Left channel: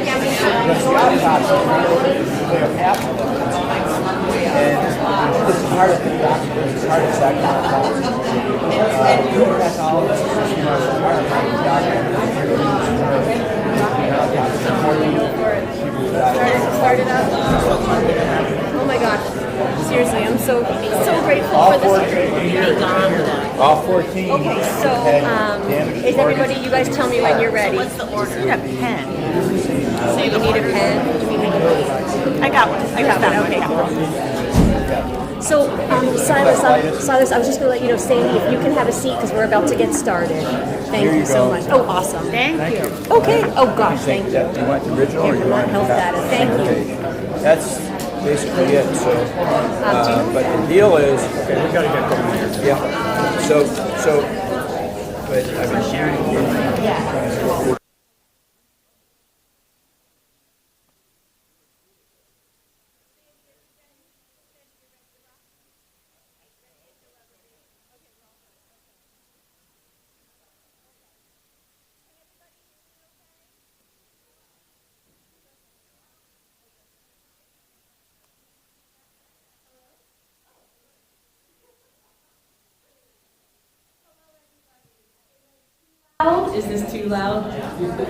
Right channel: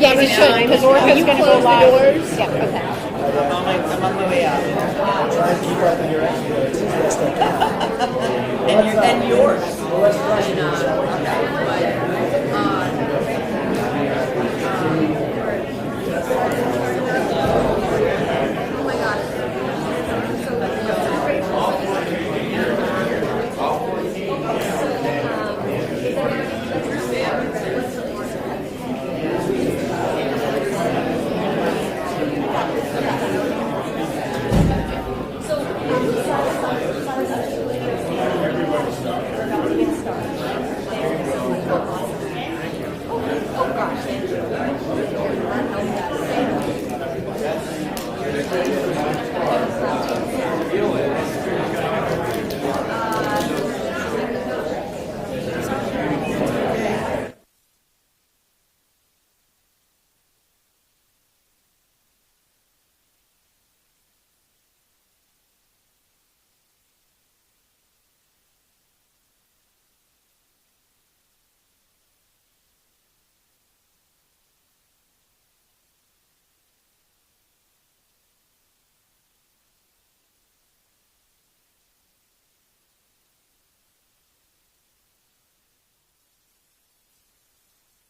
Yeah, we should, because we're going to go forwards. Oh my gosh. Seriously, I'm so grateful for this. All 14. Okay, so is everybody, you guys tell me when you're ready. What's the order? A pen. So you need a pen? I got one. I got one. Okay. So, Silas, I was just going to let you know, Sandy, if you can have a seat because we're about to get started. Thank you so much. Oh, awesome. Thank you. Okay. Oh, gosh, thank you. You want the original or you want Health status. Thank you. That's basically it. So, but the deal is, we got to get going here. Yeah. But I mean, Is this too loud?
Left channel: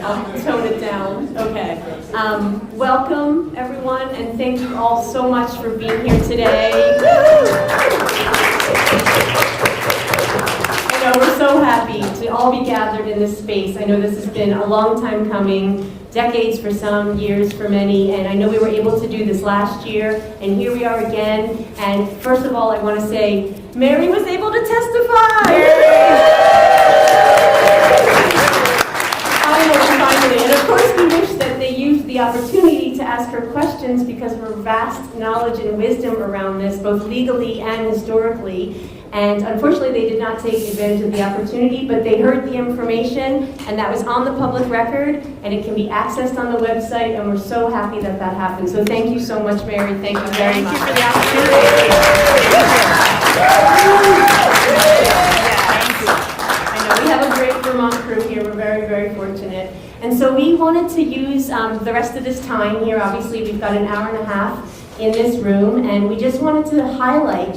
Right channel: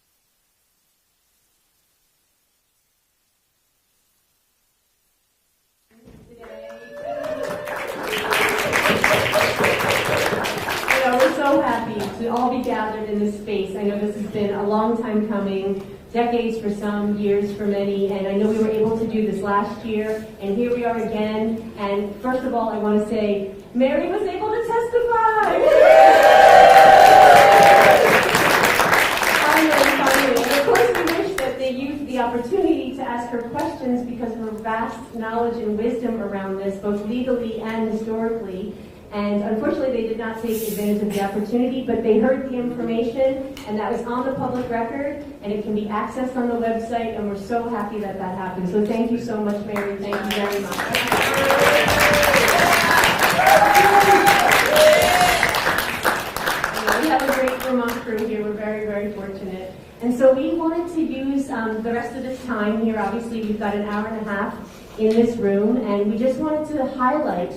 I'll tone it down. Okay. Welcome, everyone, and thank you all so much for being here today. You know, we're so happy to all be gathered in this space. I know this has been a long time coming, decades for some, years for many, and I know we were able to do this last year, and here we are again. And first of all, I want to say, Mary was able to testify! Finally. And of course we wish that they used the opportunity to ask her questions because of her vast knowledge and wisdom around this, both legally and historically. And unfortunately they did not take advantage of the opportunity, but they heard the information and that was on the public record and it can be accessed on the website, and we're so happy that that happened. So thank you so much, Mary. Thank you very much. Thank you for the opportunity. We have a great Vermont crew here. We're very, very fortunate. And so we wanted to use the rest of this time here. Obviously, we've got an hour and a half in this room, and we just wanted to highlight,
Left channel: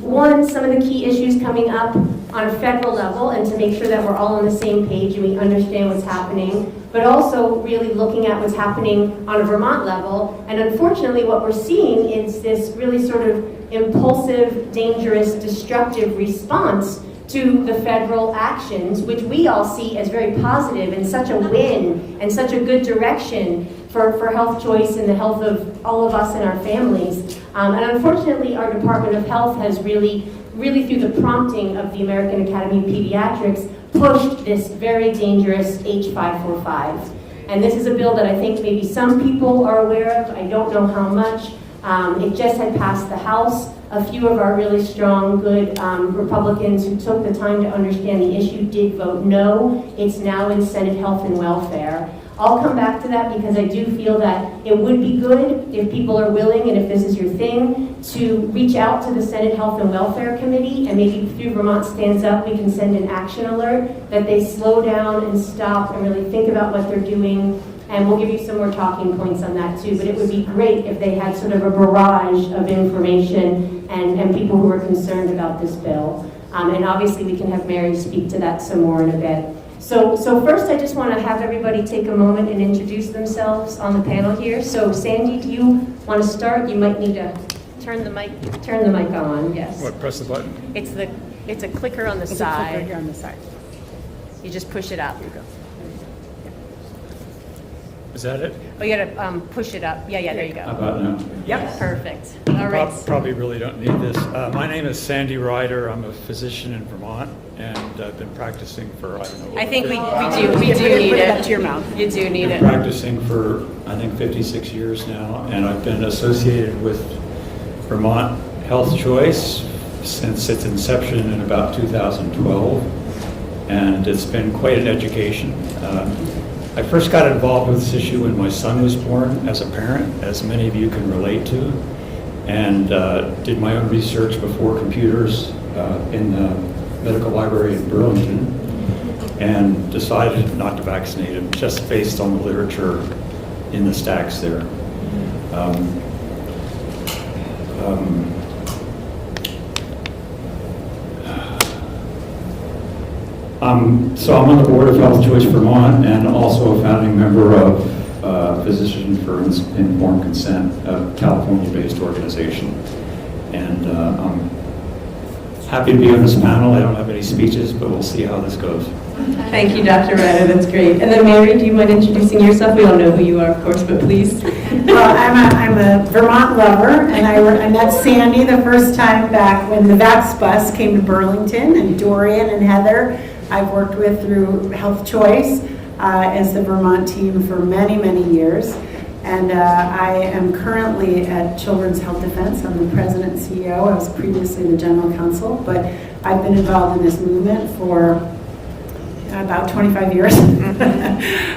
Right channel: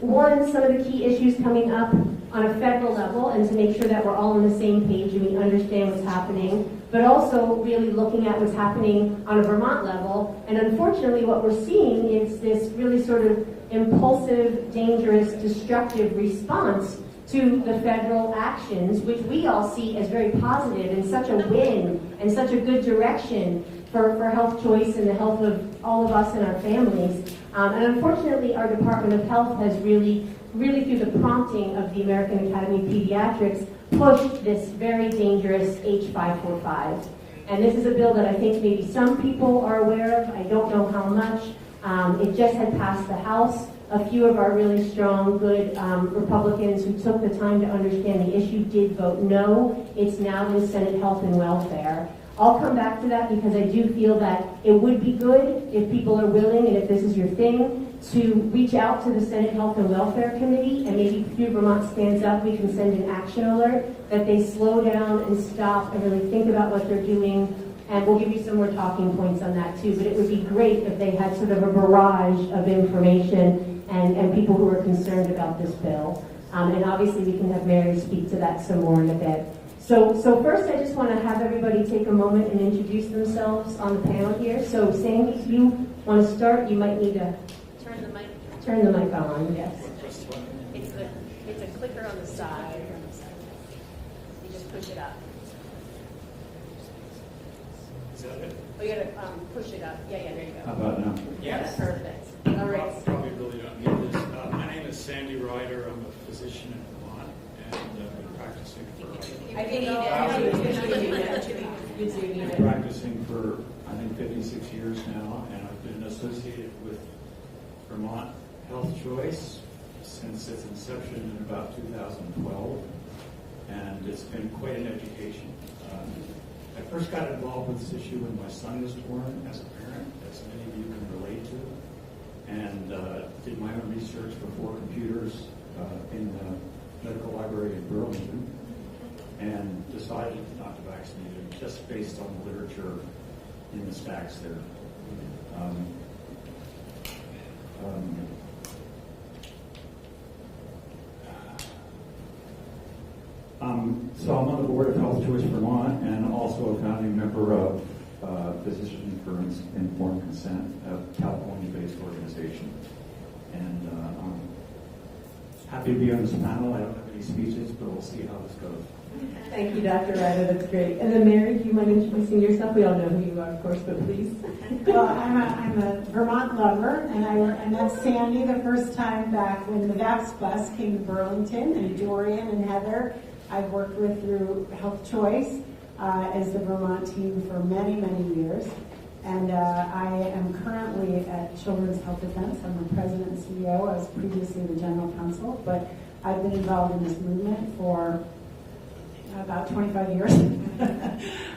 one, some of the key issues coming up on a federal level, and to make sure that we're all on the same page and we understand what's happening, but also really looking at what's happening on a Vermont level. And unfortunately, what we're seeing is this really sort of impulsive, dangerous, destructive response to the federal actions, which we all see as very positive and such a win and such a good direction for health choice and the health of all of us and our families. And unfortunately, our Department of Health has really through the prompting of the American Academy of Pediatrics, pushed this very dangerous H545. And this is a bill that I think maybe some people are aware of. I don't know how much. It just had passed the House. A few of our really strong, good Republicans who took the time to understand the issue did vote no. It's now in Senate Health and Welfare. I'll come back to that because I do feel that it would be good if people are willing, and if this is your thing, to reach out to the Senate Health and Welfare Committee, and maybe through Vermont Stands Up we can send an action alert that they slow down and stop and really think about what they're doing. And we'll give you some more talking points on that too, but it would be great if they had sort of a barrage of information and people who are concerned about this bill. And obviously we can have Mary speak to that some more in a bit. So first I just want to have everybody take a moment and introduce themselves on the panel here. So Sandy, do you want to start? You might need to turn the mic on, yes. What, press the button? It's a clicker on the side. It's a clicker here on the side. You just push it up. Is that it? Oh, you gotta push it up. Yeah, there you go. How about now? Yep, perfect. All right. Probably really don't need this. My name is Sandy Ryder. I'm a physician in Vermont, and I've been practicing for, I don't know. I think we do need it. Up to your mouth. You do need it. Practicing for, I think, 56 years now, and I've been associated with Vermont Health Choice since its inception in about 2012, and it's been quite an education. I first got involved with this issue when my son was born as a parent, as many of you can relate to, and did my own research before computers in the medical library in Burlington, and decided not to vaccinate him, just based on the literature in the stacks there. So I'm on the board of Health Choice Vermont and also a founding member of Physicians for Informed Consent, a California-based organization. And I'm happy to be on this panel. I don't have any speeches, but we'll see how this goes. Thank you, Dr. Ryder, that's great. And then Mary, do you mind introducing yourself? We all know who you are, of course, but please. Well, I'm a Vermont lover, and I met Sandy the first time back when the Vax bus came to Burlington, and Dorian and Heather I've worked with through Health Choice as the Vermont team for many, many years. And I am currently at Children's Health Defense. I'm the president and CEO. I was previously the general counsel, but I've been involved in this movement for about 25 years,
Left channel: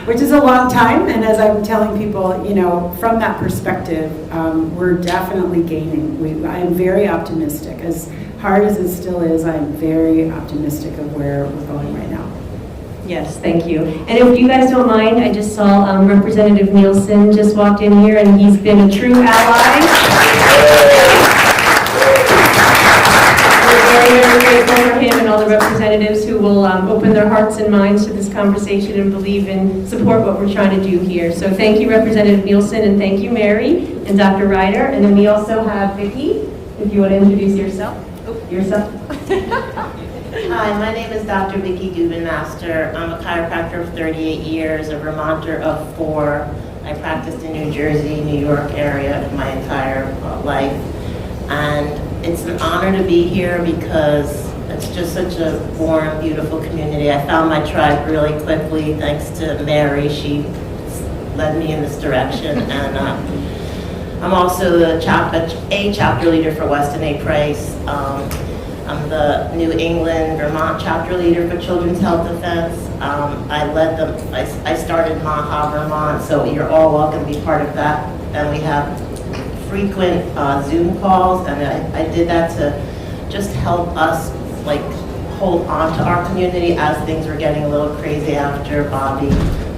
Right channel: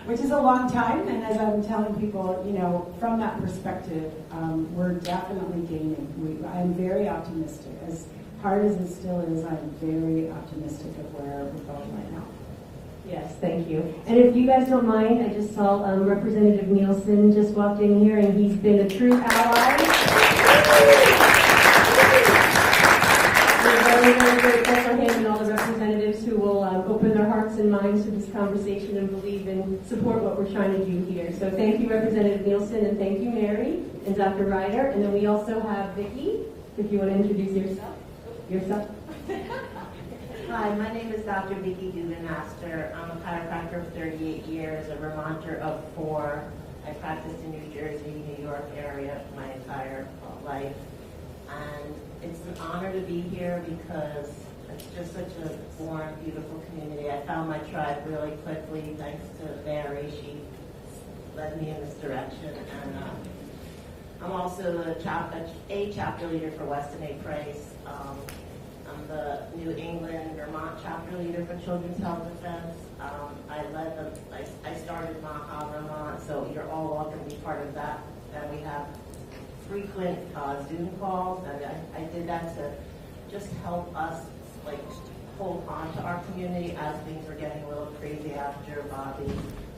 which is a long time. And as I'm telling people, you know, from that perspective, we're definitely gaining. I am very optimistic. As hard as it still is, I am very optimistic of where we're going right now. Yes, thank you. And if you guys don't mind, I just saw Representative Nielsen just walked in here, and he's been a true ally. We're very, very grateful for him and all the representatives who will open their hearts and minds to this conversation and believe and support what we're trying to do here. So thank you, Representative Nielsen, and thank you, Mary and Dr. Ryder. And then we also have Vicki, if you want to introduce yourself. Hi, my name is Dr. Vicki Gubenmaster. I'm a chiropractor of 38 years, a Vermonter of 4. I practiced in New Jersey, New York area my entire life. And it's an honor to be here because it's just such a warm, beautiful community. I found my tribe really quickly thanks to Mary. She led me in this direction. And I'm also a chapter leader for Weston A. Price. I'm the New England, Vermont chapter leader for Children's Health Defense. I started MAHA Vermont, so you're all welcome to be part of that. And we have frequent Zoom calls, and I did that to just help us hold on to our community as things were getting a little crazy after Bobby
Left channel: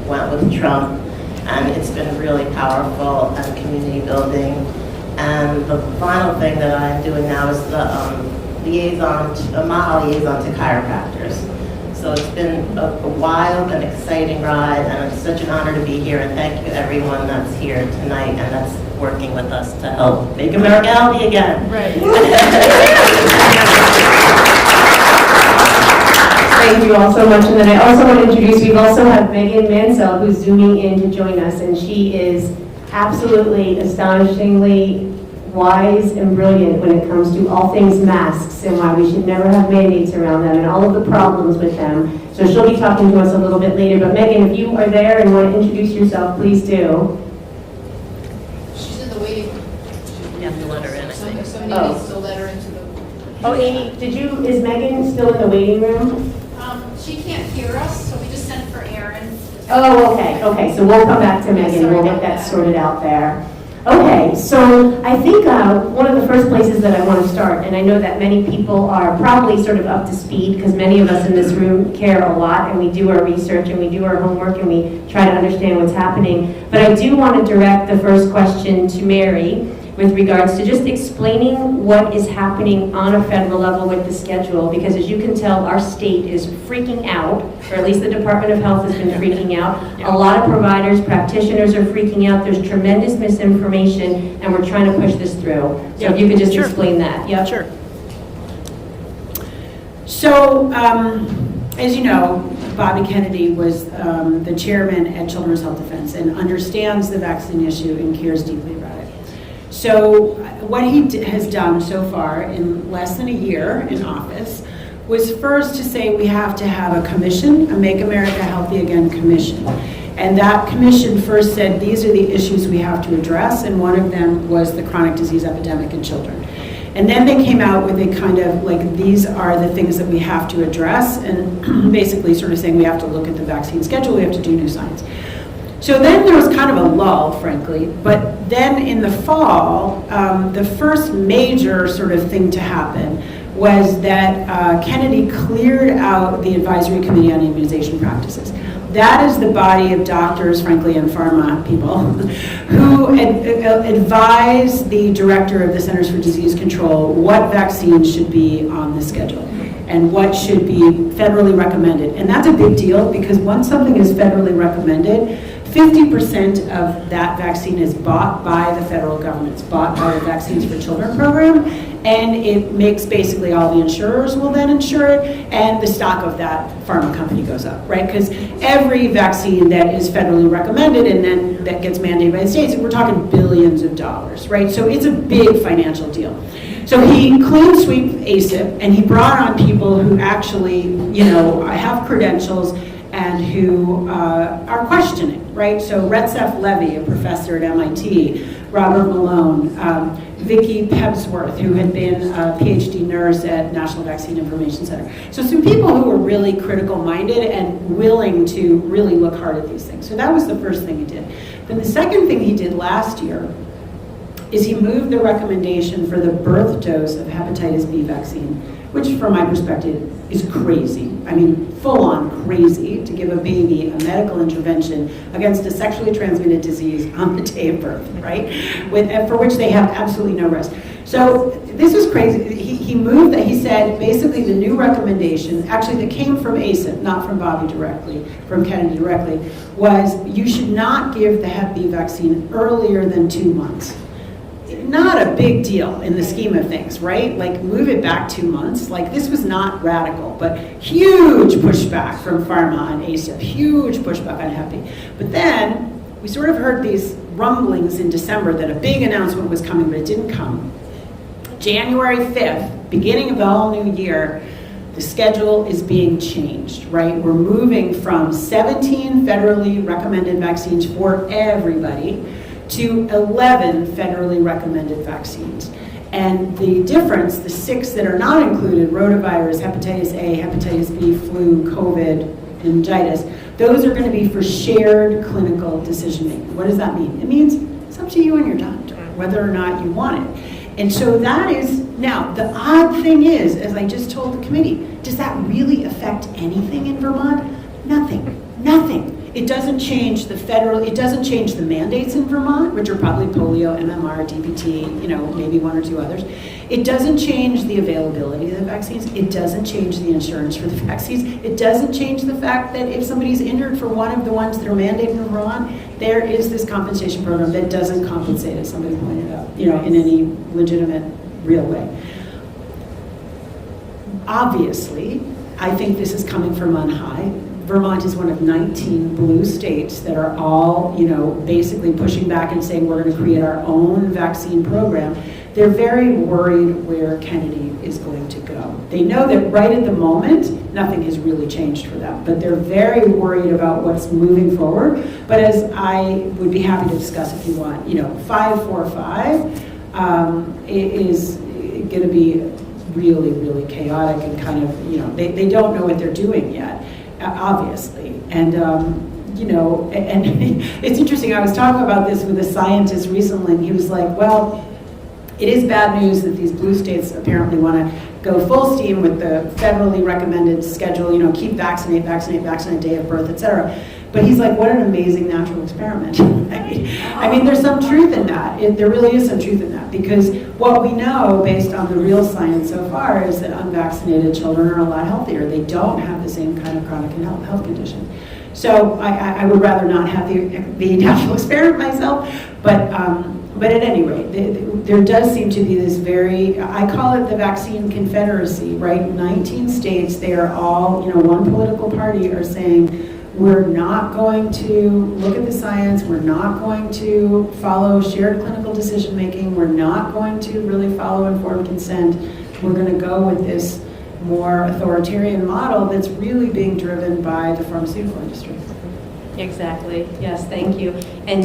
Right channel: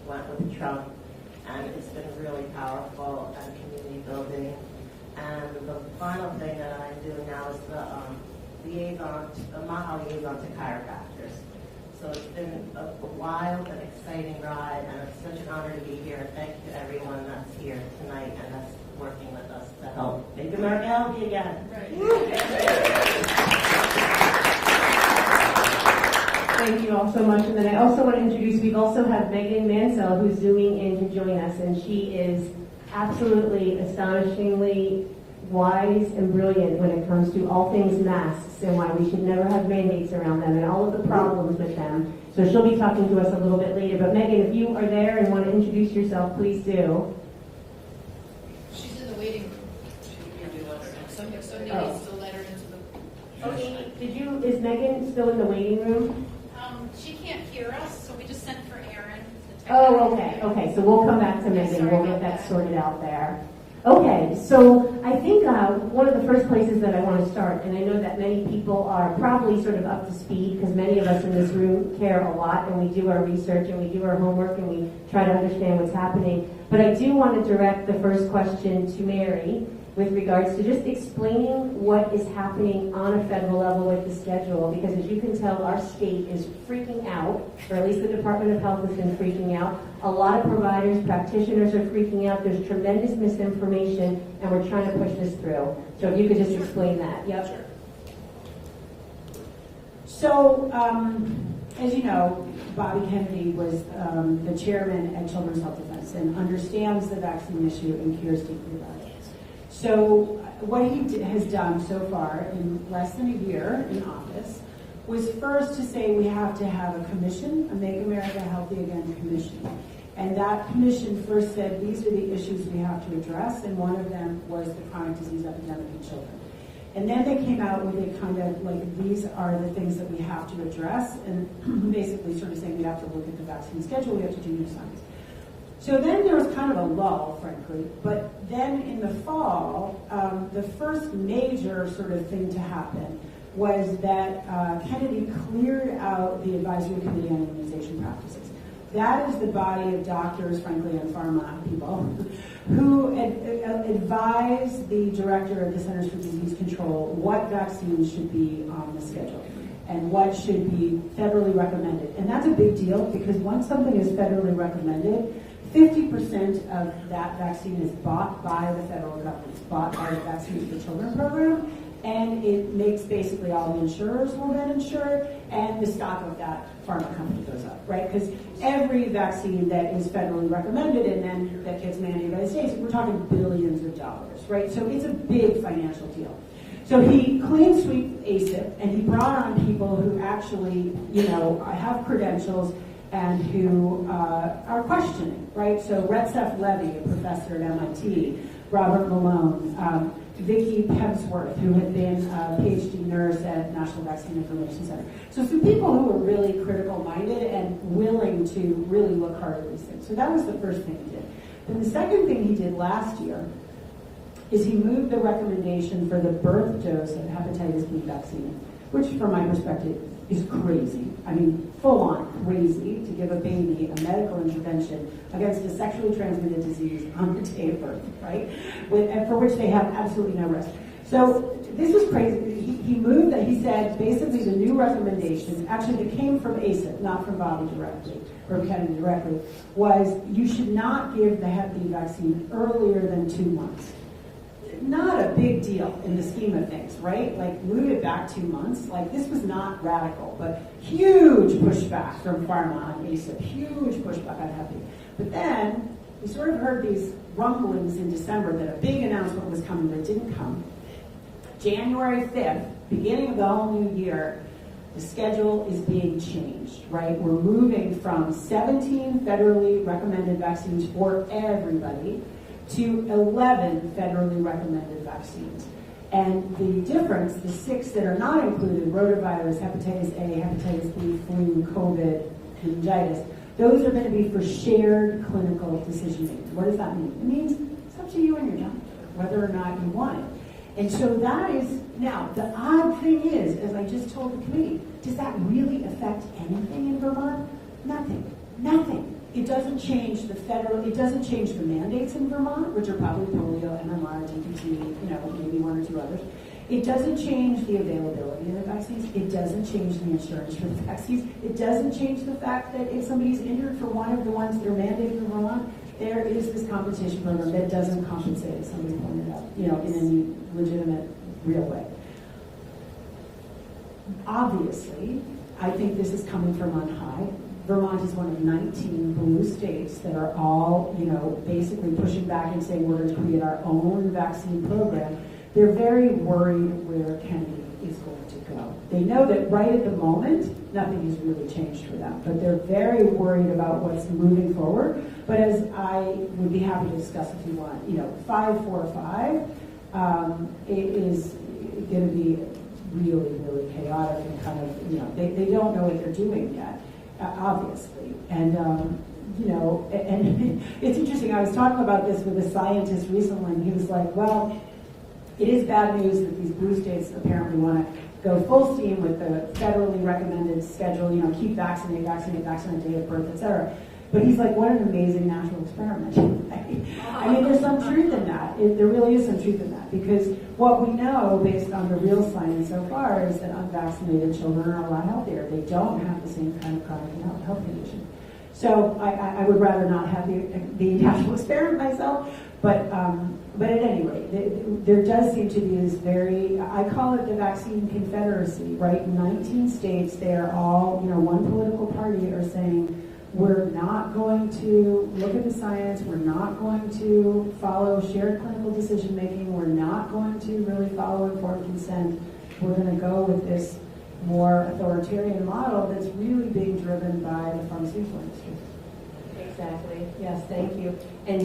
went with Trump. And it's been really powerful and community building. And the final thing that I'm doing now is the MAHA liaison to chiropractors. So it's been a wild and exciting ride, and it's such an honor to be here. And thank you everyone that's here tonight and that's working with us to help make America healthy again. Right. Thank you all so much. And then I also want to introduce, we also have Megan Mansell, who's zooming in to join us, and she is absolutely astonishingly wise and brilliant when it comes to all things masks and why we should never have mandates around them and all of the problems with them. So she'll be talking to us a little bit later. But Megan, if you are there and want to introduce yourself, please do. She's in the waiting room. You have to let her in, I think. Somebody needs to let her into the... Oh, Amy, is Megan still in the waiting room? She can't hear us, so we just sent for Erin. Oh, okay, so we'll come back to Megan, we'll get that sorted out there. Okay, so I think one of the first places that I want to start, and I know that many people are probably sort of up to speed because many of us in this room care a lot and we do our research and we do our homework and we try to understand what's happening. But I do want to direct the first question to Mary with regards to just explaining what is happening on a federal level with the schedule, because as you can tell, our state is freaking out, or at least the Department of Health has been freaking out. A lot of providers, practitioners are freaking out. There's tremendous misinformation, and we're trying to push this through. So if you could just explain that. Yeah, Sure. So, as you know, Bobby Kennedy was the chairman at Children's Health Defense and understands the vaccine issue and cares deeply about it. So what he has done so far in less than a year in office was first to say we have to have a commission, a Make America Healthy Again commission. And that commission first said these are the issues we have to address, and one of them was the chronic disease epidemic in children. And then they came out with a kind of these are the things that we have to address, and basically sort of saying we have to look at the vaccine schedule, we have to do new science. So then there was kind of a lull, frankly, but then in the fall, the first major sort of thing to happen was that Kennedy cleared out the Advisory Committee on Immunization Practices. That is the body of doctors, frankly, and pharma people who advise the director of the Centers for Disease Control what vaccines should be on the schedule and what should be federally recommended. And that's a big deal because once something is federally recommended, 50% of that vaccine is bought by the federal government. It's bought by the Vaccines for Children program, and it makes basically all the insurers will then insure it, and the stock of that pharma company goes up, right? Because every vaccine that is federally recommended and then that gets mandated by the states, we're talking billions of dollars, right? So it's a big financial deal. So he clean sweep ACIP, and he brought on people who actually, have credentials and who are questioning, right? So Retzef Levy, a professor at MIT, Robert Malone, Vicki Pebsworth, who had been a PhD nurse at National Vaccine Information Center. So some people who were really critical-minded and willing to really look hard at these things. So that was the first thing he did. Then the second thing he did last year is he moved the recommendation for the birth dose of hepatitis B vaccine, which from my perspective is crazy. I mean, full on crazy to give a baby a medical intervention against a sexually transmitted disease on the day of birth, right? For which they have absolutely no risk. So this is crazy. He moved that, he said basically the new recommendation, actually that came from ACIP, not from Bobby directly, from Kennedy directly, was you should not give the Hep B vaccine earlier than 2 months. Not a big deal in the scheme of things, right? Like move it back 2 months. Like this was not radical, but huge pushback from pharma on ACIP, huge pushback on Hep B. But then we sort of heard these rumblings in December that a big announcement was coming, but it didn't come. January 5th, beginning of the whole new year, the schedule is being changed, right? We're moving from 17 federally recommended vaccines for everybody to 11 federally recommended vaccines. And the difference, the 6 that are not included, rotavirus, hepatitis A, hepatitis B, flu, COVID, meningitis, those are going to be for shared clinical decision making. What does that mean? It means it's up to you and your doctor whether or not you want it. And so that is, now the odd thing is, as I just told the committee, does that really affect anything in Vermont? Nothing, nothing. It doesn't change it doesn't change the mandates in Vermont, which are probably polio, MMR, DPT, maybe 1 or 2 others. It doesn't change the availability of the vaccines. It doesn't change the insurance for the vaccines. It doesn't change the fact that if somebody's injured for one of the ones that are mandated in Vermont, there is this compensation program that doesn't compensate, as somebody pointed out, in any legitimate, real way. Obviously, I think this is coming from on high. Vermont is one of 19 blue states that are all, basically pushing back and saying we're going to create our own vaccine program. They're very worried where Kennedy is going to go. They know that right at the moment, nothing has really changed for them, but they're very worried about what's moving forward. But as I would be happy to discuss if you want, 545 is going to be really, really chaotic and kind of, they don't know what they're doing yet. Obviously, and and it's interesting. I was talking about this with a scientist recently, and he was like, "Well, it is bad news that these blue states apparently want to go full steam with the federally recommended schedule. Keep vaccinate, day of birth, etc." But he's like, "What an amazing natural experiment." I mean, there's some truth in that. There really is some truth in that, because what we know based on the real science so far is that unvaccinated children are a lot healthier. They don't have the same kind of chronic health condition. So I would rather not have the natural experiment myself, but at any rate, there does seem to be this I call it the vaccine confederacy, right? 19 states, they are all, one political party are saying, we're not going to look at the science, we're not going to follow shared clinical decision making, we're not going to really follow informed consent, we're going to go with this more authoritarian model that's really being driven by the pharmaceutical industry. Exactly, yes, thank you. And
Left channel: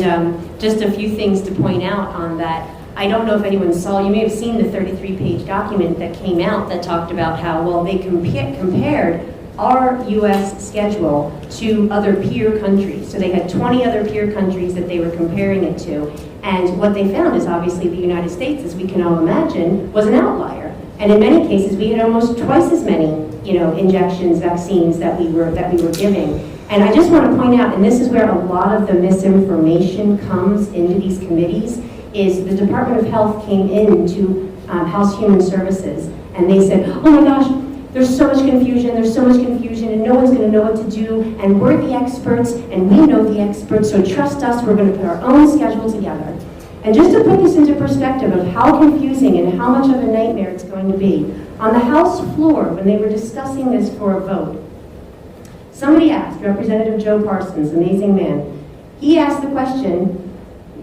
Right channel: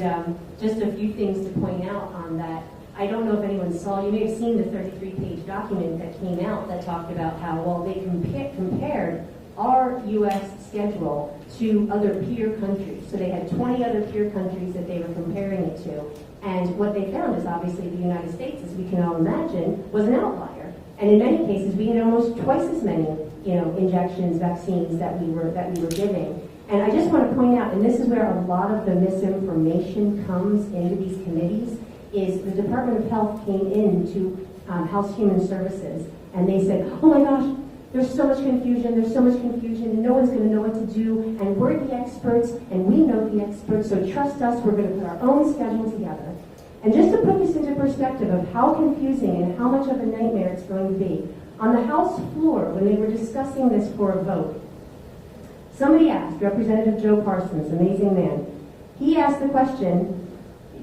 just a few things to point out on that. I don't know if anyone saw, you may have seen the 33-page document that came out that talked about how, well, they compared our U.S. schedule to other peer countries. So they had 20 other peer countries that they were comparing it to. And what they found is obviously the United States, as we can all imagine, was an outlier. And in many cases, we had almost twice as many, injections, vaccines that we were giving. And I just want to point out, and this is where a lot of the misinformation comes into these committees, is the Department of Health came into House Human Services, and they said, oh my gosh, there's so much confusion, and no one's going to know what to do, and we're the experts, and we know the experts, so trust us, we're going to put our own schedule together. And just to put this into perspective of how confusing and how much of a nightmare it's going to be, on the House floor, when they were discussing this for a vote, somebody asked, Representative Joe Parsons, amazing man, he asked the question,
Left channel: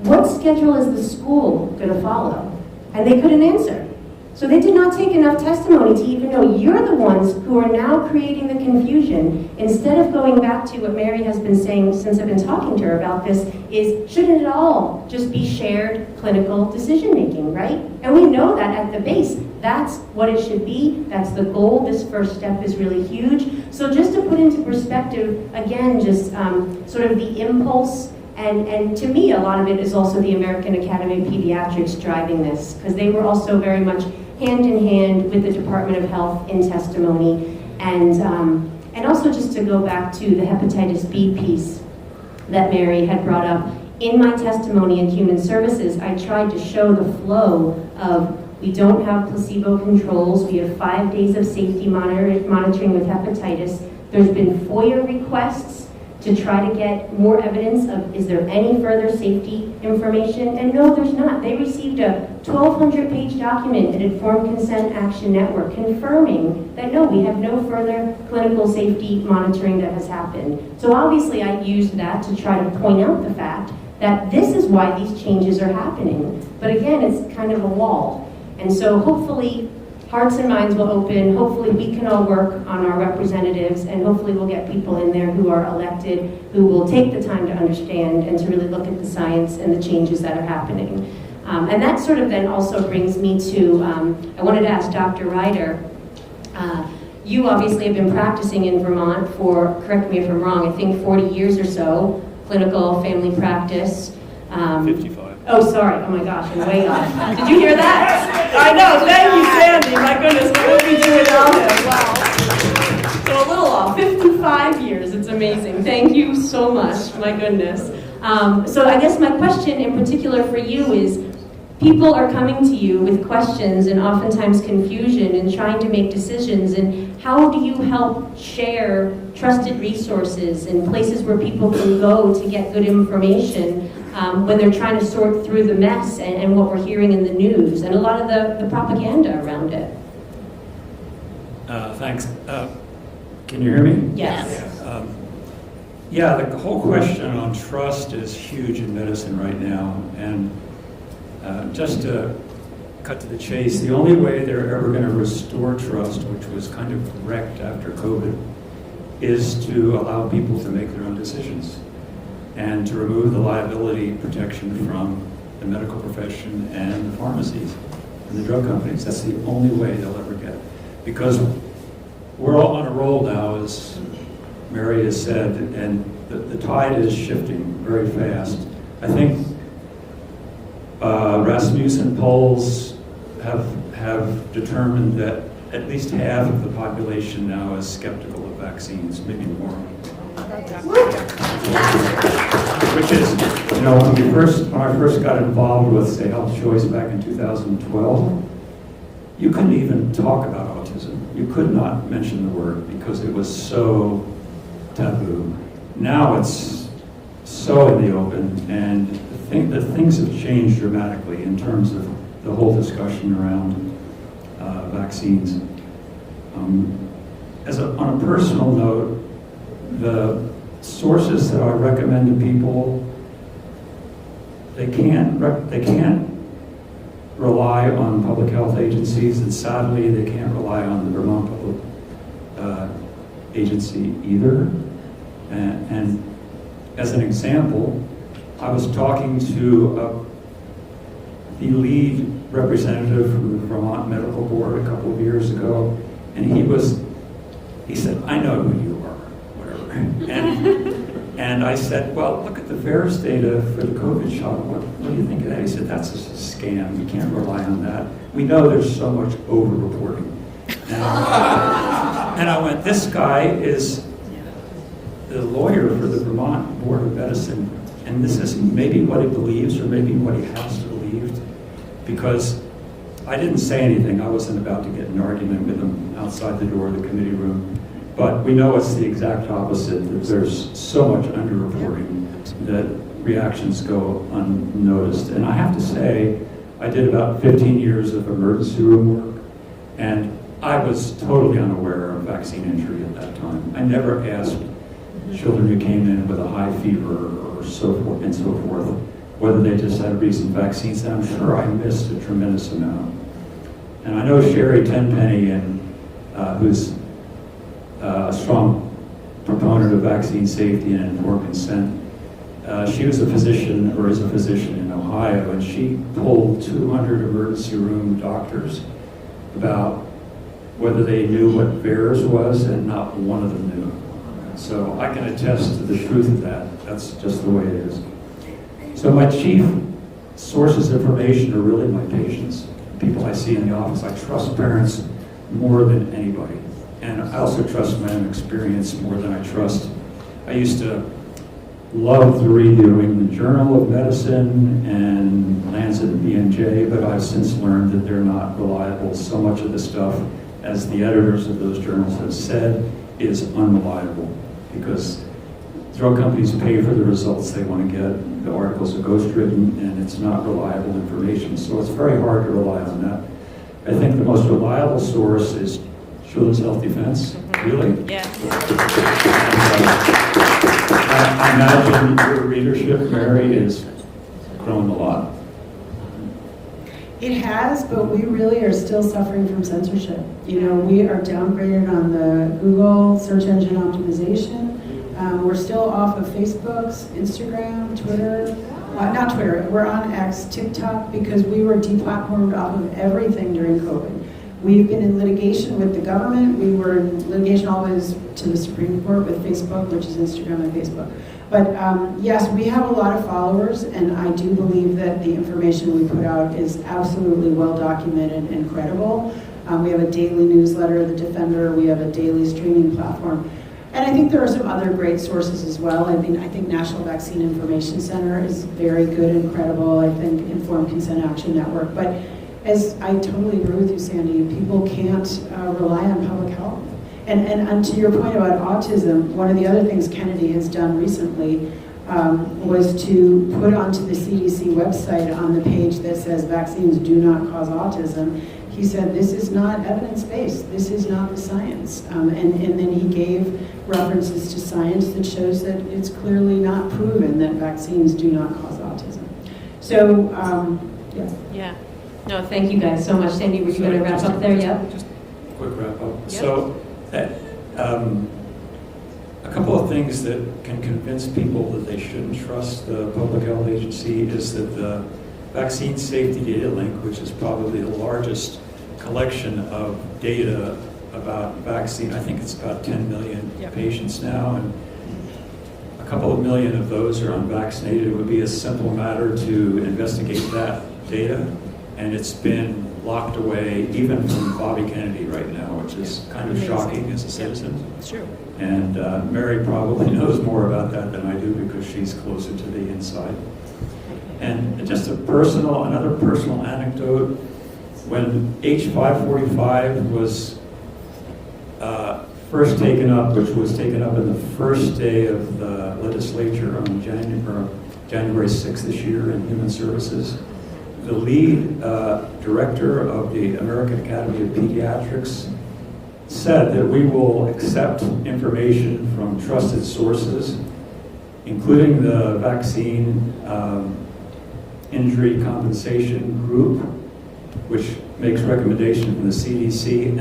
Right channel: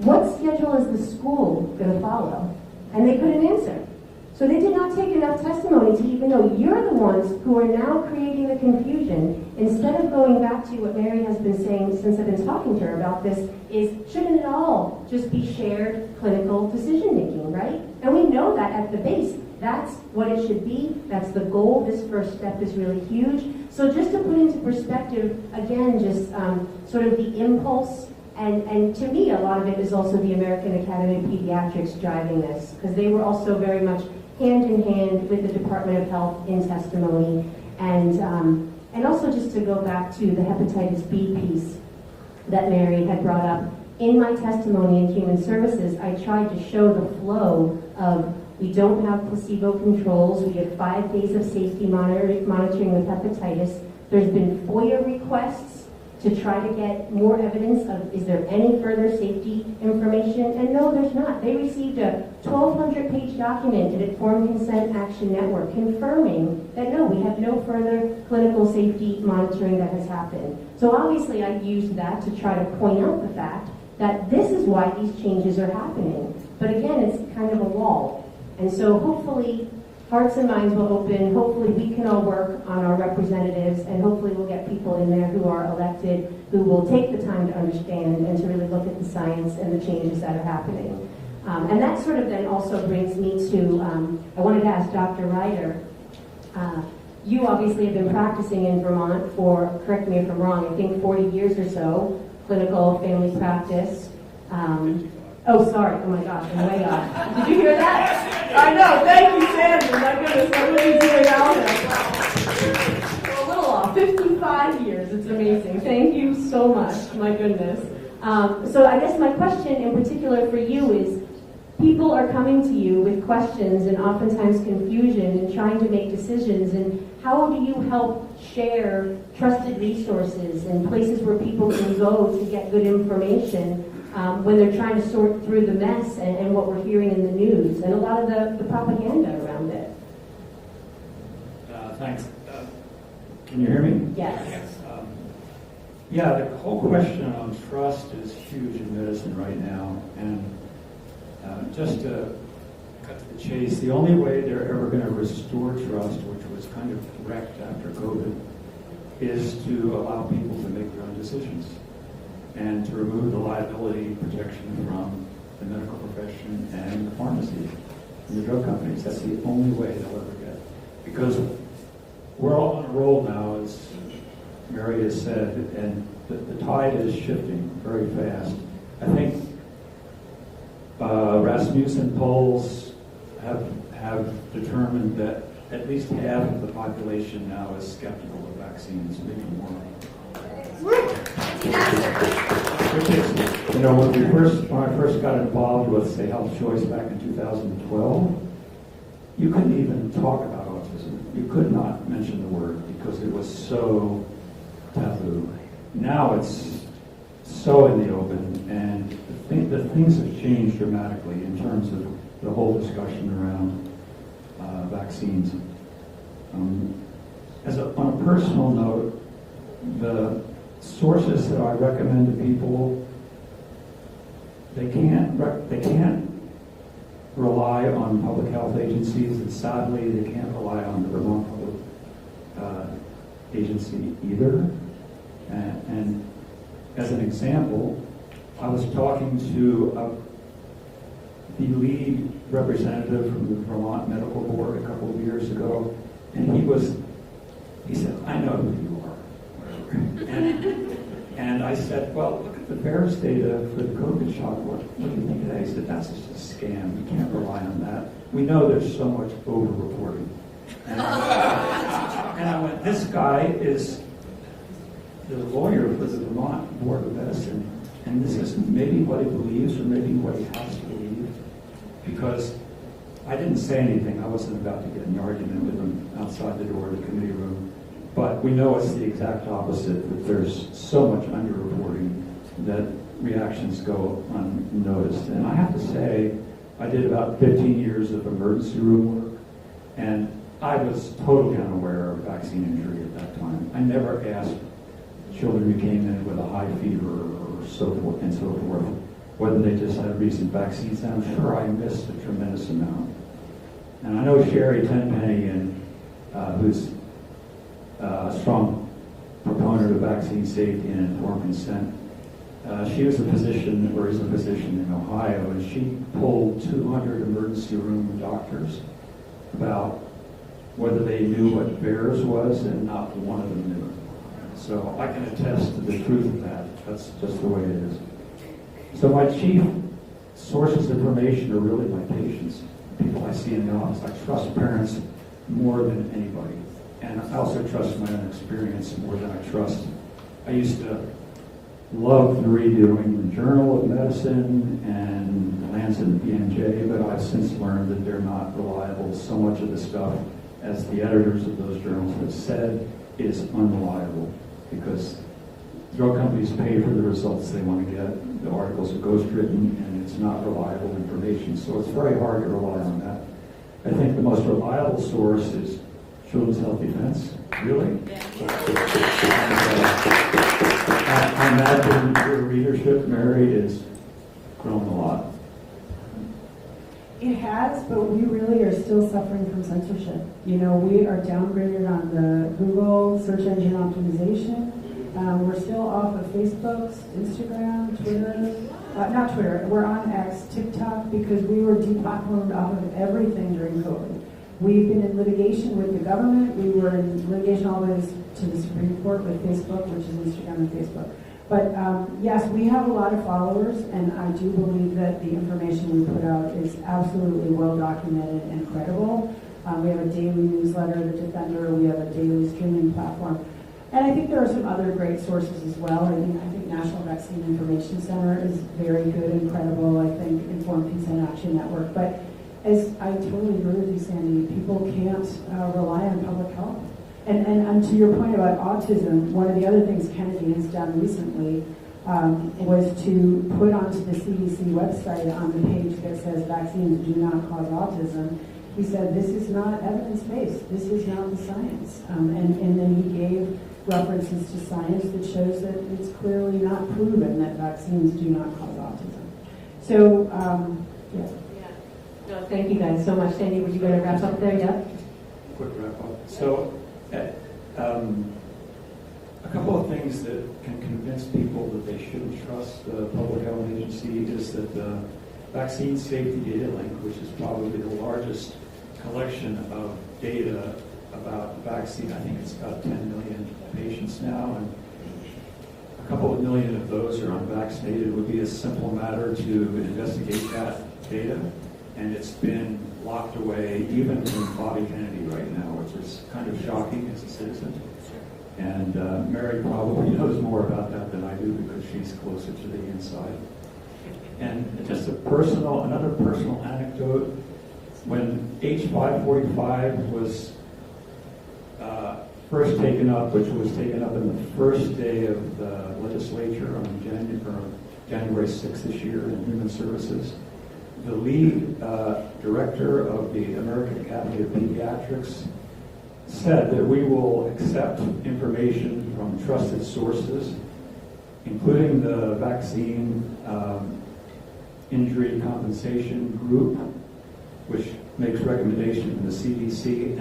what schedule is the school going to follow? And they couldn't answer. So they did not take enough testimony to even know you're the ones who are now creating the confusion. Instead of going back to what Mary has been saying since I've been talking to her about this, is shouldn't it all just be shared clinical decision making, right? And we know that at the base, that's what it should be. That's the goal. This first step is really huge. So just to put into perspective, again, just sort of the impulse. And to me, a lot of it is also the American Academy of Pediatrics driving this, because they were also very much hand in hand with the Department of Health in testimony. And also just to go back to the hepatitis B piece that Mary had brought up, in my testimony in Human Services, I tried to show the flow of we don't have placebo controls, we have 5 days of safety monitoring with hepatitis. There's been FOIA requests to try to get more evidence of, is there any further safety information? And no, there's not. They received a 1,200-page document at Informed Consent Action Network confirming that no, we have no further clinical safety monitoring that has happened. So obviously I used that to try to point out the fact that this is why these changes are happening. But again, it's kind of a wall. And so hopefully hearts and minds will open. Hopefully we can all work on our representatives, and hopefully we'll get people in there who are elected, who will take the time to understand and to really look at the science and the changes that are happening. And that sort of then also brings me to, I wanted to ask Dr. Ryder, you obviously have been practicing in Vermont for, correct me if I'm wrong, I think 40 years or so, clinical family practice. 55. Oh, sorry. Oh my gosh, I'm way off. Did you hear that? I know. Thank you, Sandy. My goodness, what would we do without him? Wow. So a little off. 55 years. It's amazing. Thank you so much. My goodness. So I guess my question in particular for you is, people are coming to you with questions and oftentimes confusion and trying to make decisions, and how do you help share trusted resources and places where people can go to get good information when they're trying to sort through the mess and what we're hearing in the news and a lot of the propaganda around it? Thanks. Can you hear me? Yes. Yeah, the whole question on trust is huge in medicine right now. And just to cut to the chase, the only way they're ever going to restore trust, which was kind of wrecked after COVID, is to allow people to make their own decisions and to remove the liability protection from the medical profession and the pharmacies and the drug companies. That's the only way they'll ever get it. Because we're all on a roll now, as Mary has said, and the tide is shifting very fast. I think Rasmussen polls have determined that at least half of the population now is skeptical of vaccines, maybe more. Which is, when I first got involved with, say, Health Choice back in 2012, you couldn't even talk about autism. You could not mention the word because it was so taboo. Now it's so in the open, and I think that things have changed dramatically in terms of the whole discussion around vaccines. On a personal note, the sources that I recommend to people, they can't rely on public health agencies, and sadly they can't rely on the Vermont Public Agency either. And as an example, I was talking to the lead representative from the Vermont Medical Board a couple of years ago, and he was He said, I know who you are, whatever. And I said, well, look at the VAERS data for the COVID shot. What do you think of that? He said, that's just a scam. You can't rely on that. We know there's so much over-reporting. And I went, this guy is the lawyer for the Vermont Board of Medicine, and this is maybe what he believes or maybe what he has to believe, because I didn't say anything. I wasn't about to get in an argument with him outside the door of the committee room. But we know it's the exact opposite, that there's so much underreporting that reactions go unnoticed. And I have to say, I did about 15 years of emergency room work, and I was totally unaware of vaccine injury at that time. I never asked children who came in with a high fever or so forth and so forth whether they just had recent vaccines, and I'm sure I missed a tremendous amount. And I know Sherry Tenpenny, who's a strong proponent of vaccine safety and informed consent. She was a physician, or is a physician in Ohio, and she polled 200 emergency room doctors about whether they knew what VAERS was, and not one of them knew. So I can attest to the truth of that. That's just the way it is. So my chief sources of information are really my patients, people I see in the office. I trust parents more than anybody. And I also trust my own experience more than I trust. I used to love reviewing the Journal of Medicine and Lancet and BMJ, but I've since learned that they're not reliable. So much of the stuff, as the editors of those journals have said, is unreliable, because drug companies pay for the results they want to get. The articles are ghostwritten, and it's not reliable information. So it's very hard to rely on that. I think the most reliable source is Children's Health Defense. Really? Yeah. I imagine your readership, Mary, is grown a lot. It has, but we really are still suffering from censorship. You know, we are downgraded on the Google search engine optimization. We're still off of Facebook's, Instagram, Twitter. Not Twitter, we're on X, TikTok, because we were deplatformed off of everything during COVID. We've been in litigation with the government. We were in litigation always to the Supreme Court with Facebook, which is Instagram and Facebook. But yes, we have a lot of followers, and I do believe that the information we put out is absolutely well documented and credible. We have a daily newsletter, The Defender. We have a daily streaming platform. And I think there are some other great sources as well. I think National Vaccine Information Center is very good and credible. I think Informed Consent Action Network. But as I totally agree with you, Sandy, people can't rely on public health. And to your point about autism, one of the other things Kennedy has done recently was to put onto the CDC website on the page that says vaccines do not cause autism. He said, this is not evidence-based, this is not the science. And then he gave references to science that shows that it's clearly not proven that vaccines do not cause autism. So, yes. Yeah. No, thank you guys so much. Sandy, were you going to wrap up there? Yeah? Just a quick wrap up. Yeah. So, a couple of things that can convince people that they shouldn't trust the public health agency is that the Vaccine Safety Data Link, which is probably the largest collection of data about vaccine, I think it's about 10 million patients now, and a couple of million of those are unvaccinated. It would be a simple matter to investigate that data, and it's been locked away even from Bobby Kennedy right now, which is kind of shocking as a citizen. It's true. And Mary probably knows more about that than I do because she's closer to the inside. And just another personal anecdote, when H545 was first taken up, which was taken up in the first day of the legislature on January 6th this year in Human Services, the lead director of the American Academy of Pediatrics said that we will accept information from trusted sources, including the vaccine injury compensation group, which makes recommendation from the CDC,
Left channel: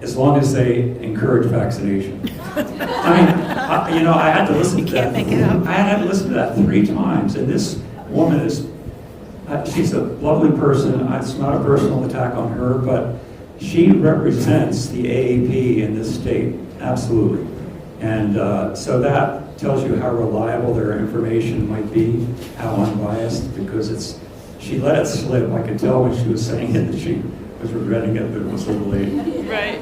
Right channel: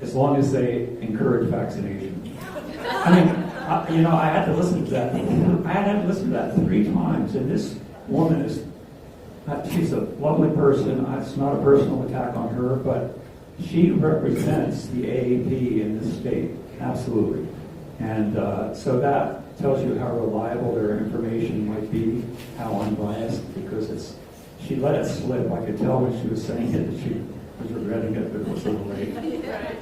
as long as they encourage vaccination. I mean, I had to listen to that. Make it up. I had to listen to that 3 times, and this woman she's a lovely person. It's not a personal attack on her, but she represents the AAP in this state, absolutely. And so that tells you how reliable their information might be, how unbiased, because she let it slip. I could tell when she was saying it that she was regretting it, but it was a little late. Right.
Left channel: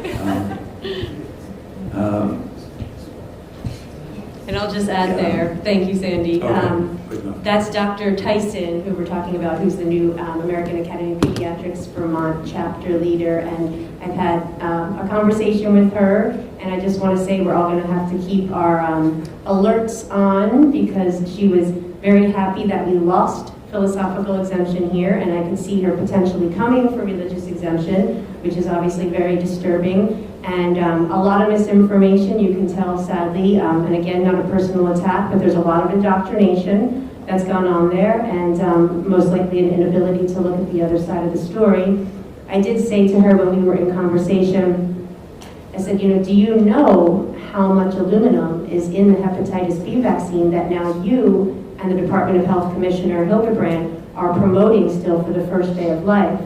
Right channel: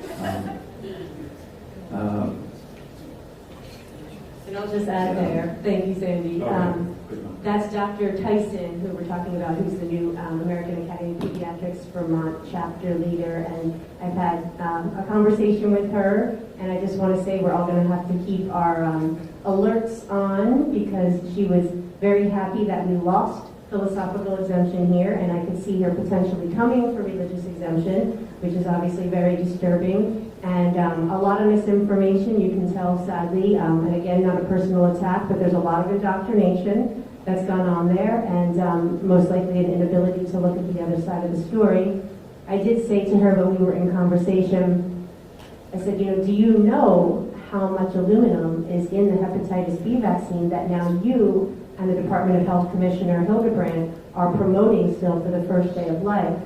And I'll just add there, thank you, Sandy. Okay, good enough. That's Dr. Tyson, who we're talking about, who's the new American Academy of Pediatrics Vermont chapter leader. And I've had a conversation with her, and I just want to say we're all going to have to keep our alerts on, because she was very happy that we lost philosophical exemption here, and I can see her potentially coming for religious exemption, which is obviously very disturbing. And a lot of misinformation, you can tell, sadly, and again, not a personal attack, but there's a lot of indoctrination that's gone on there, and most likely an inability to look at the other side of the story. I did say to her when we were in conversation, I said, you know, do you know how much aluminum is in the hepatitis B vaccine that now you and the Department of Health Commissioner Hildebrand are promoting still for the first day of life?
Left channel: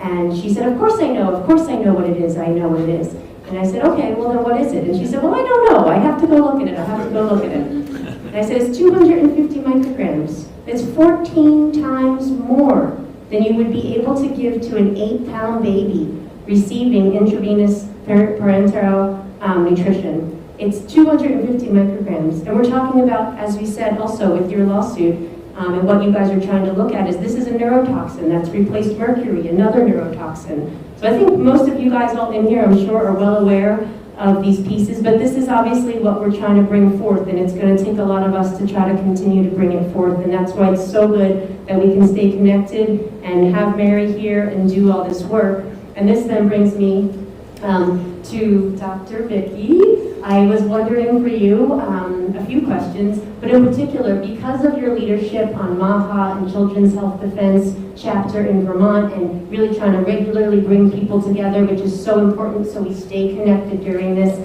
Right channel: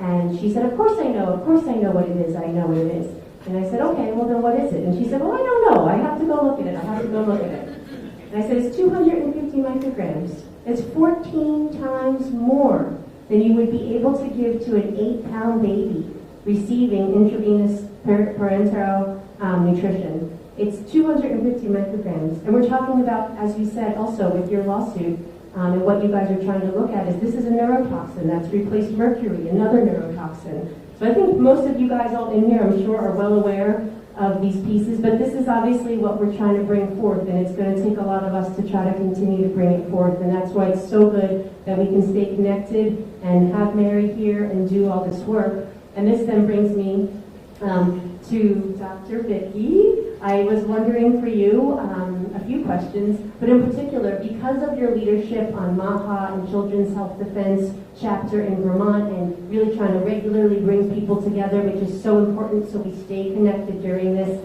And she said, of course I know what it is, I know what it is. And I said, okay, well then what is it? And she said, well, I don't know, I have to go look at it, And I said, it's 250 micrograms. It's 14 times more than you would be able to give to an 8-pound baby receiving intravenous parenteral nutrition. It's 250 micrograms. And we're talking about, as we said also with your lawsuit, and what you guys are trying to look at is this is a neurotoxin that's replaced mercury, another neurotoxin. So I think most of you guys all in here, I'm sure, are well aware of these pieces, but this is obviously what we're trying to bring forth, and it's going to take a lot of us to try to continue to bring it forth, and that's why it's so good that we can stay connected and have Mary here and do all this work. And this then brings me to Dr. Vicki. I was wondering for you a few questions, but in particular, because of your leadership on MAHA and Children's Health Defense chapter in Vermont, and really trying to regularly bring people together, which is so important so we stay connected during this,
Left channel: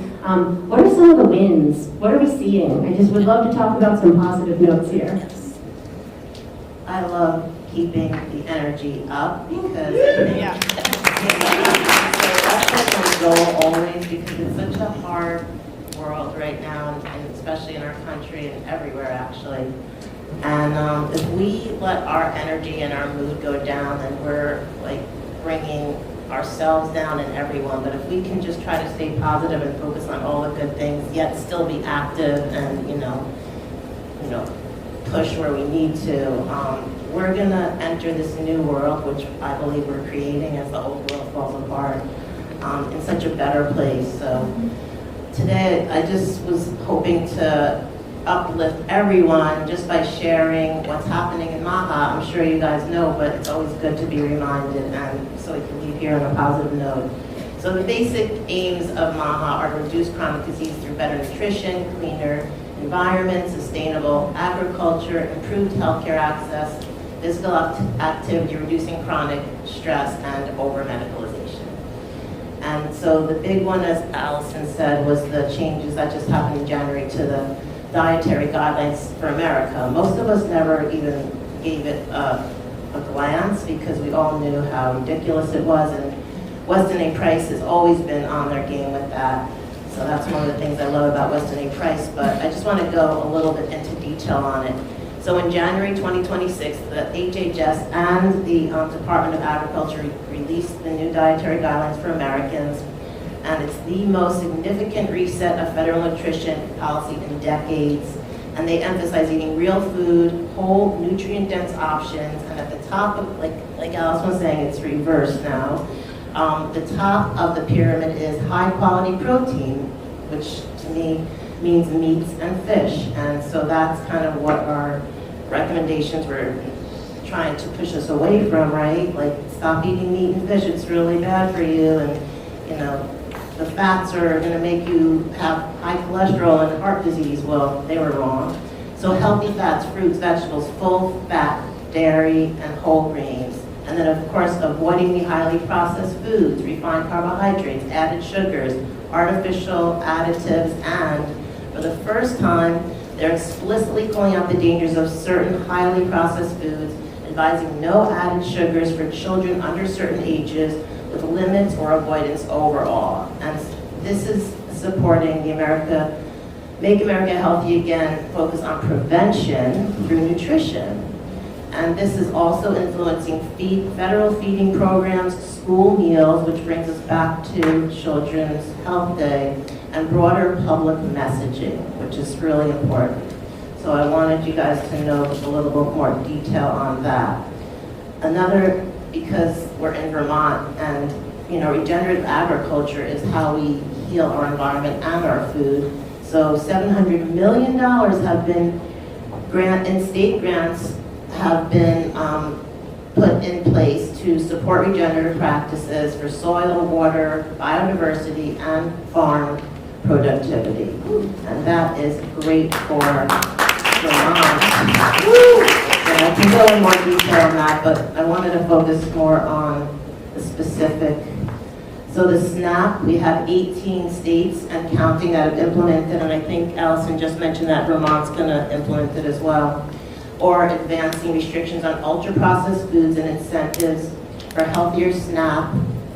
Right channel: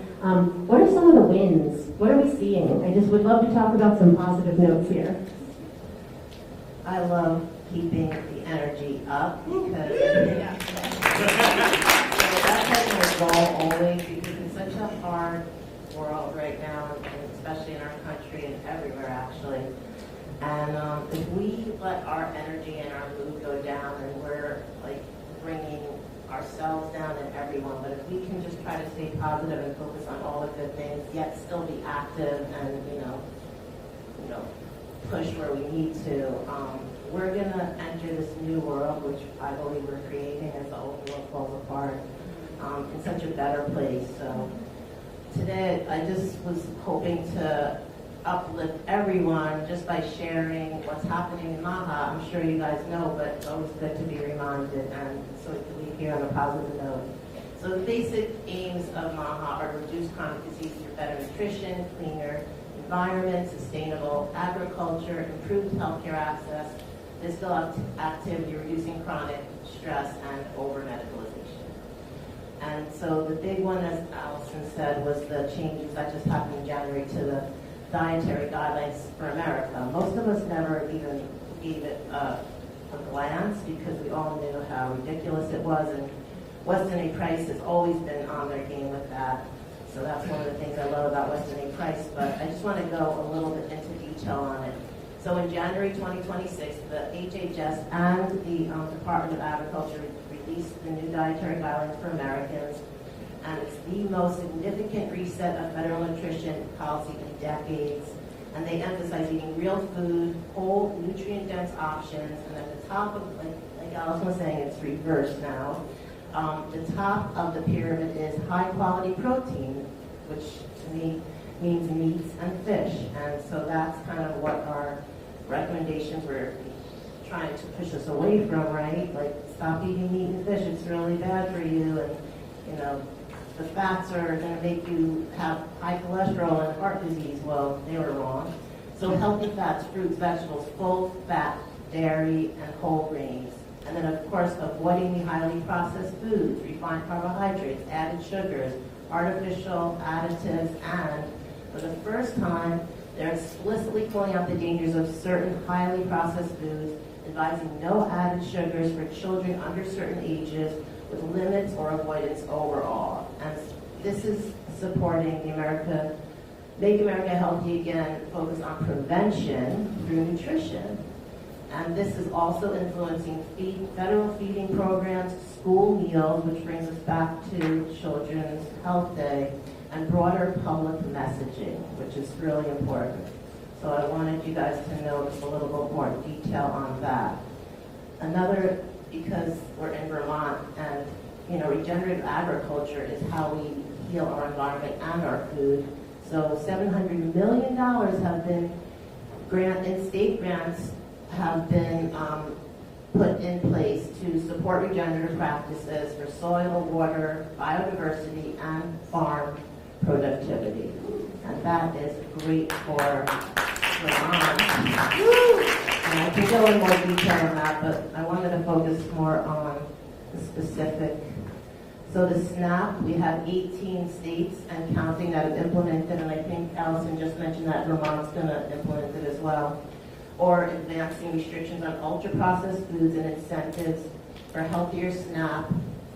what are some of the wins? What are we seeing? I just would love to talk about some positive notes here. I love keeping the energy up because that's my goal always, because it's such a hard world right now, and especially in our country and everywhere actually. And if we let our energy and our mood go down, then we're like bringing ourselves down and everyone. But if we can just try to stay positive and focus on all the good things, yet still be active and you know push where we need to, we're gonna enter this new world, which I believe we're creating as the old world falls apart, in such a better place. So today, I just was hoping to uplift everyone just by sharing what's happening in MAHA. I'm sure you guys know, but it's always good to be reminded, and so we can leave here on a positive note. So the basic aims of MAHA are to reduce chronic disease through better nutrition, cleaner environment, sustainable agriculture, improved healthcare access, physical activity, reducing chronic stress, and over-medicalization. And so the big one, as Allison said, was the changes that just happened in January to the dietary guidelines for America. Most of us never even gave it a glance because we all knew how ridiculous it was, and Weston A. Price has always been on their game with that. So that's one of the things I love about Weston A. Price, but I just want to go a little bit into detail on it. So in January 2026, the HHS and the Department of Agriculture released the new dietary guidelines for Americans, and it's the most significant reset of federal nutrition policy in decades. And they emphasize eating real food, whole, nutrient-dense options, and at the top of, like Alice was saying, it's reversed now. The top of the pyramid is high-quality protein, which to me means meats and fish. And so that's kind of what our recommendations were trying to push us away from, right? Like, stop eating meat and fish, it's really bad for you, and you know, the fats are gonna make you have high cholesterol and heart disease. Well, they were wrong. So healthy fats, fruits, vegetables, full fat, dairy, and whole grains. And then of course, avoiding the highly processed foods, refined carbohydrates, added sugars, artificial additives, and for the first time, they're explicitly calling out the dangers of certain highly processed foods, advising no added sugars for children under certain ages with limits or avoidance overall. And this is supporting the Make America Healthy Again focus on prevention through nutrition. And this is also influencing federal feeding programs, school meals, which brings us back to Children's Health Day, and broader public messaging, which is really important. So I wanted you guys to know a little bit more detail on that. Another, because we're in Vermont, and regenerative agriculture is how we heal our environment and our food. So $700 million have been in state grants have been put in place to support regenerative practices for soil, water, biodiversity, and farm productivity. And that is great for Vermont. And I can go in more detail on that, but I wanted to focus more on the specific. So the SNAP, we have 18 states and counting that have implemented, and I think Allison just mentioned that Vermont's going to implement it as well. Or advancing restrictions on ultra-processed foods and incentives for healthier SNAP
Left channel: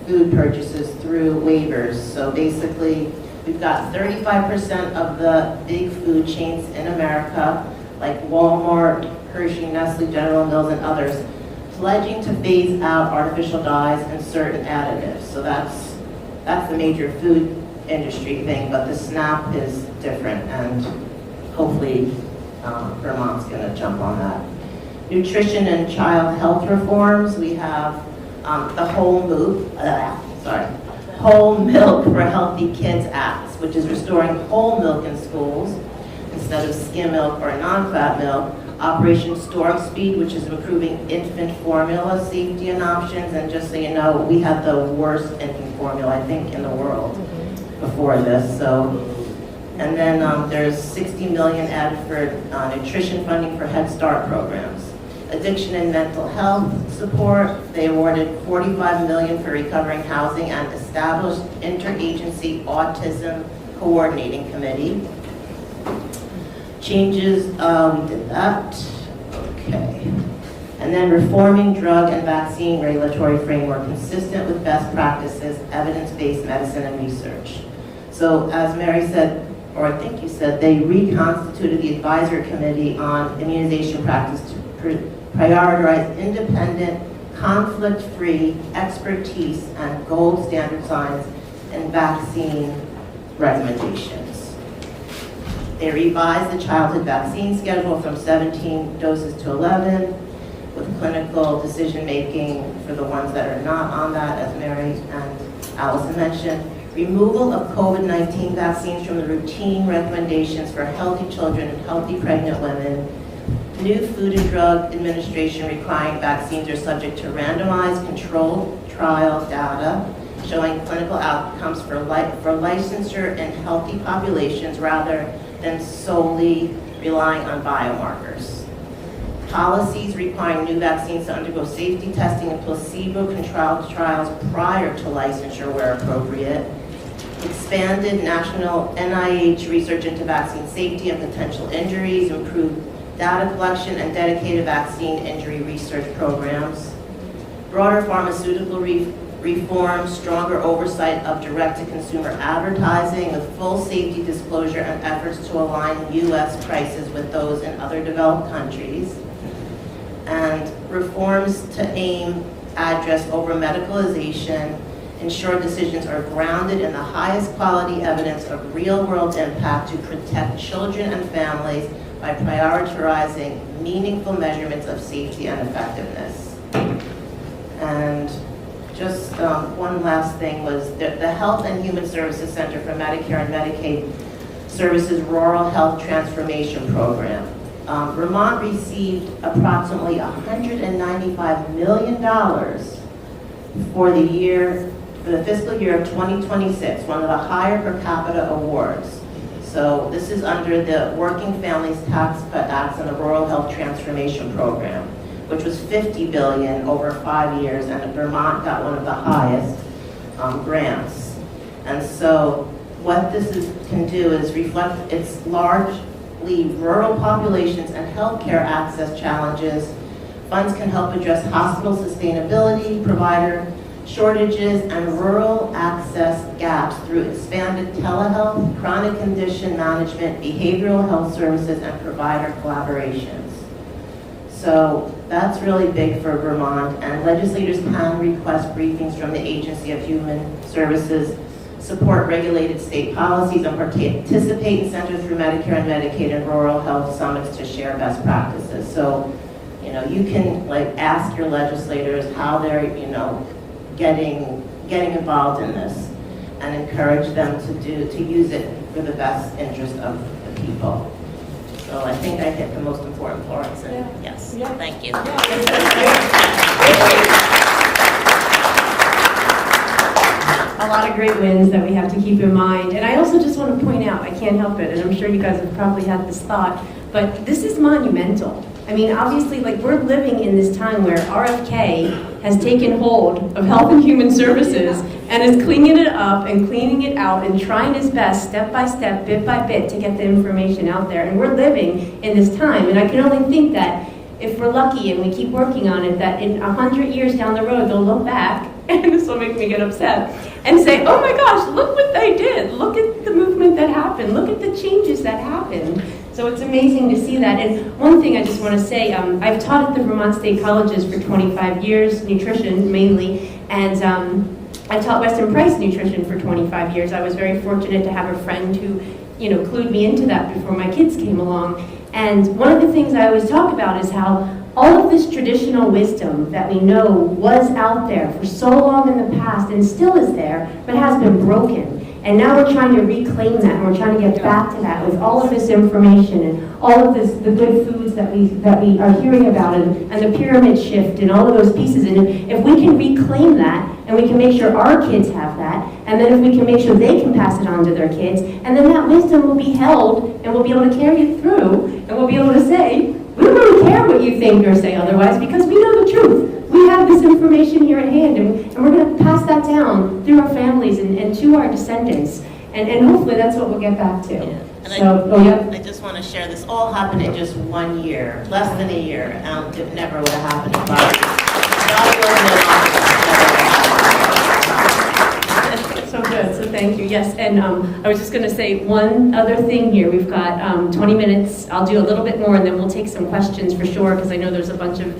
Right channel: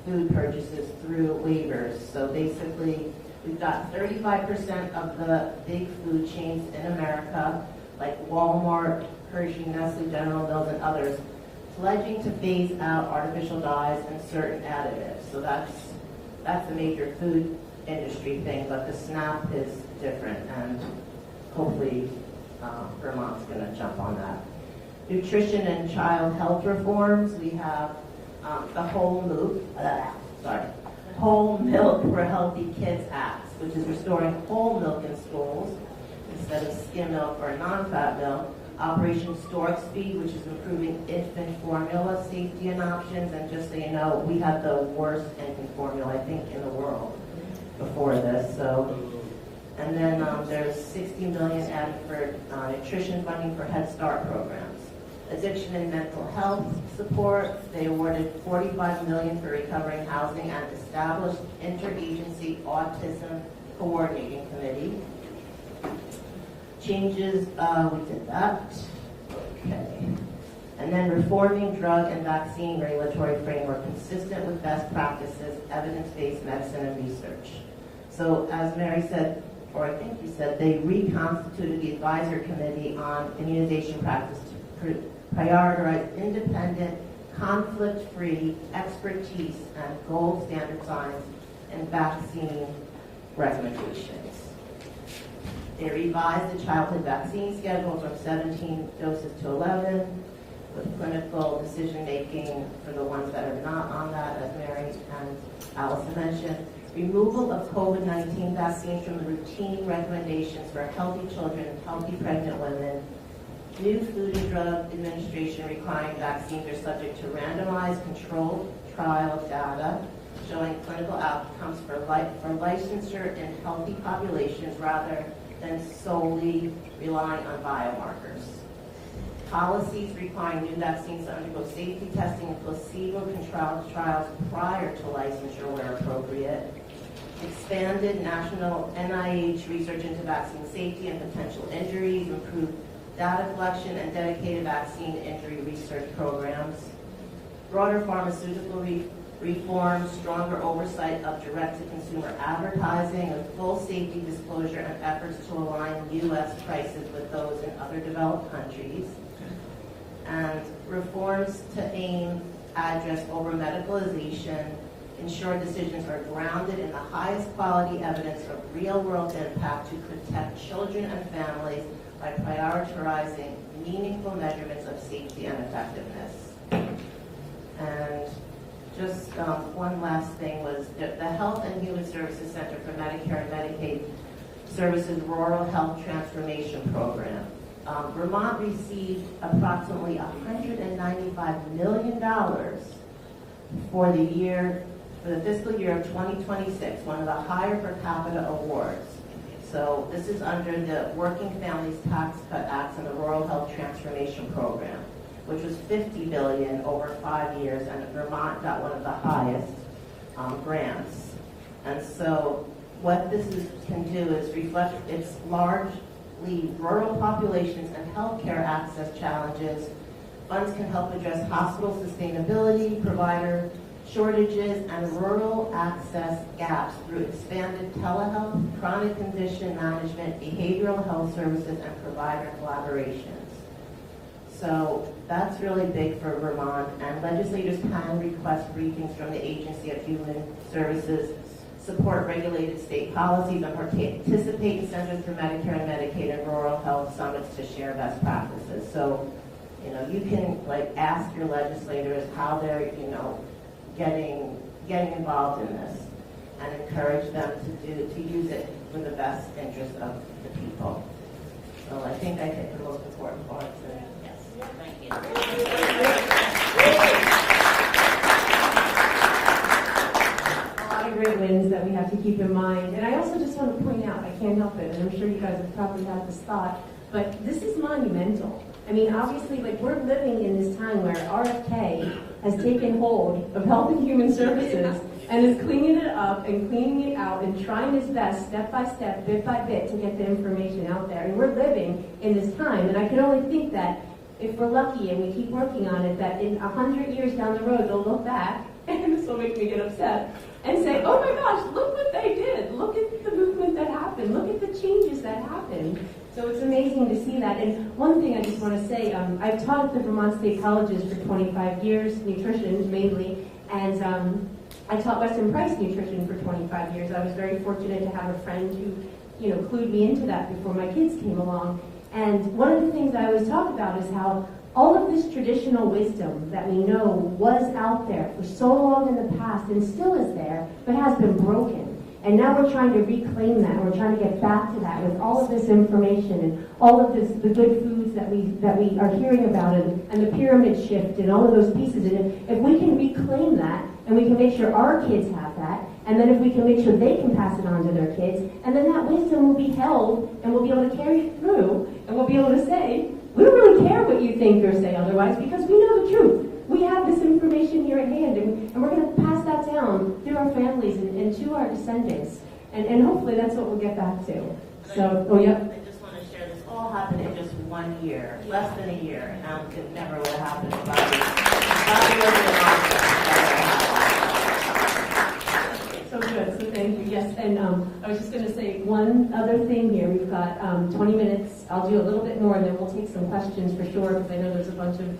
food purchases through waivers. So basically, we've got 35% of the big food chains in America, like Walmart, Hershey, Nestle, General Mills, and others, pledging to phase out artificial dyes and certain additives. So that's the major food industry thing, but the SNAP is different, and hopefully Vermont's going to jump on that. Nutrition and child health reforms. We have the Whole Milk for Healthy Kids Act, which is restoring whole milk in schools instead of skim milk or non-fat milk. Operation Storm Speed, which is improving infant formula safety and options. And just so you know, we had the worst infant formula, I think, in the world before this. So. And then there's $60 million added for nutrition funding for Head Start programs. Addiction and mental health support, they awarded $45 million for recovering housing and established interagency autism coordinating committee. Changes, we did that, okay. And then reforming drug and vaccine regulatory framework consistent with best practices, evidence-based medicine and research. So as Mary said, or I think you said, they reconstituted the advisory committee on immunization practice to prioritize independent, conflict-free expertise and gold standard science and vaccine recommendations. They revised the childhood vaccine schedule from 17 doses to 11, with clinical decision-making for the ones that are not on that, as Mary and Allison mentioned. Removal of COVID-19 vaccines from the routine recommendations for healthy children and healthy pregnant women. New Food and Drug Administration requiring vaccines are subject to randomized controlled trial data showing clinical outcomes for licensure in healthy populations rather than solely relying on biomarkers. Policies requiring new vaccines to undergo safety testing and placebo-controlled trials prior to licensure where appropriate. Expanded national NIH research into vaccine safety and potential injuries, improved data collection and dedicated vaccine injury research programs. Broader pharmaceutical reform, stronger oversight of direct-to-consumer advertising with full safety disclosure and efforts to align U.S. prices with those in other developed countries. And reforms to address over-medicalization, ensure decisions are grounded in the highest quality evidence of real-world impact to protect children and families by prioritizing meaningful measurements of safety and effectiveness. And just one last thing was the Health and Human Services Center for Medicare and Medicaid Services Rural Health Transformation Program. Vermont received approximately $195 million for the fiscal year of 2026, one of the higher per capita awards. So this is under the Working Families Tax Cut Act and the Rural Health Transformation Program, which was $50 billion over 5 years, and Vermont got one of the highest grants. And so what this can do is reflect its largely rural populations and healthcare access challenges Funds can help address hospital sustainability, provider shortages, and rural access gaps through expanded telehealth, chronic condition management, behavioral health services, and provider collaborations. So that's really big for Vermont, and legislators can request briefings from the Agency of Human Services, support regulated state policies, and participate in Center through Medicare and Medicaid and rural health summits to share best practices. So, you know, you can like ask your legislators how they're, you know, getting involved in this, and encourage them to use it for the best interest of the people. So I think I hit the most important parts, and yes, thank you. A lot of great wins that we have to keep in mind. And I also just want to point out, I can't help it, and I'm sure you guys have probably had this thought, but this is monumental. I mean, obviously, like, we're living in this time where RFK has taken hold of Health and Human Services and is cleaning it up and cleaning it out and trying his best, step by step, bit by bit, to get the information out there. And we're living in this time. And I can only think that if we're lucky and we keep working on it, that in 100 years down the road, they'll look back, and this will make me get upset, and say, oh my gosh, look what they did. Look at the movement that happened. Look at the changes that happened. So it's amazing to see that. And one thing I just want to say, I've taught at the Vermont State Colleges for 25 years, nutrition mainly, and I taught Weston Price nutrition for 25 years. I was very fortunate to have a friend who, you know, clued me into that before my kids came along. And one of the things I always talk about is how all of this traditional wisdom that we know was out there for so long in the past and still is there, but has been broken. And now we're trying to reclaim that, and we're trying to get back to that with all of this information and all of this, the good foods that we are hearing about, and the pyramid shift and all of those pieces. And if we can reclaim that, and we can make sure our kids have that, and then if we can make sure they can pass it on to their kids, and then that wisdom will be held, and we'll be able to carry it through, and we'll be able to say, we don't really care what you think or say otherwise, because we know the truth. We have this information here at hand, and we're going to pass that down through our families and to our descendants. And hopefully that's what we'll get back to. Yeah. And So, I just want to share, this all happened in just 1 year, less than a year. It never would have happened if So good, so thank you. Yes, and I was just going to say one other thing here. We've got 20 minutes. I'll do a little bit more, and then we'll take some questions for sure, because I know there's a bunch of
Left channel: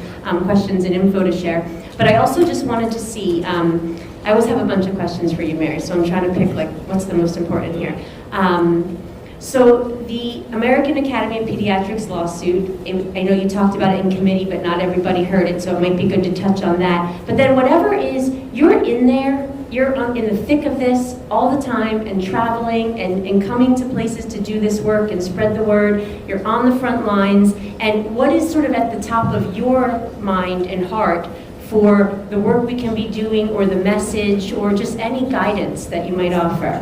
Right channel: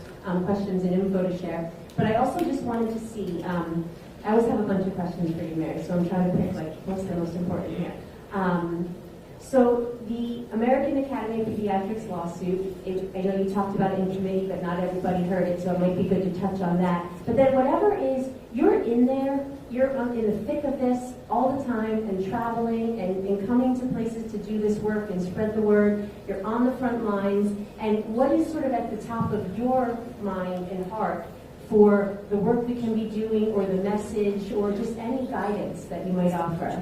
questions and info to share. But I also just wanted to see, I always have a bunch of questions for you, Mary, so I'm trying to pick, like, what's the most important here. So the American Academy of Pediatrics lawsuit, I know you talked about it in committee, but not everybody heard it, so it might be good to touch on that. But then whatever is, you're in there, you're in the thick of this all the time, and traveling and coming to places to do this work and spread the word. You're on the front lines. And what is sort of at the top of your mind and heart for the work we can be doing, or the message, or just any guidance that you might offer?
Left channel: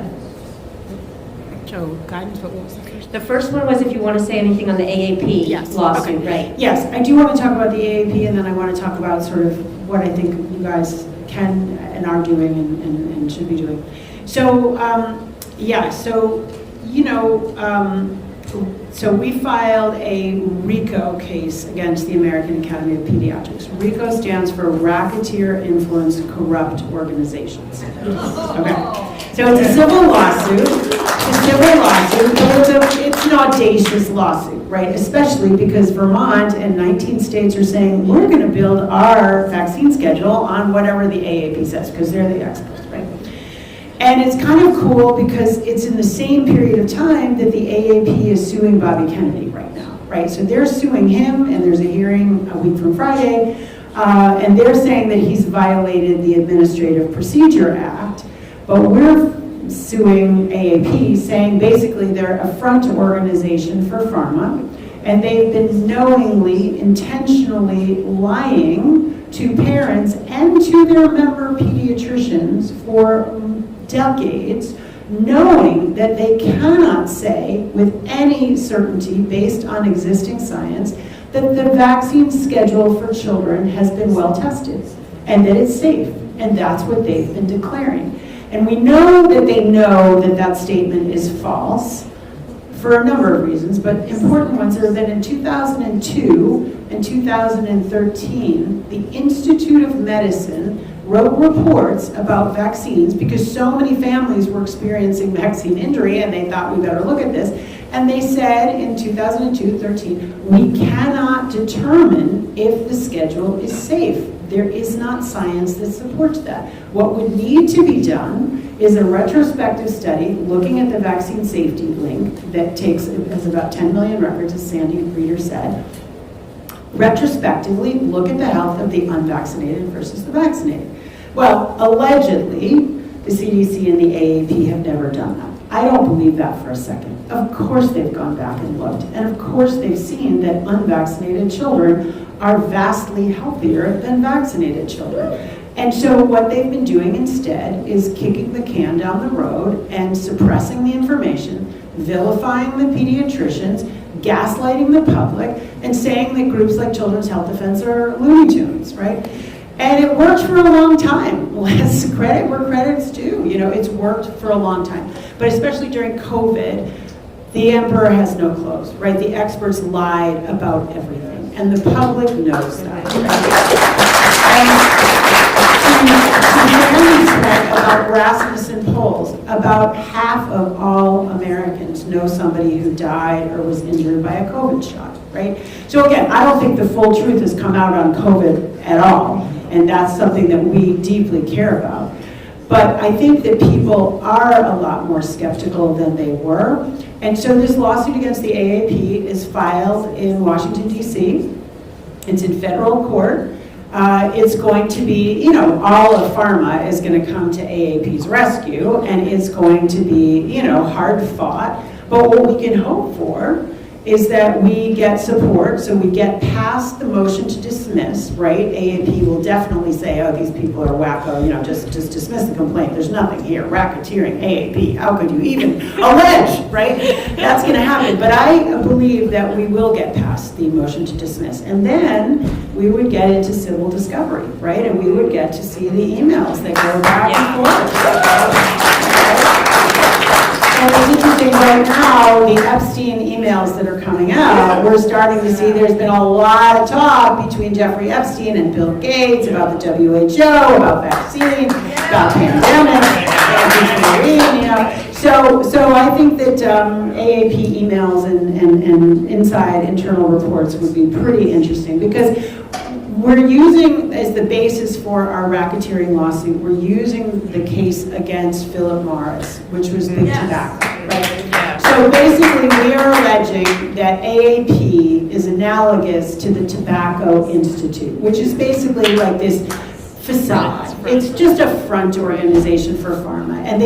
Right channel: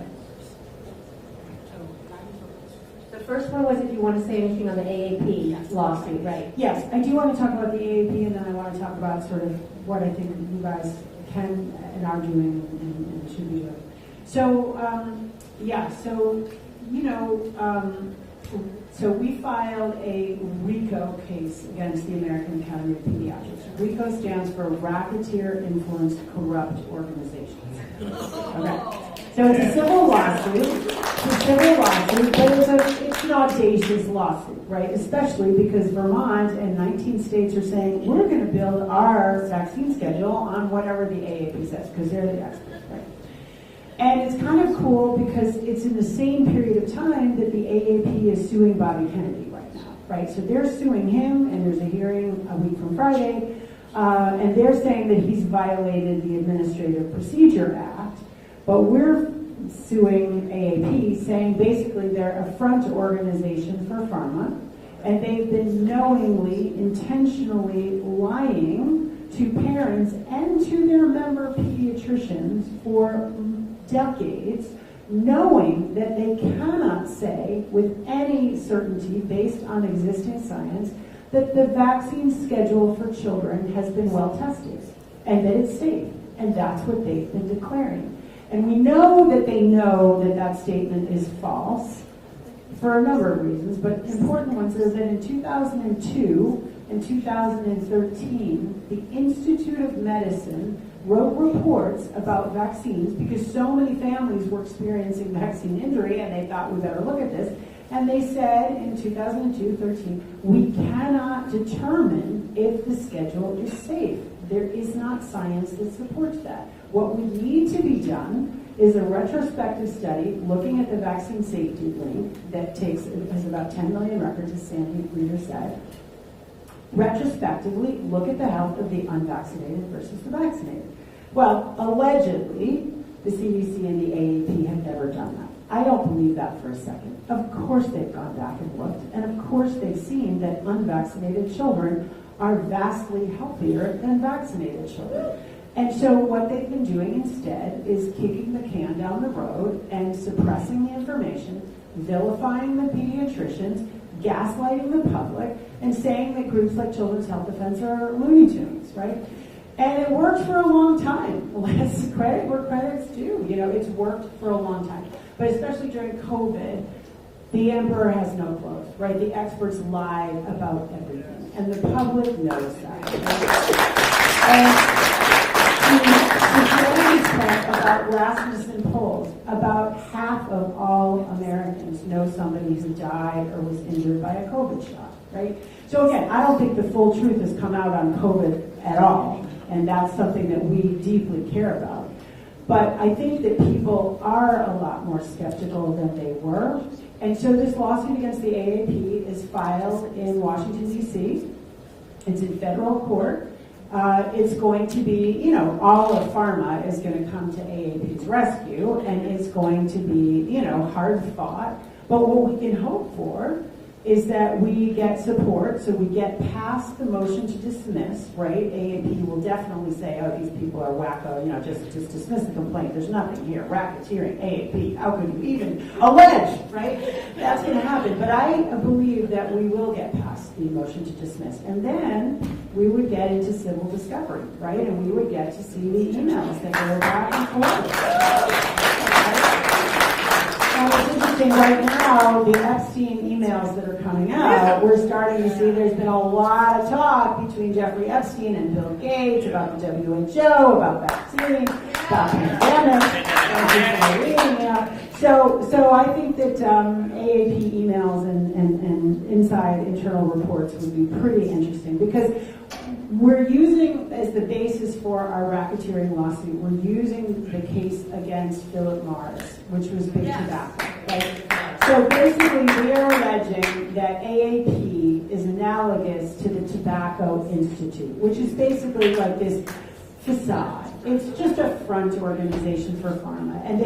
So, guidance, what was the first? The first one was if you want to say anything on the AAP Yes. lawsuit, Okay. right? Yes, I do want to talk about the AAP, and then I want to talk about sort of what I think you guys can and are doing and should be doing. So, so we filed a RICO case against the American Academy of Pediatrics. RICO stands for Racketeer Influenced Corrupt Organizations. Okay. So it's a civil lawsuit. But it's an audacious lawsuit, right? Especially because Vermont and 19 states are saying, we're going to build our vaccine schedule on whatever the AAP says, because they're the experts, right? And it's kind of cool because it's in the same period of time that the AAP is suing Bobby Kennedy right now, right? So they're suing him, and there's a hearing a week from Friday, and they're saying that he's violated the Administrative Procedure Act, but we're suing AAP, saying basically they're a front organization for pharma, and they've been knowingly, intentionally lying to parents and to their member pediatricians for decades, knowing that they cannot say with any certainty, based on existing science, that the vaccine schedule for children has been well tested and that it's safe, and that's what they've been declaring. And we know that they know that that statement is false for a number of reasons, but important ones are that in 2002 and 2013, the Institute of Medicine wrote reports about vaccines because so many families were experiencing vaccine injury and they thought we better look at this. And they said in 2002-13, we cannot determine if the schedule is safe. There is not science that supports that. What would need to be done is a retrospective study looking at the vaccine safety link that has about 10 million records, as Sandy Reader said. Retrospectively, look at the health of the unvaccinated versus the vaccinated. Well, allegedly, the CDC and the AAP have never done that. I don't believe that for a second. Of course they've gone back and looked, and of course they've seen that unvaccinated children are vastly healthier than vaccinated children. And so what they've been doing instead is kicking the can down the road and suppressing the information, vilifying the pediatricians, gaslighting the public, and saying that groups like Children's Health Defense are Looney Tunes, right? And it worked for a long time. Let's credit where credit's due. You know, it's worked for a long time. But especially during COVID, the emperor has no clothes, right? The experts lied about everything, and the public knows that. About Rasmussen polls, about half of all Americans know somebody who died or was injured by a COVID shot, right? So again, I don't think the full truth has come out on COVID at all, and that's something that we deeply care about. But I think that people are a lot more skeptical than they were. And so this lawsuit against the AAP is filed in Washington, D.C. It's in federal court. It's going to be, all of pharma is going to come to AAP's rescue, and it's going to be, hard fought. But what we can hope for is that we get support, so we get past the motion to dismiss, right? AAP will definitely say, oh, these people are wacko, just dismiss the complaint. There's nothing here. Racketeering, AAP, how could you even allege, right? That's going to happen. But I believe that we will get past the motion to dismiss. And then we would get into civil discovery, right? And we would get to see the emails that go back and forth. It's interesting right now, the Epstein emails that are coming out, we're starting to see there's been a lot of talk between Jeffrey Epstein and Bill Gates about the WHO, about vaccine, about pandemic, So I think that AAP emails and inside internal reports would be pretty interesting because we're using, as the basis for our racketeering lawsuit, we're using the case against Philip Morris, which was big tobacco. Right? So basically, we are alleging that AAP is analogous to the Tobacco Institute, which is basically like this facade. It's just a front organization for pharma. And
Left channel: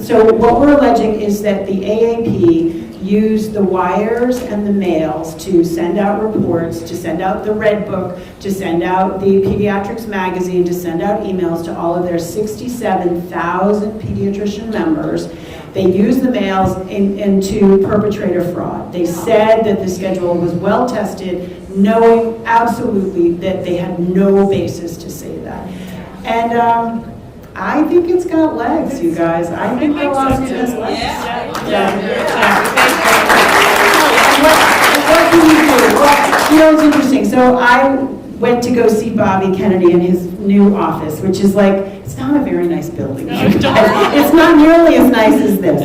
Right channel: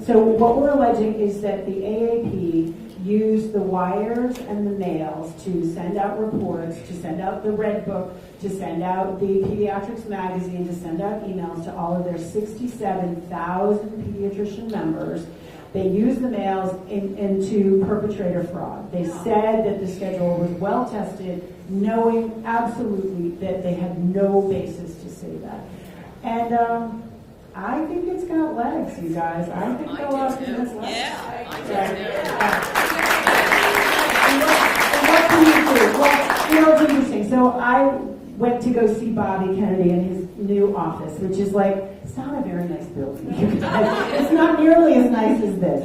so what we're alleging is that the AAP used the wires and the mails to send out reports, to send out the Red Book, to send out the Pediatrics magazine, to send out emails to all of their 67,000 pediatrician members. They used the mails to perpetrate a fraud. They said that the schedule was well tested, knowing absolutely that they had no basis to say that. And I think it's got legs, you guys. I think the lawsuit has legs. And what can you do? Well, it's interesting. So I went to go see Bobby Kennedy in his new office, which is like, it's not a very nice building. It's not nearly as nice as this.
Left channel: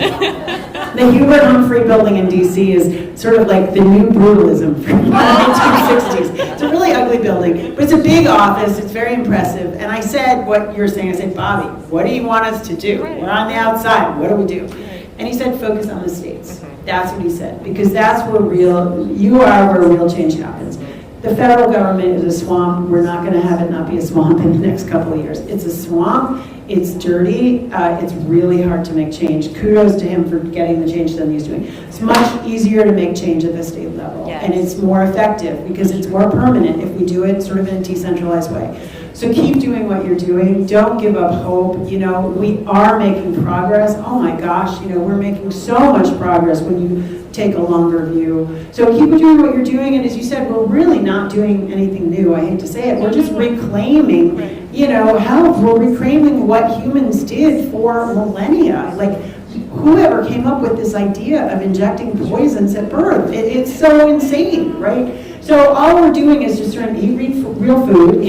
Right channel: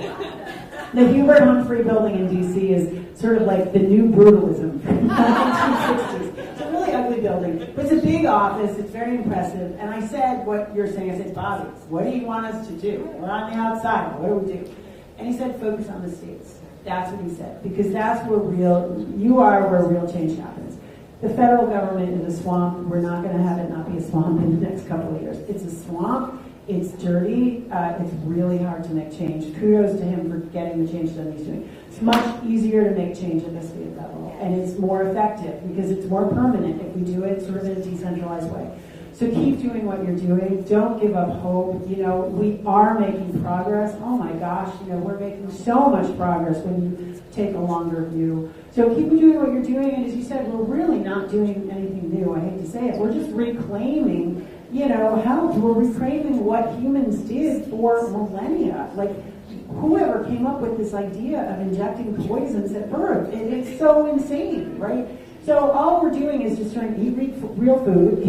The Hubert Humphrey building in DC is sort of like the new brutalism from the 1960s. It's a really ugly building, but it's a big office. It's very impressive. And I said what you're saying. I said, Bobby, what do you want us to do? We're on the outside. What do we do? And he said, focus on the states. That's what he said, because that's where you are where real change happens. The federal government is a swamp. We're not going to have it not be a swamp in the next couple of years. It's a swamp. It's dirty. It's really hard to make change. Kudos to him for getting the change that he's doing. It's much easier to make change at the state level. Yes. And it's more effective because it's more permanent if we do it sort of in a decentralized way. So keep doing what you're doing. Don't give up hope. We are making progress. Oh my gosh, we're making so much progress when you take a longer view. So keep doing what you're doing, and as you said, we're really not doing anything new. I hate to say it. We're just reclaiming, health. We're reclaiming what humans did for millennia. Like, whoever came up with this idea of injecting poisons at birth? It's so insane, right? So all we're doing is just trying to eat real food,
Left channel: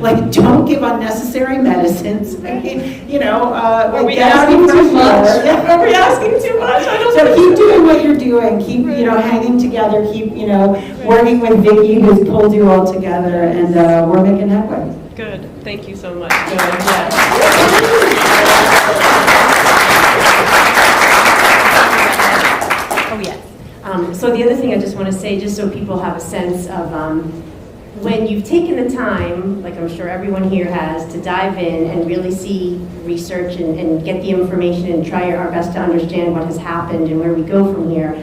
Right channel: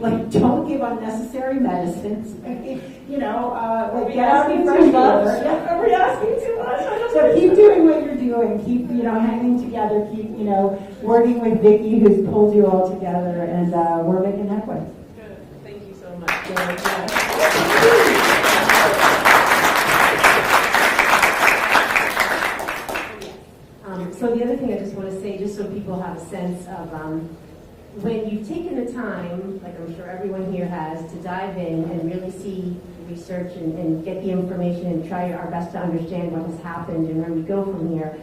like don't give unnecessary medicines. I mean, Are we get out asking of too much? pressure. Are we asking too much? I don't So think keep doing what you're doing. Keep, hanging together. Keep, working with Vicki, who's pulled you all together, and we're making headway. Good. Thank you so much. Good, Oh, yes. So the other thing I just want to say, just so people have a sense of when you've taken the time, like I'm sure everyone here has, to dive in and really see research and get the information and try our best to understand what has happened and where we go from here.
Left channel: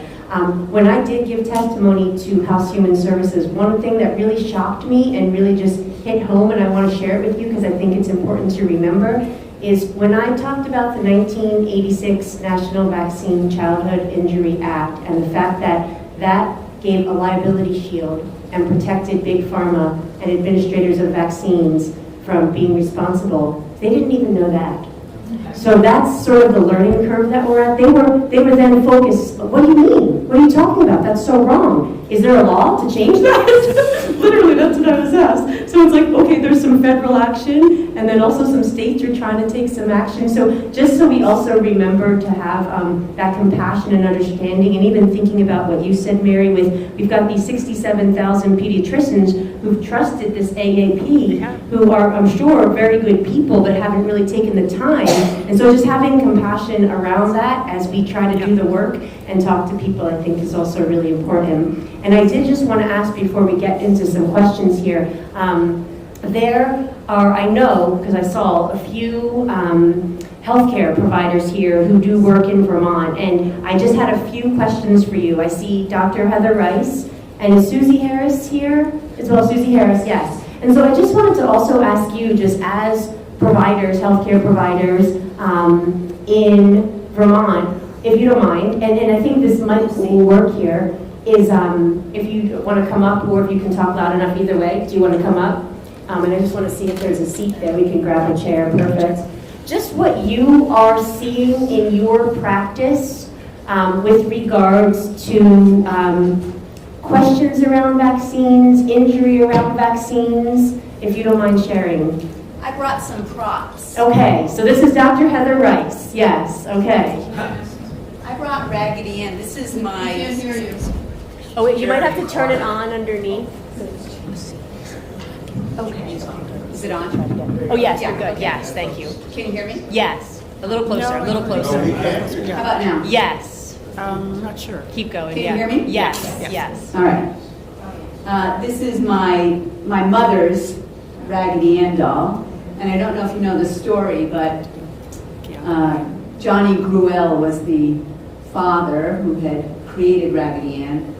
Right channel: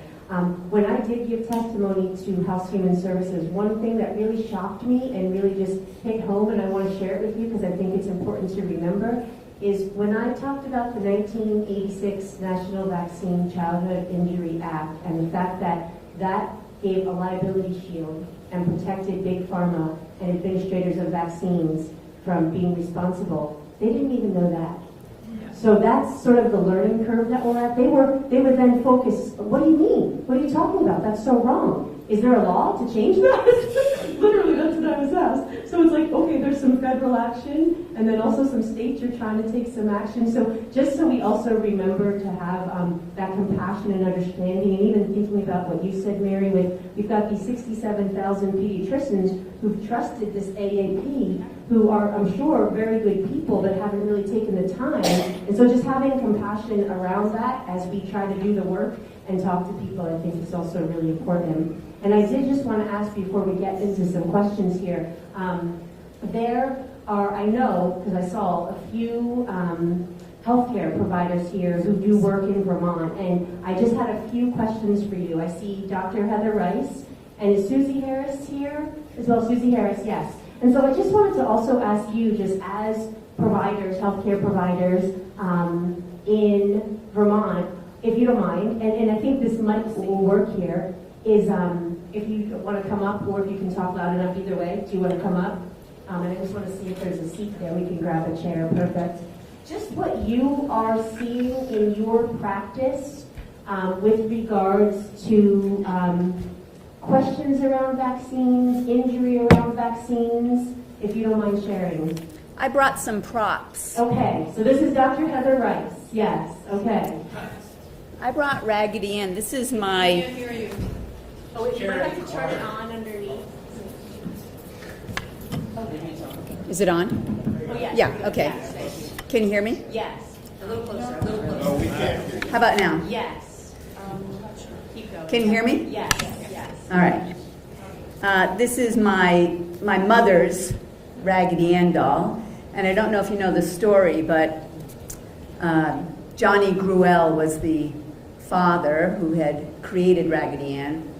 When I did give testimony to House Human Services, one thing that really shocked me and really just hit home, and I want to share it with you because I think it's important to remember, is when I talked about the 1986 National Vaccine Childhood Injury Act and the fact that that gave a liability shield and protected Big Pharma and administrators of vaccines from being responsible, they didn't even know that. So that's sort of the learning curve that we're at. They were then focused, what do you mean? What are you talking about? That's so wrong. Is there a law to change that? Literally, that's what I was asked. So it's like, okay, there's some federal action, and then also some states are trying to take some action. So just so we also remember to have that compassion and understanding, and even thinking about what you said, Mary, with we've got these 67,000 pediatricians who've trusted this AAP, who are, I'm sure, very good people, but haven't really taken the time. And so just having compassion around that as we try to do the work and talk to people, I think is also really important. And I did just want to ask before we get into some questions here, there are, I know, because I saw a few healthcare providers here who do work in Vermont, and I just had a few questions for you. I see Dr. Heather Rice, and is Susie Harris here as well? Susie Harris, yes. And so I just wanted to also ask you, just as providers, healthcare providers in Vermont, if you don't mind, and I think this might work here, is if you want to come up, or if you can talk loud enough, either way. Do you want to come up? And I just want to see if there's a seat there. We can grab a chair. Perfect. Just what you are seeing in your practice with regards to questions around vaccines, injury around vaccines, if you don't mind sharing. I brought some props. Okay, so this is Dr. Heather Rice. Yes, okay. I brought Raggedy Ann. This is my... I can't hear you. Oh, wait, you might have to turn it on underneath. Okay. Is it on? Oh, yes, Yeah, you're good. okay. Yes, thank you. Can you hear me? Yes. A little closer, a little closer. How about now? Yes. Not sure. Keep going. Can you yeah. hear me? Yes, yes. All right. This is my mother's Raggedy Ann doll. And I don't know if you know the story, but Johnny Gruelle was the father who had created Raggedy Ann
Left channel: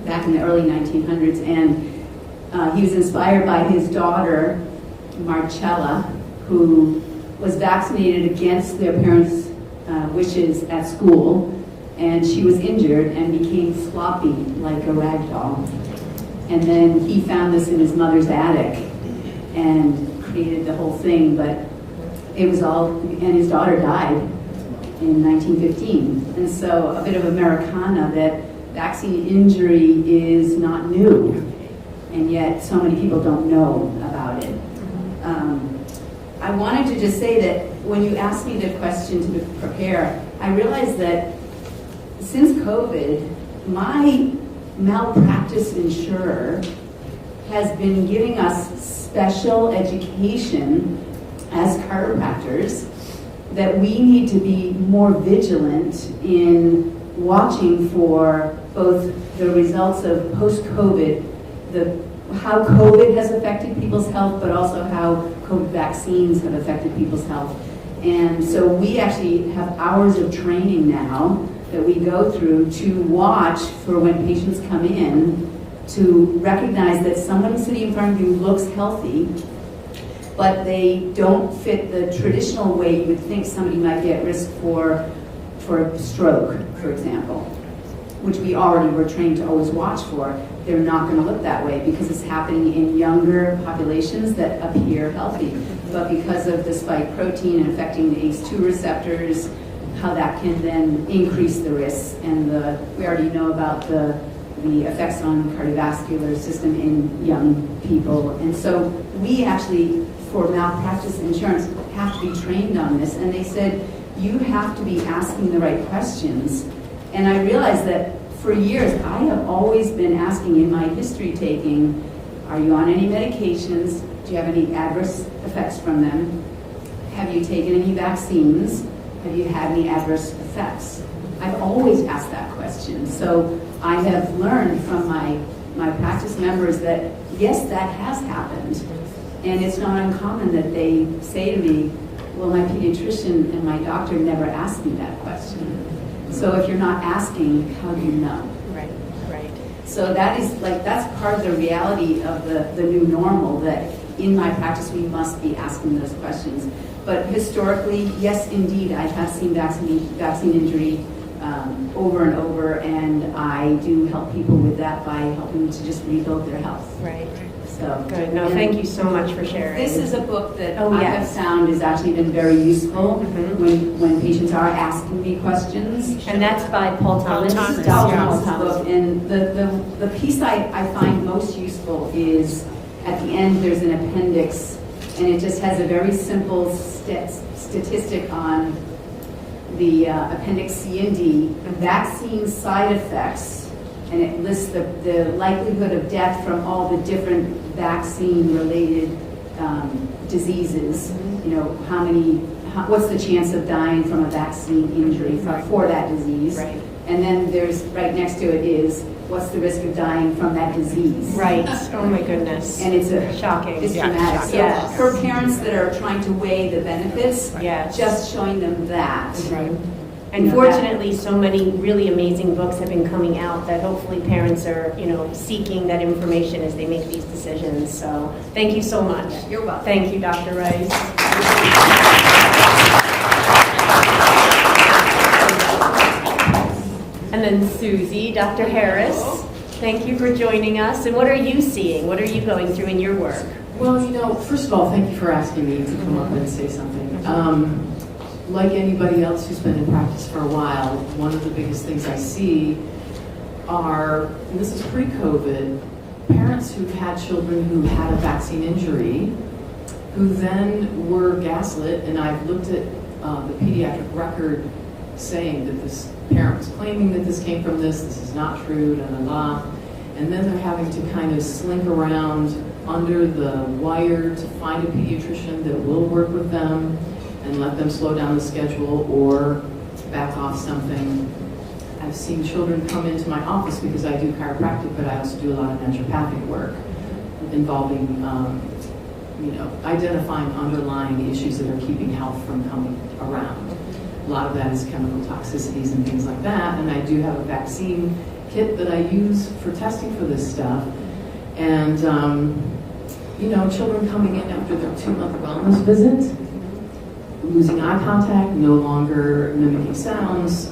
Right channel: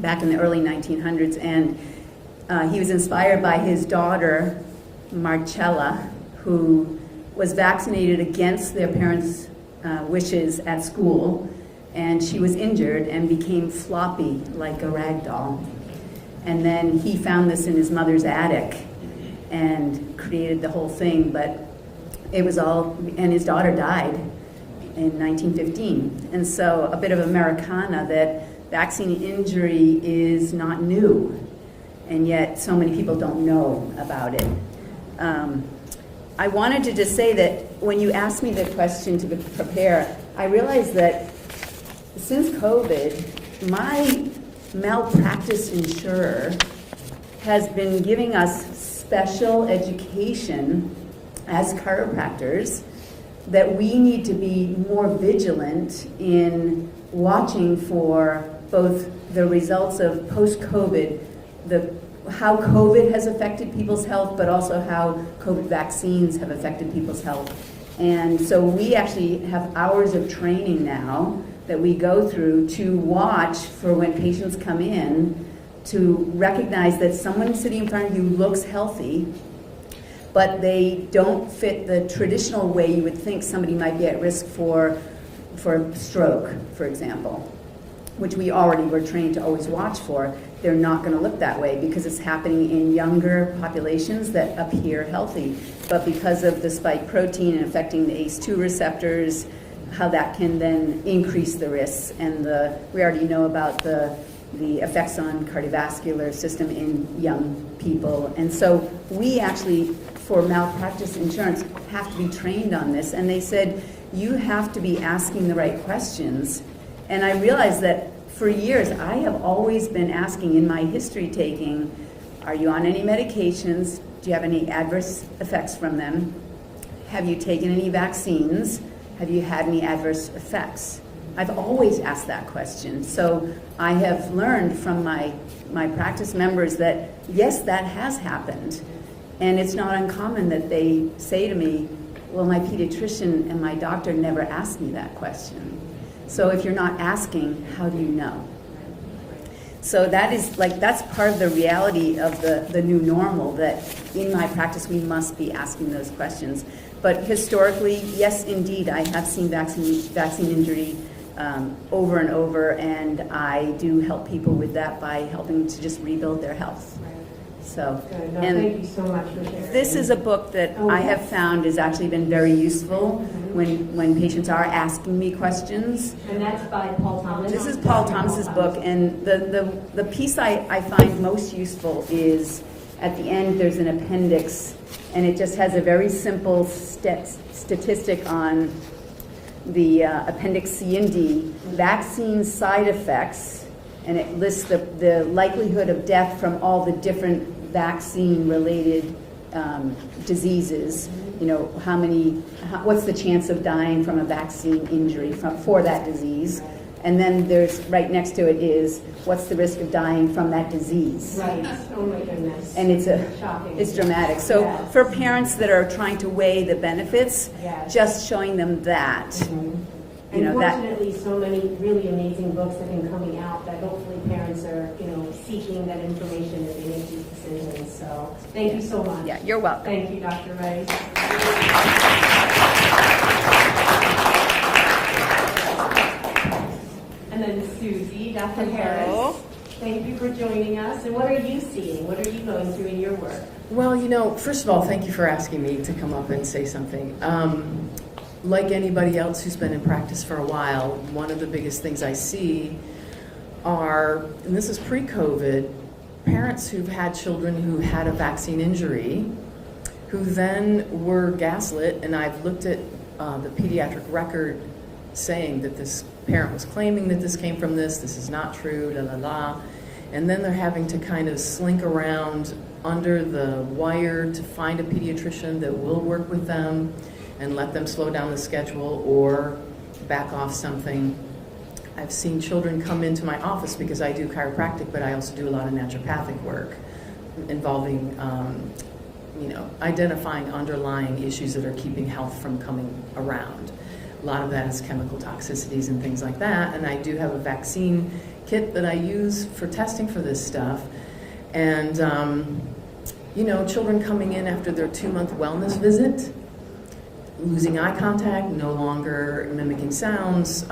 back in the early 1900s. And he was inspired by his daughter, Marcella, who was vaccinated against their parents' wishes at school. And she was injured and became floppy like a rag doll. And then he found this in his mother's attic and created the whole thing, but it was all, and his daughter died in 1915. And so a bit of Americana that vaccine injury is not new, and yet so many people don't know about it. I wanted to just say that when you asked me the question to prepare, I realized that since COVID, my malpractice insurer has been giving us special education as chiropractors that we need to be more vigilant in watching for both the results of post-COVID, how COVID has affected people's health, but also how COVID vaccines have affected people's health. And so we actually have hours of training now that we go through to watch for when patients come in, to recognize that someone sitting in front of you looks healthy, but they don't fit the traditional way you would think somebody might get risk for stroke, for example, which we already were trained to always watch for. They're not going to look that way because it's happening in younger populations that appear healthy. But because of the spike protein affecting the ACE2 receptors, how that can then increase the risks. And we already know about the effects on cardiovascular system in young people. And so we actually, for malpractice insurance, have to be trained on this. And they said, you have to be asking the right questions. And I realized that for years, I have always been asking in my history taking, are you on any medications? Do you have any adverse effects from them? Have you taken any vaccines? Have you had any adverse effects? I've always asked that question. So I have learned from my practice members that, yes, that has happened. And it's not uncommon that they say to me, well, my pediatrician and my doctor never asked me that question. So if you're not asking, how do you know? Right, right. So that's part of the reality of the new normal, that in my practice we must be asking those questions. But historically, yes, indeed, I have seen vaccine injury over and over, and I do help people with that by helping them to just rebuild their health. Right. So Good. No, and thank you so much for sharing. this is a book that Oh, I yes. have found has actually been very useful when patients are asking me questions. And that's by Paul Thomas. Thomas. Paul Thomas's book, and the piece I find most useful is at the end there's an appendix, and it just has a very simple statistic on the appendix C and D, vaccine side effects, and it lists the likelihood of death from all the different vaccine-related diseases. You know, what's the chance of dying from a vaccine injury for that disease? Right. And then there's, right next to it is, what's the risk of dying from that disease? Right. Oh my goodness. And it's shocking. It's dramatic. So Yes. for parents that are trying to weigh the benefits, Yes. just showing them that. Right. You And know, fortunately, so many really amazing books have been coming out that hopefully parents are, seeking that information as they make these decisions. So thank you so much. Yeah, you're welcome. Thank you, Dr. Rice. And then Susie, Dr. Harris, thank you for joining us. And what are you seeing? What are you going through in your work? Well, first of all, thank you for asking me to come up and say something. Like anybody else who's been in practice for a while, one of the biggest things I see are, and this is pre-COVID, parents who've had children who had a vaccine injury, who then were gaslit, and I've looked at the pediatric record saying that this parent was claiming that this came from this is not true, da da da, and then they're having to kind of slink around under the wire to find a pediatrician that will work with them and let them slow down the schedule or back off something. I've seen children come into my office because I do chiropractic, but I also do a lot of naturopathic work involving, identifying underlying issues that are keeping health from coming around. A lot of that is chemical toxicities and things like that, and I do have a vaccine kit that I use for testing for this stuff. And, children coming in after their 2-month wellness visit, losing eye contact, no longer mimicking sounds,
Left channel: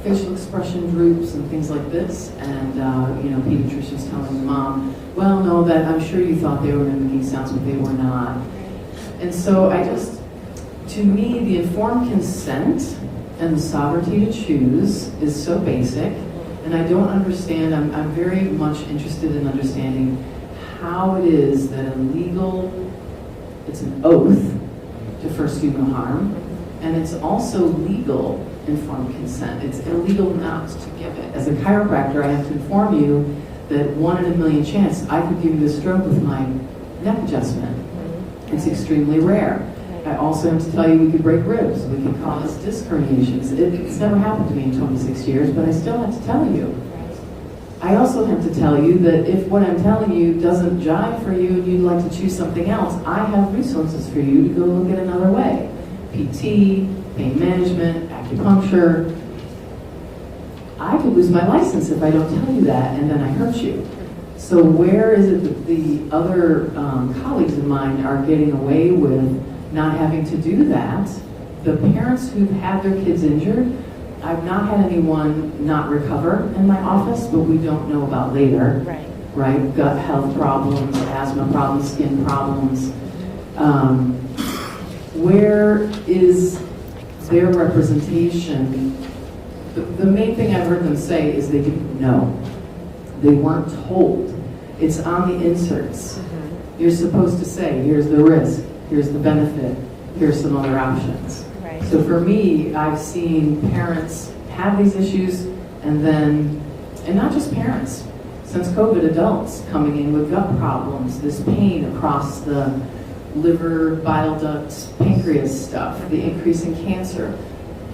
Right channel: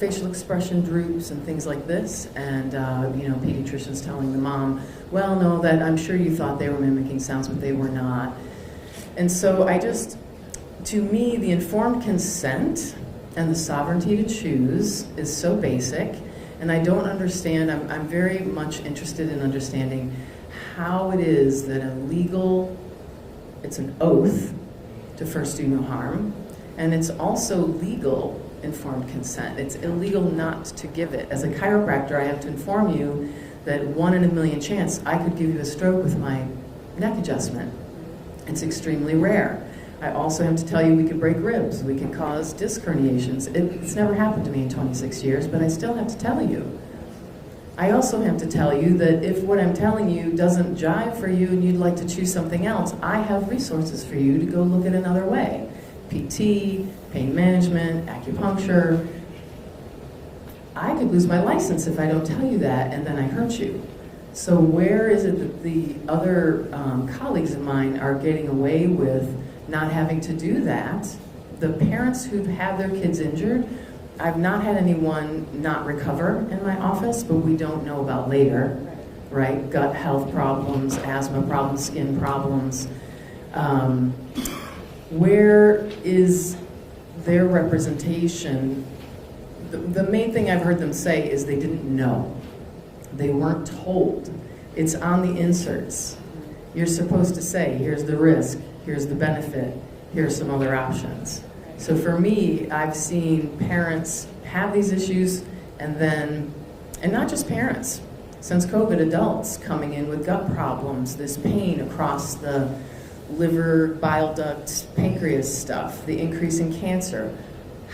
facial expression droops and things like this, and pediatricians telling the mom, well, no, that I'm sure you thought they were mimicking sounds, but they were not. And so to me, the informed consent and the sovereignty to choose is so basic, and I don't understand, I'm very much interested in understanding how it is that it's an oath to first do no harm, and it's also legal informed consent. It's illegal not to give it. As a chiropractor, I have to inform you that 1 in a million chance I could give you a stroke with my neck adjustment. It's extremely rare. I also have to tell you we can break ribs, we can cause disc herniations. It's never happened to me in 26 years, but I still have to tell you. I also have to tell you that if what I'm telling you doesn't jive for you and you'd like to choose something else, I have resources for you to go look at another way. PT, pain management, acupuncture. I could lose my license if I don't tell you that, and then I hurt you. So where is it that the other colleagues of mine are getting away with not having to do that? The parents who had their kids injured, I've not had anyone not recover in my office, but we don't know about later. Right? Gut health problems, asthma problems, skin problems. Where is their representation, the main thing I've heard them say is they didn't know. They weren't told. It's on the inserts. You're supposed to say, here's the risk, here's the benefit, here's some other options. Right. So for me, I've seen parents have these issues, and not just parents, since COVID, adults coming in with gut problems, this pain across the liver, bile duct, pancreas stuff, the increase in cancer.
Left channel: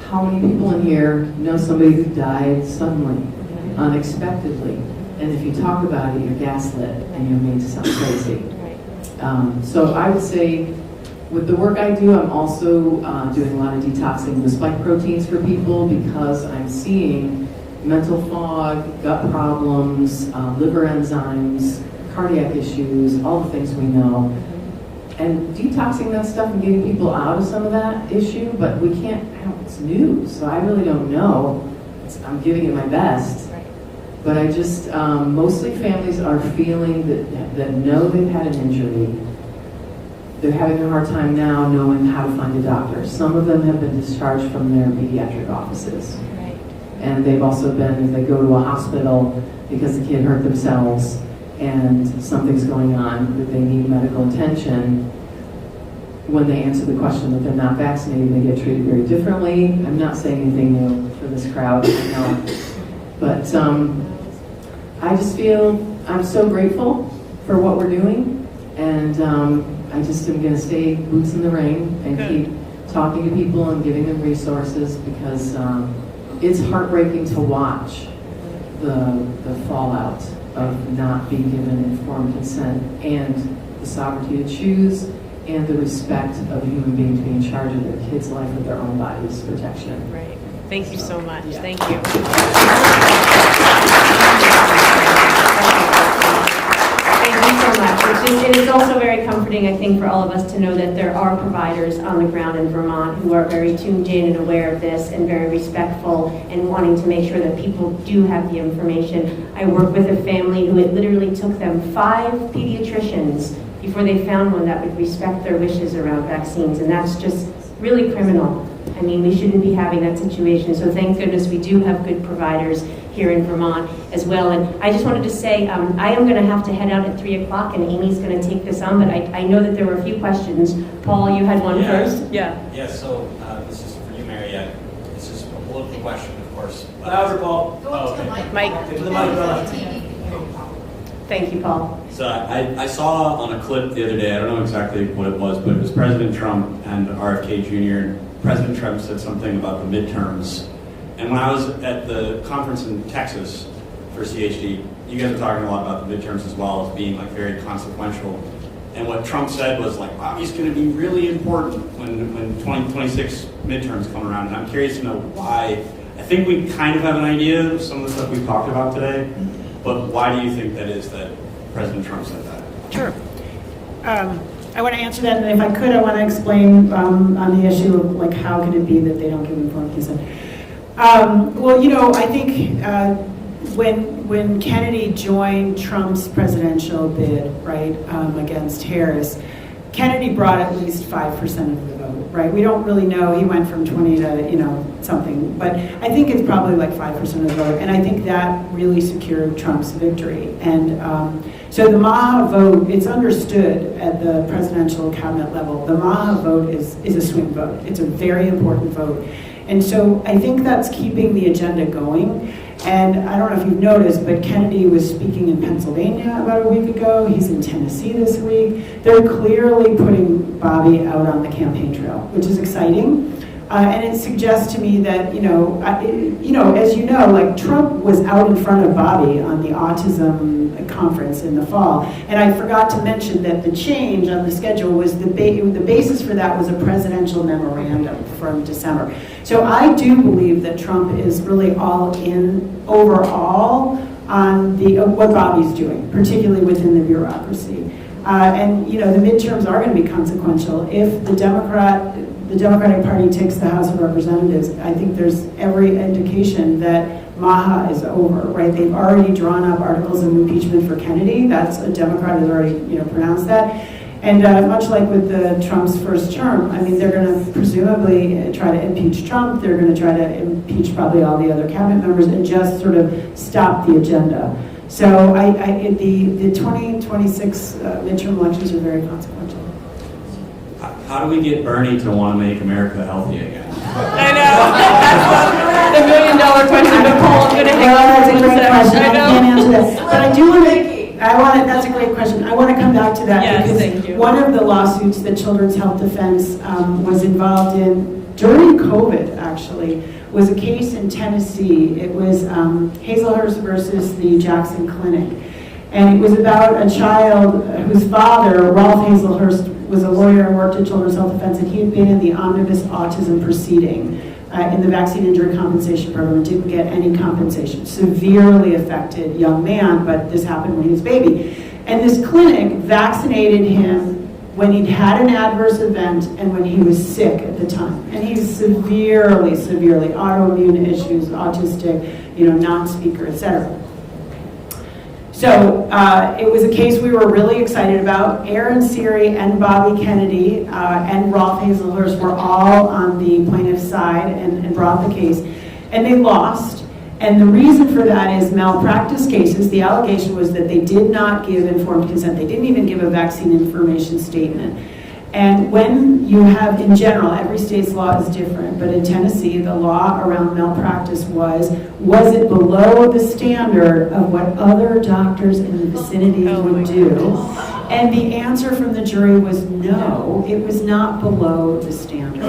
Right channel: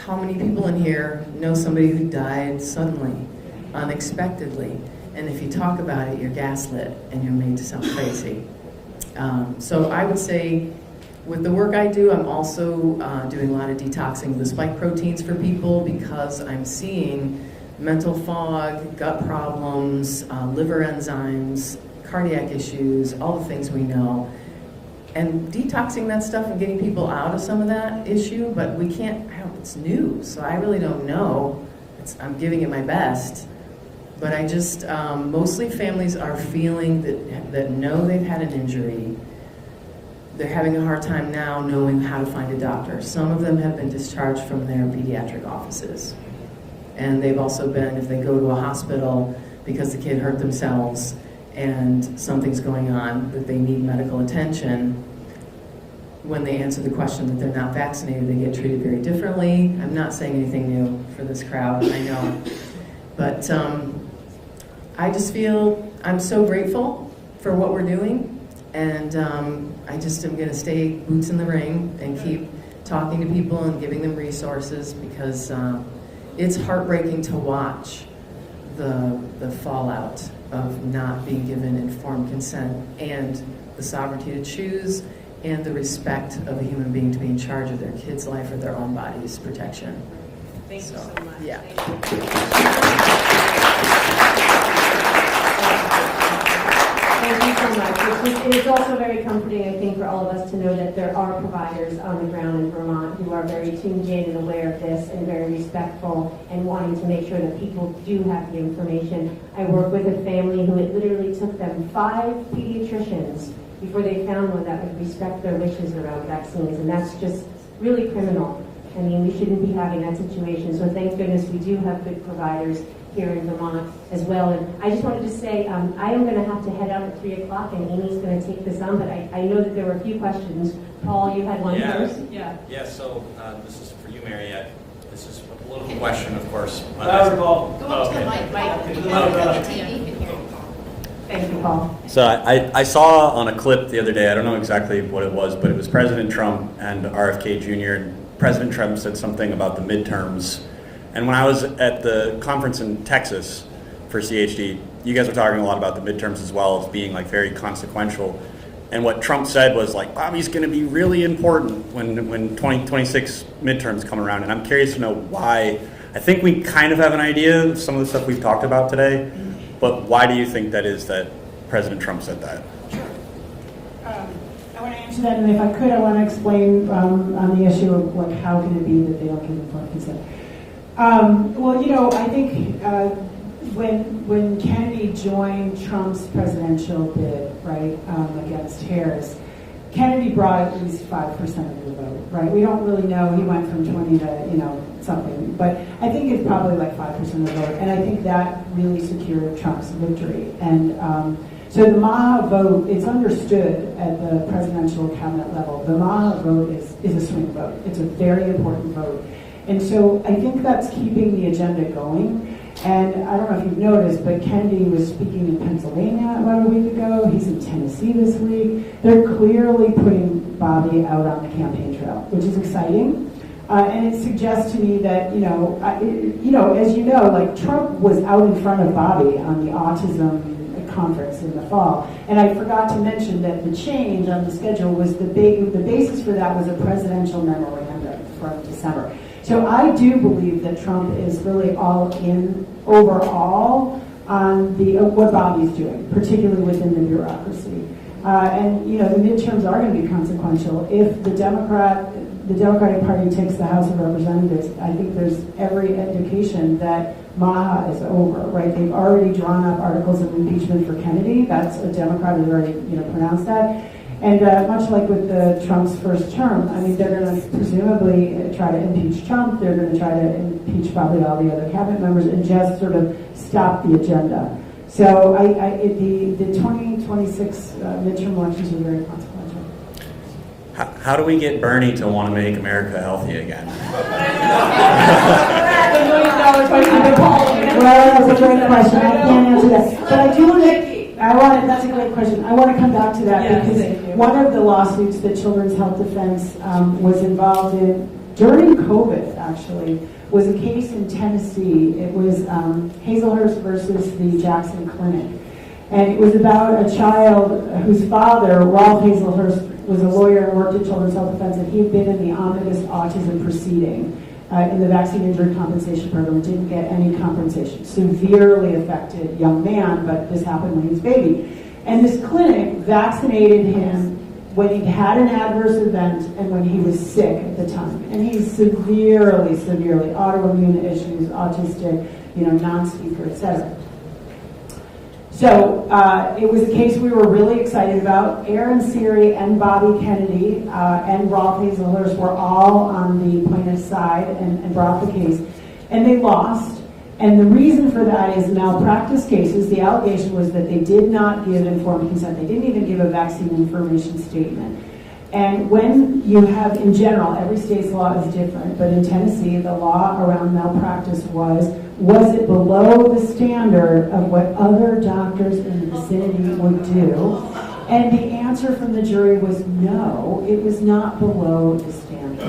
How many people in here know somebody who died suddenly, unexpectedly? And if you talk about it, you're gaslit and you're made to sound crazy. So I would say, with the work I do, I'm also doing a lot of detoxing the spike proteins for people, because I'm seeing mental fog, gut problems, liver enzymes, cardiac issues, all the things we know. And detoxing that stuff and getting people out of some of that issue, but we can't have, it's new, so I really don't know. I'm giving it my best. But I just, mostly families are feeling that know they've had an injury. They're having a hard time now knowing how to find a doctor. Some of them have been discharged from their pediatric offices. And they've also been, if they go to a hospital because the kid hurt themselves and something's going on that they need medical attention, when they answer the question that they're not vaccinated, they get treated very differently. I'm not saying anything new for this crowd, but I just feel I'm so grateful for what we're doing, and I just am going to stay boots in the ring and keep talking to people and giving them resources, because it's heartbreaking to watch the fallout of not being given informed consent and the sovereignty to choose and the respect of a human being to be in charge of their kid's life or their own body's protection. Right. Thank you so much. Yeah. Thank you. It is also very comforting, I think, for all of us to know that there are providers on the ground in Vermont who are very tuned in and aware of this and very respectful and wanting to make sure that people do have the information. I work with a family who it literally took them 5 pediatricians before they found one that would respect their wishes around vaccines, and that's just really criminal. I mean, we shouldn't be having that situation, so thank goodness we do have good providers here in Vermont as well. And I just wanted to say, I am going to have to head out at 3 o'clock, and Amy's going to take this on, but I know that there were a few questions. Paul, you had one first? Yeah, so this is for you, Mary. This is a political question, of course. Louder, Paul. Oh, okay. Mike. Thank you, Paul. So I saw on a clip the other day, I don't know exactly what it was, but it was President Trump and RFK Jr., and President Trump said something about the midterms. And when I was at the conference in Texas for CHE, you guys were talking a lot about the midterms as well as being like very consequential. And what Trump said was like, Bobby's going to be really important when 2026 midterms come around. And I'm curious to know why. I think we kind of have an idea of some of the stuff we've talked about today, but why do you think that is that President Trump said that? Sure. I want to answer that, and if I could, I want to explain on the issue of like how can it be that they don't give informed consent. Well, you know, I think when Kennedy joined Trump's presidential bid, right, against Harris, Kennedy brought at least 5% of the vote, right? We don't really know. He went from 20 to, something. But I think it's probably like 5% of the vote. And I think that really secured Trump's victory. And so the Maha vote, it's understood at the presidential cabinet level, the Maha vote is a swing vote. It's a very important vote. And so I think that's keeping the agenda going. And I don't know if you've noticed, but Kennedy was speaking in Pennsylvania about a week ago. He's in Tennessee this week. They're clearly putting Bobby out on the campaign trail, which is exciting. And it suggests to me that, as you know, like Trump was out in front of Bobby on the autism conference in the fall. And I forgot to mention that the change on the schedule was the basis for that was a presidential memorandum from December. So I do believe that Trump is really all in overall on what Bobby's doing, particularly within the bureaucracy. And the midterms are going to be consequential. If the Democratic Party takes the House of Representatives, I think there's every indication that Maha is over, right? They've already drawn up articles of impeachment for Kennedy. That's a Democrat has already, pronounced that. And much like with the Trump's first term, I mean, they're going to presumably try to impeach Trump. They're going to try to impeach probably all the other cabinet members and just sort of stop the agenda. So the 2026 midterm elections are very consequential. How do we get Bernie to want to make America healthy again? I know. The $1 million question. Nicole's going to take That's a great question. I know. can't answer that. But I do want to. That's a great question. I want to come back to that Yes, because thank you. one of the lawsuits that Children's Health Defense was involved in during COVID, actually, was a case in Tennessee. It was Hazelhurst versus the Jackson Clinic. And it was about a child whose father, Ralph Hazelhurst, was a lawyer and worked at Children's Health Defense, and he had been in the omnibus autism proceeding in the vaccine injury compensation program and didn't get any compensation. Severely affected young man, but this happened when he was a baby. And this clinic vaccinated him when he'd had an adverse event and when he was sick at the time. And he's severely autoimmune issues, autistic, non-speaker, etc. So it was a case we were really excited about. Aaron Seary and Bobby Kennedy and Rolf Hazelhurst were all on the plaintiff's side and brought the case. And they lost. And the reason for that is malpractice cases. The allegation was that they did not give informed consent. They didn't even give a vaccine information statement. And when you have, in general, every state's law is different, but in Tennessee, the law around malpractice was it below the standard of what other doctors in the vicinity would do? And the answer from the jury was no, it was not below the standard,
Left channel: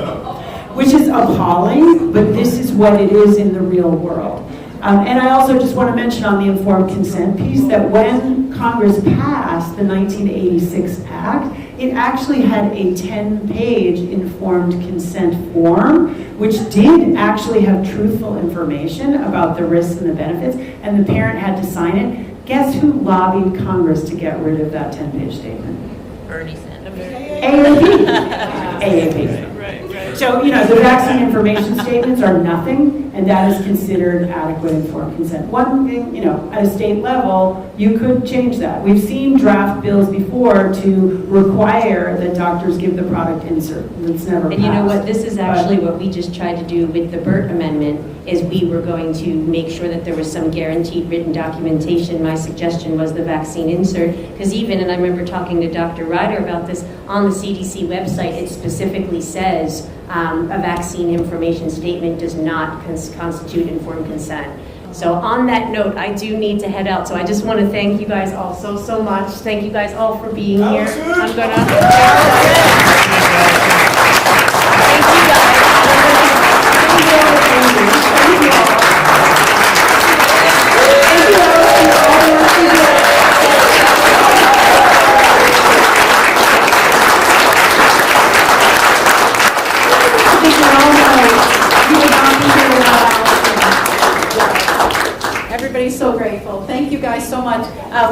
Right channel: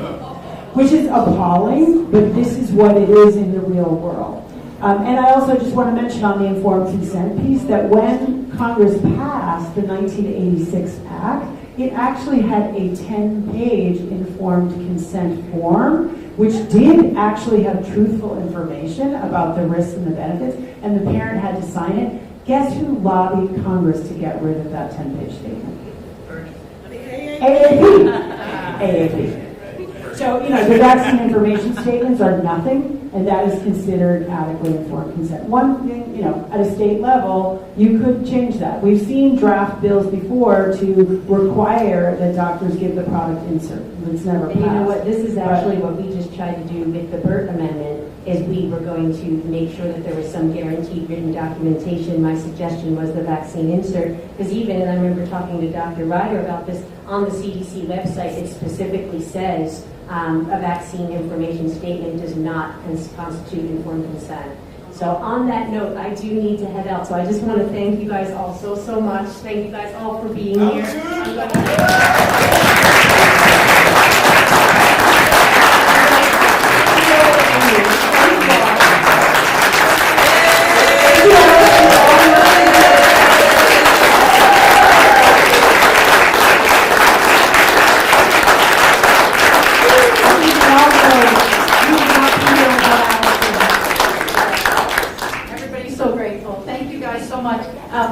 which is appalling, but this is what it is in the real world. And I also just want to mention on the informed consent piece that when Congress passed the 1986 Act, it actually had a 10-page informed consent form, which did actually have truthful information about the risks and the benefits, and the parent had to sign it. Guess who lobbied Congress to get rid of that 10-page statement? Bernie Sanders. AAP. AAP. So, the vaccine information statements are nothing, and that is considered adequate informed consent. One thing, at a state level, you could change that. We've seen draft bills before to require that doctors give the product insert. That's never And you know passed. what, this is actually what we just tried to do with the Burt Amendment, is we were going to make sure that there was some guaranteed written documentation. My suggestion was the vaccine insert, because and I remember talking to Dr. Ryder about this, on the CDC website, it specifically says a vaccine information statement does not constitute informed consent. So on that note, I do need to head out. So I just want to thank you guys all so much. Thank you guys all for being here. I'm Everybody's so grateful. Thank you guys so much.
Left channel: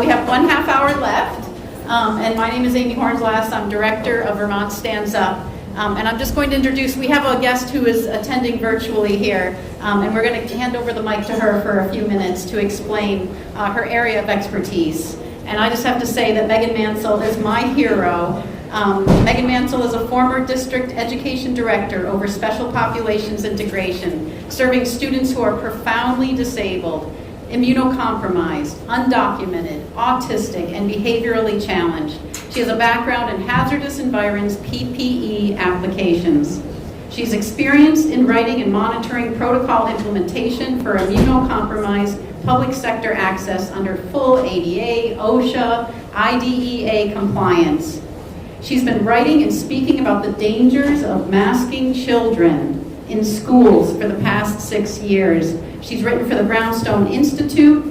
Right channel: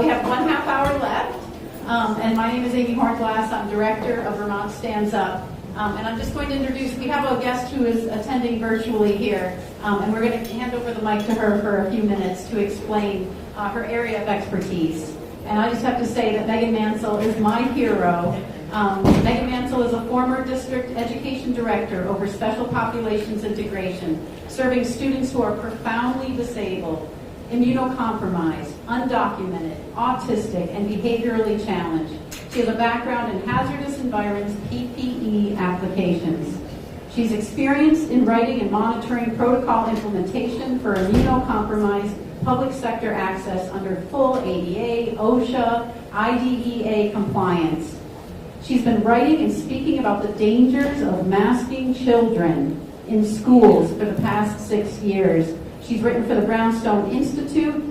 We have 1.5 hour left. And my name is Amy Hornsglass. I'm director of Vermont Stands Up. And I'm just going to introduce, we have a guest who is attending virtually here. And we're going to hand over the mic to her for a few minutes to explain her area of expertise. And I just have to say that Megan Mansell is my hero. Megan Mansell is a former district education director over special populations integration, serving students who are profoundly disabled, immunocompromised, undocumented, autistic, and behaviorally challenged. She has a background in hazardous environs PPE applications. She's experienced in writing and monitoring protocol implementation for immunocompromised public sector access under full ADA, OSHA, IDEA compliance. She's been writing and speaking about the dangers of masking children in schools for the past 6 years. She's written for the Brownstone Institute.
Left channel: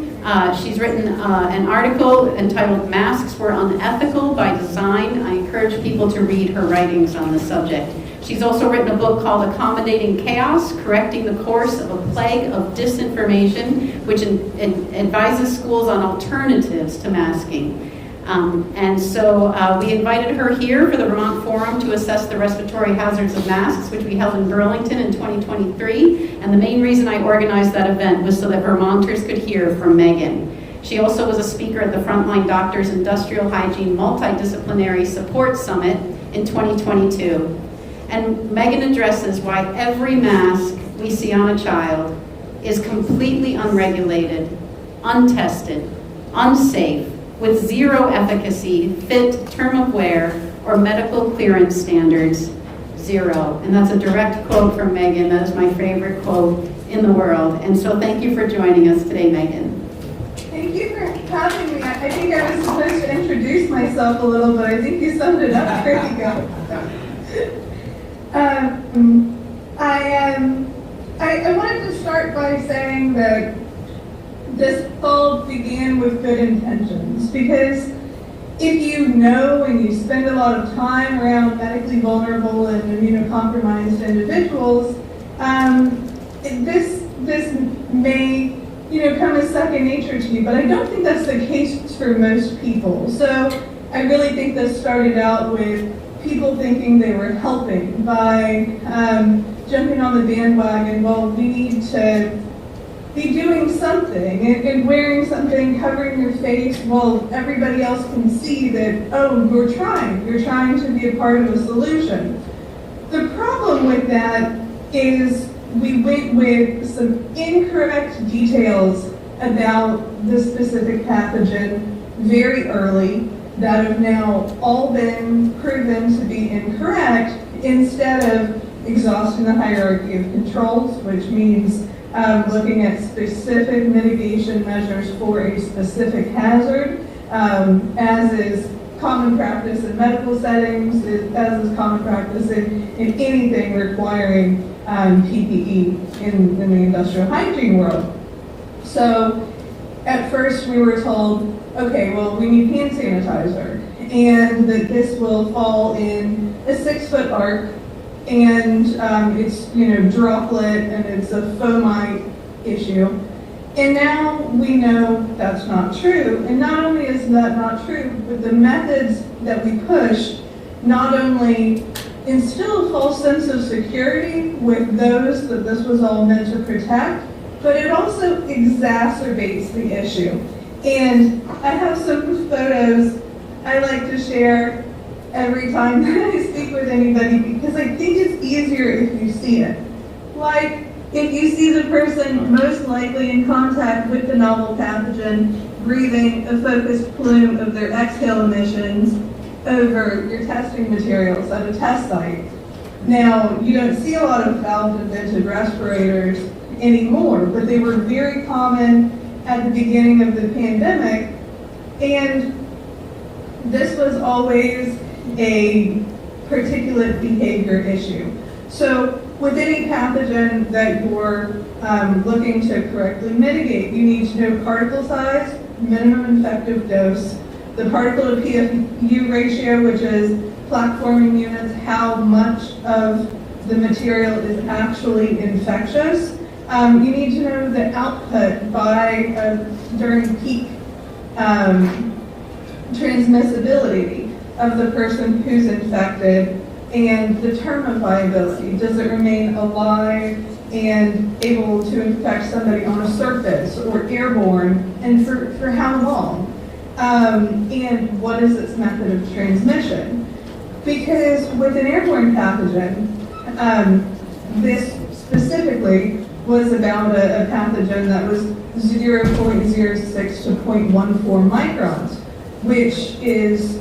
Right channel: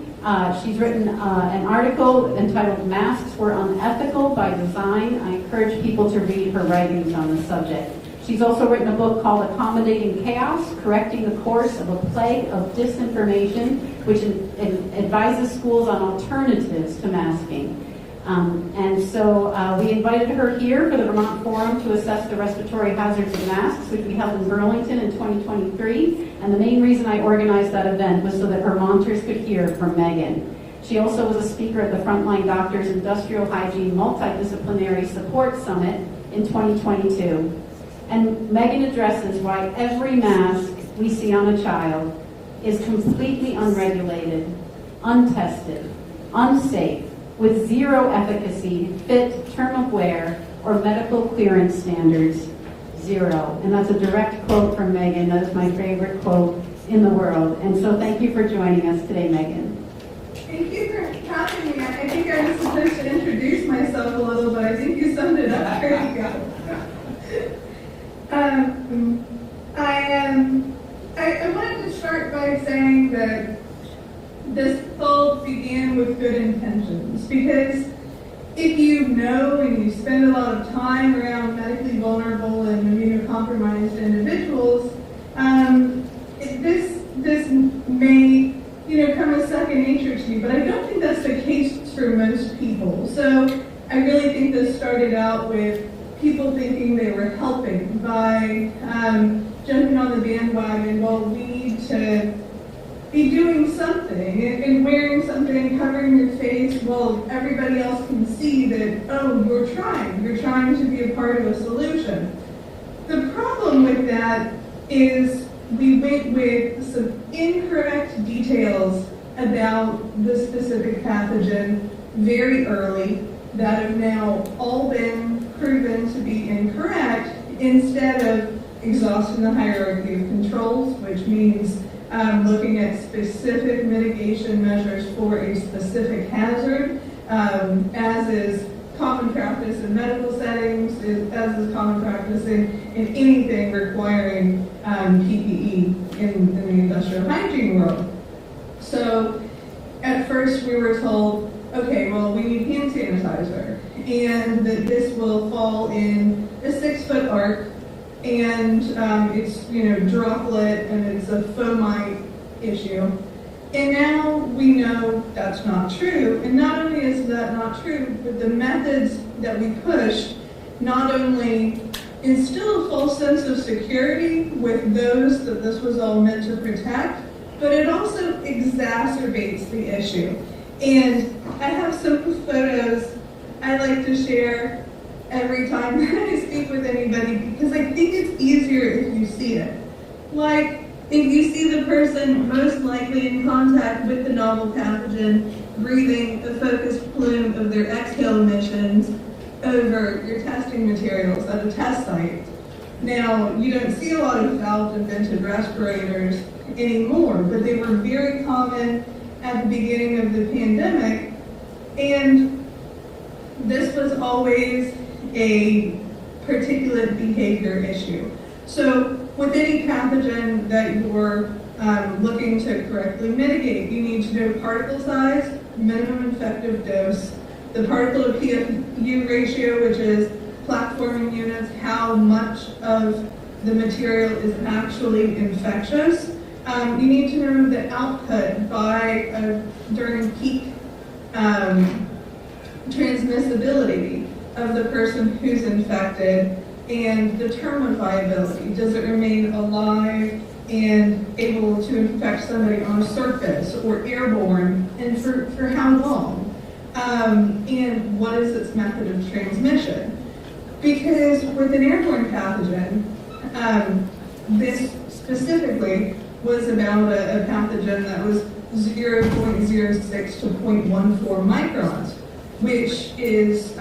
She's written an article entitled Masks Were Unethical by Design. I encourage people to read her writings on the subject. She's also written a book called Accommodating Chaos, Correcting the Course of a Plague of Disinformation, which advises schools on alternatives to masking. And so we invited her here for the Vermont Forum to assess the respiratory hazards of masks, which we held in Burlington in 2023. And the main reason I organized that event was so that Vermonters could hear from Megan. She also was a speaker at the Frontline Doctors Industrial Hygiene Multidisciplinary Support Summit in 2022. And Megan addresses why every mask we see on a child is completely unregulated, untested, unsafe, with zero efficacy, fit, term of wear, or medical clearance standards, zero. And that's a direct quote from Megan. That is my favorite quote in the world. And so thank you for joining us today, Megan. Thank you for having me. I think I was supposed to introduce myself a little, but I think you summed it up. There you go. I wanted to start by saying that this all began with good intentions, because if you know and you spend a lot of time around medically vulnerable and immunocompromised individuals, this may come as second nature to you, but I don't think that's the case for most people. So I really think this started out with people thinking they were helping by jumping on the bandwagon. Well, we need to be doing something and wearing something, covering your face while everybody else can see that, oh, you're trying to be a part of the solution. The problem with that is we went with some incorrect details about the specific pathogen very early that have now all been proven to be incorrect, instead of exhausting the hierarchy of controls, which means looking at specific mitigation measures for a specific hazard, as is common practice in medical settings, as is common practice in anything requiring PPE in the industrial hygiene world. So at first we were told, okay, well, we need hand sanitizer, and that this will fall in a 6-foot arc, and it's droplet, and it's a fomite issue. And now we know that's not true. And not only is that not true, but the methods that we push not only instill a false sense of security with those that this was all meant to protect, but it also exacerbates the issue. And I have some photos I like to share every time that I speak with anybody, because I think it's easier if you see it. Like, if you see the person most likely in contact with the novel pathogen breathing a focused plume of their exhale emissions over your testing materials at a test site. Now, you don't see a lot of valve-invented respirators anymore, but they were very common at the beginning of the pandemic, and this was always a particulate behavior issue. So with any pathogen that you're looking to correctly mitigate, you need to know particle size, minimum effective dose, the particle to PFU ratio, which is plaque forming units, how much of the material is actually infectious. You need to know the output by during peak transmissibility of the person who's infected, and the term of viability. Does it remain alive and able to infect somebody on a surface or airborne, and for how long? And what is its method of transmission? Because with an airborne pathogen, this specifically was about a pathogen that was 0.06 to 0.14 microns, which is,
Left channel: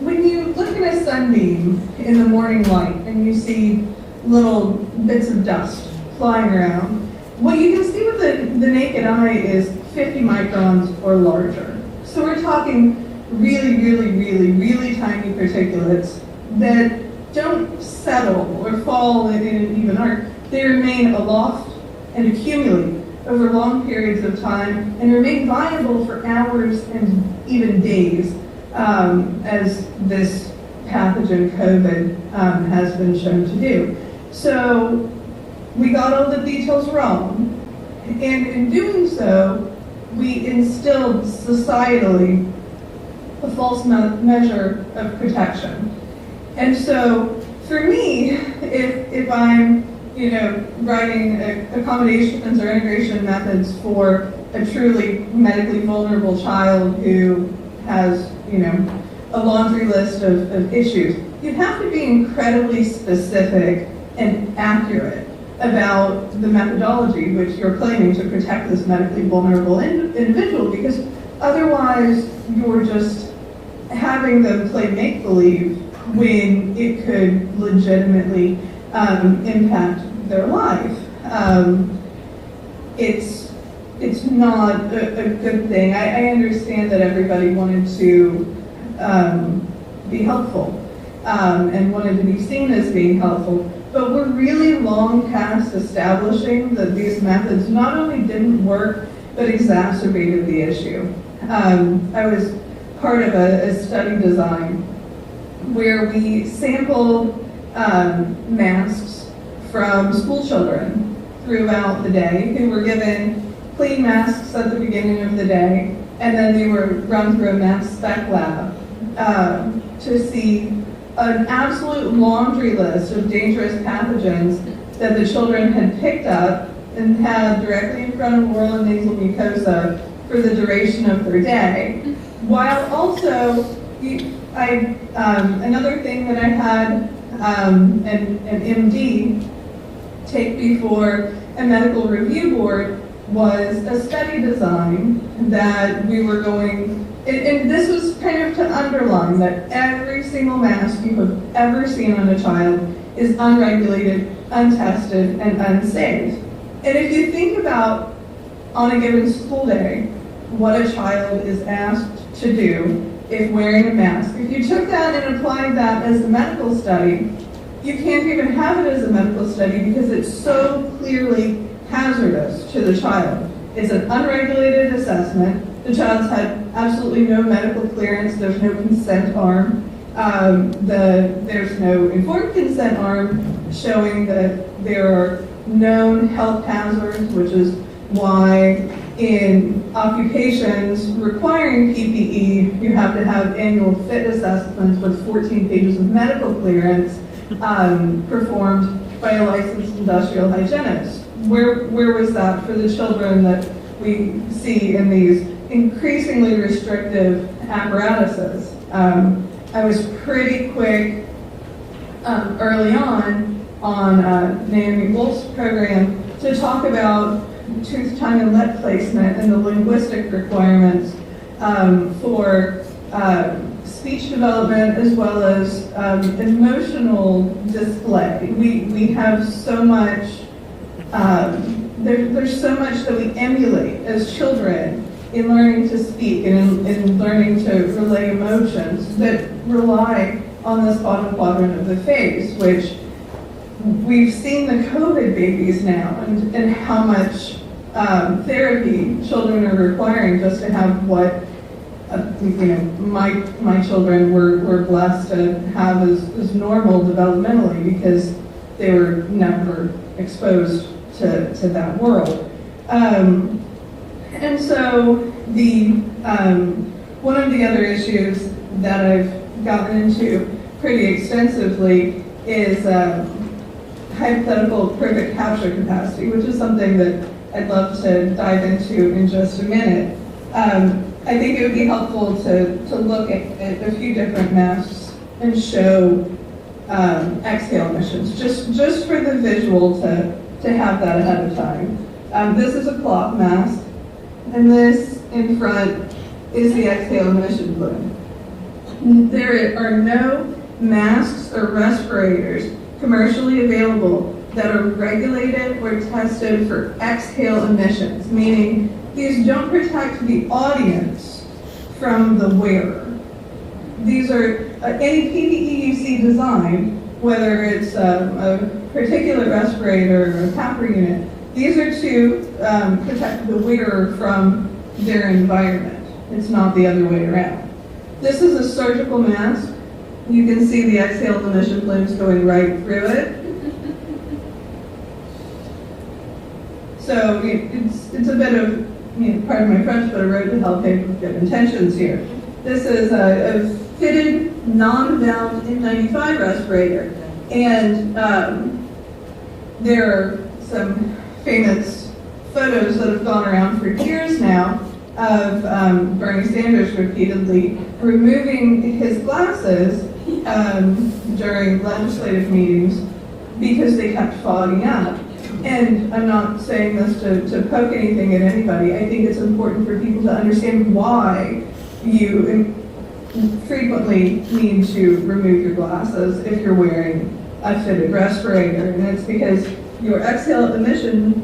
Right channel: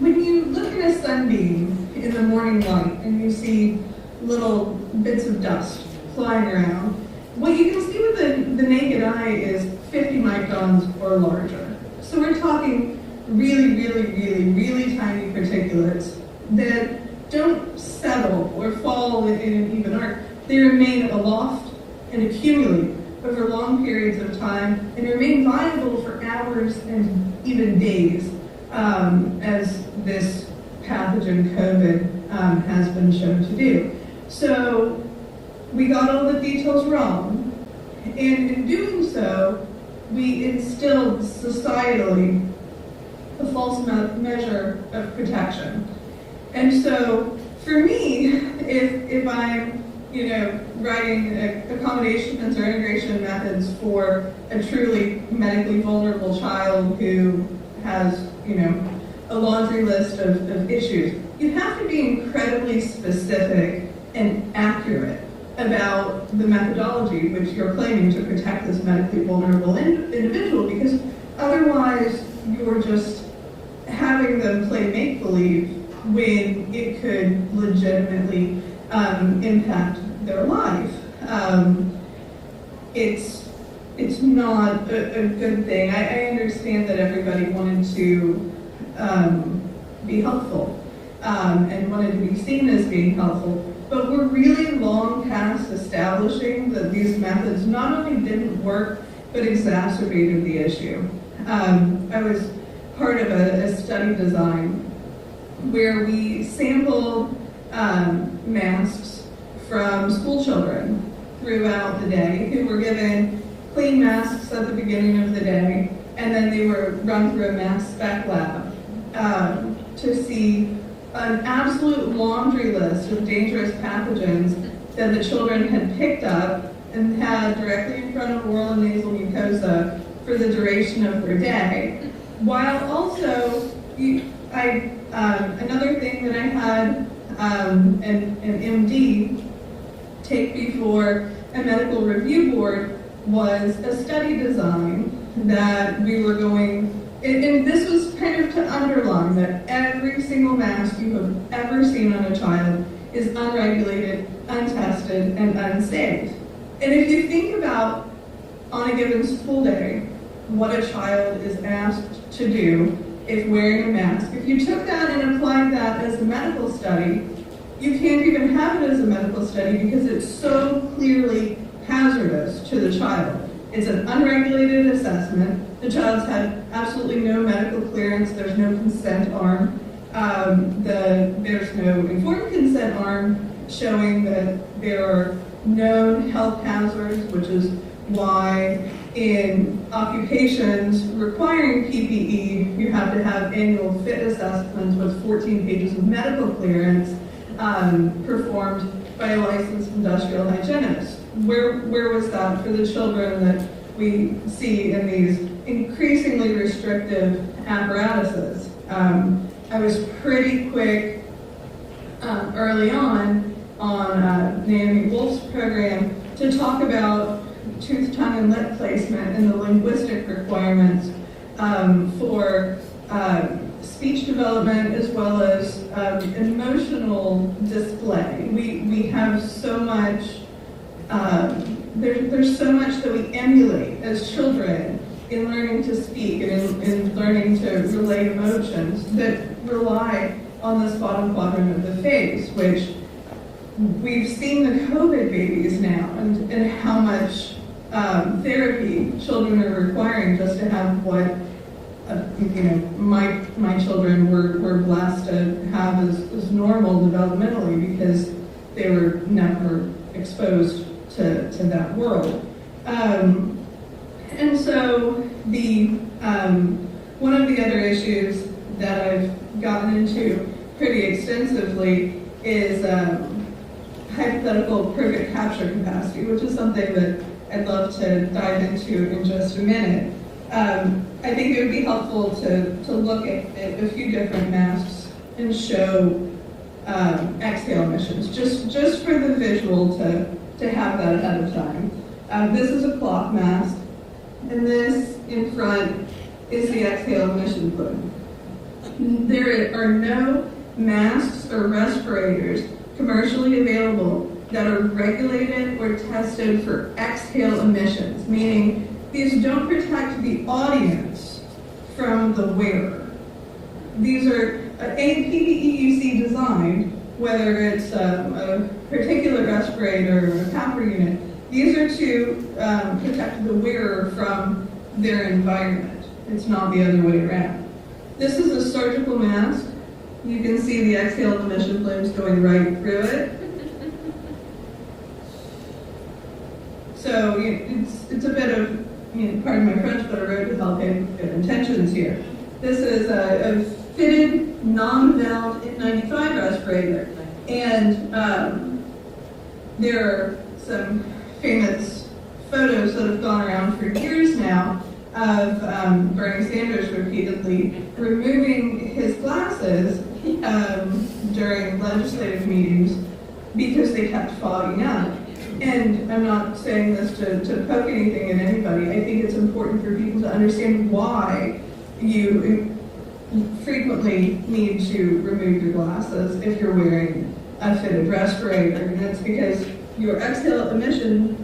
when you look at a sunbeam in the morning light and you see little bits of dust flying around, what you can see with the naked eye is 50 microns or larger. So we're talking really, really, really, really tiny particulates that don't settle or fall in an even arc. They remain aloft and accumulate over long periods of time and remain viable for hours and even days, as this pathogen COVID has been shown to do. So we got all the details wrong, and in doing so, we instilled societally a false measure of protection. And so for me, if I'm writing accommodations or integration methods for a truly medically vulnerable child who has, a laundry list of issues. You have to be incredibly specific and accurate about the methodology which you're claiming to protect this medically vulnerable individual, because otherwise you're just having them play make-believe when it could legitimately impact their life. It's not a good thing. I understand that everybody wanted to be helpful and wanted to be seen as being helpful, but we're really long past establishing that these methods not only didn't work, but exacerbated the issue. I was part of a study design where we sampled masks from school children throughout the day who were given clean masks at the beginning of the day, and then they were run through a mass spec lab to see an absolute laundry list of dangerous pathogens that the children had picked up and had directly in front of oral and nasal mucosa for the duration of their day. While also, another thing that I had an MD take before a medical review board was a study design that we were going, and this was kind of to underline that every single mask you have ever seen on a child is unregulated, untested, and unsafe. And if you think about on a given school day, what a child is asked to do if wearing a mask, if you took that and applied that as a medical study, you can't even have it as a medical study because it's so clearly hazardous to the child. It's an unregulated assessment. The child's had absolutely no medical clearance. There's no consent arm. There's no informed consent arm showing that there are known health hazards, which is why in occupations requiring PPE, you have to have annual fit assessments with 14 pages of medical clearance performed by a licensed industrial hygienist. Where was that for the children that we see in these increasingly restrictive apparatuses? I was pretty quick early on Naomi Wolf's program to talk about tooth, tongue, and lip placement and the linguistic requirements for speech development as well as emotional display. We have so much, there's so much that we emulate as children in learning to speak and in learning to relay emotions that rely on this bottom quadrant of the face, which we've seen the COVID babies now and how much therapy children are requiring just to have what my children were blessed to have as normal developmentally because they were never exposed to that world. And so one of the other issues that I've gotten into pretty extensively is hypothetical perfect capture capacity, which is something that I'd love to dive into in just a minute. I think it would be helpful to look at a few different masks and show exhale emissions, just for the visual to have that ahead of time. This is a cloth mask, and this in front is the exhale emission plume. There are no masks or respirators commercially available that are regulated or tested for exhale emissions, meaning these don't protect the audience from the wearer. These are any PPE you see designed, whether it's a particular respirator or a PAPR unit, these are to protect the wearer from their environment. It's not the other way around. This is a surgical mask. You can see the exhale emission plumes going right through it. So it's a bit of, pardon my French, but I wrote to help with good intentions here. This is a fitted non-valve N95 respirator. And there are some famous photos that have gone around for years now of Bernie Sanders repeatedly removing his glasses during legislative meetings because they kept fogging up. And I'm not saying this to poke anything at anybody. I think it's important for people to understand why you frequently need to remove your glasses if you're wearing a fitted respirator. And it's because your exhale emissions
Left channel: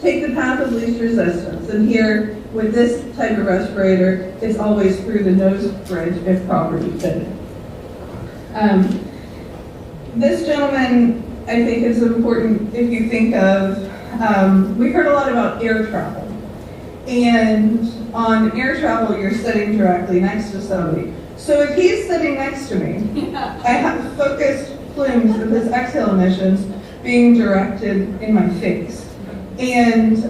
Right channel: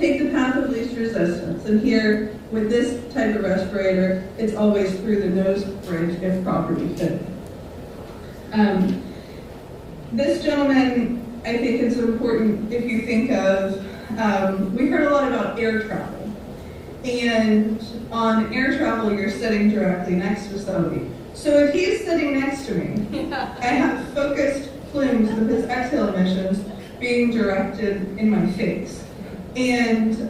take the path of least resistance. And here, with this type of respirator, it's always through the nose bridge if properly fitted. This gentleman, I think, is important if you think of, we've heard a lot about air travel. And on air travel, you're sitting directly next to somebody. So if he's sitting next to me, I have focused plumes of his exhale emissions being directed in my face. And,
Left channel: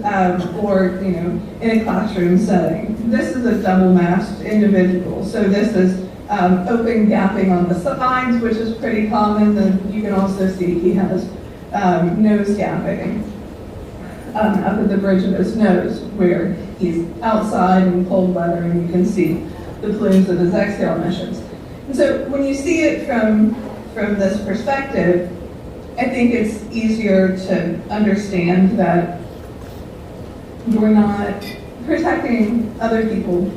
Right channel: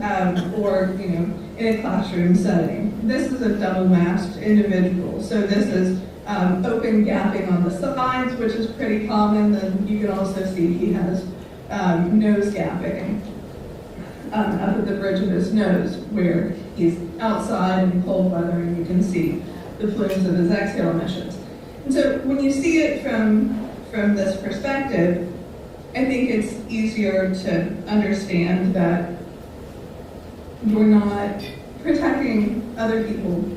or, in a classroom setting. This is a double-masked individual. So this is open gapping on the sides, which is pretty common. Then you can also see he has nose gapping up at the bridge of his nose, where he's outside in cold weather and you can see the plumes of his exhale emissions. And so when you see it from this perspective, I think it's easier to understand that we're not protecting other people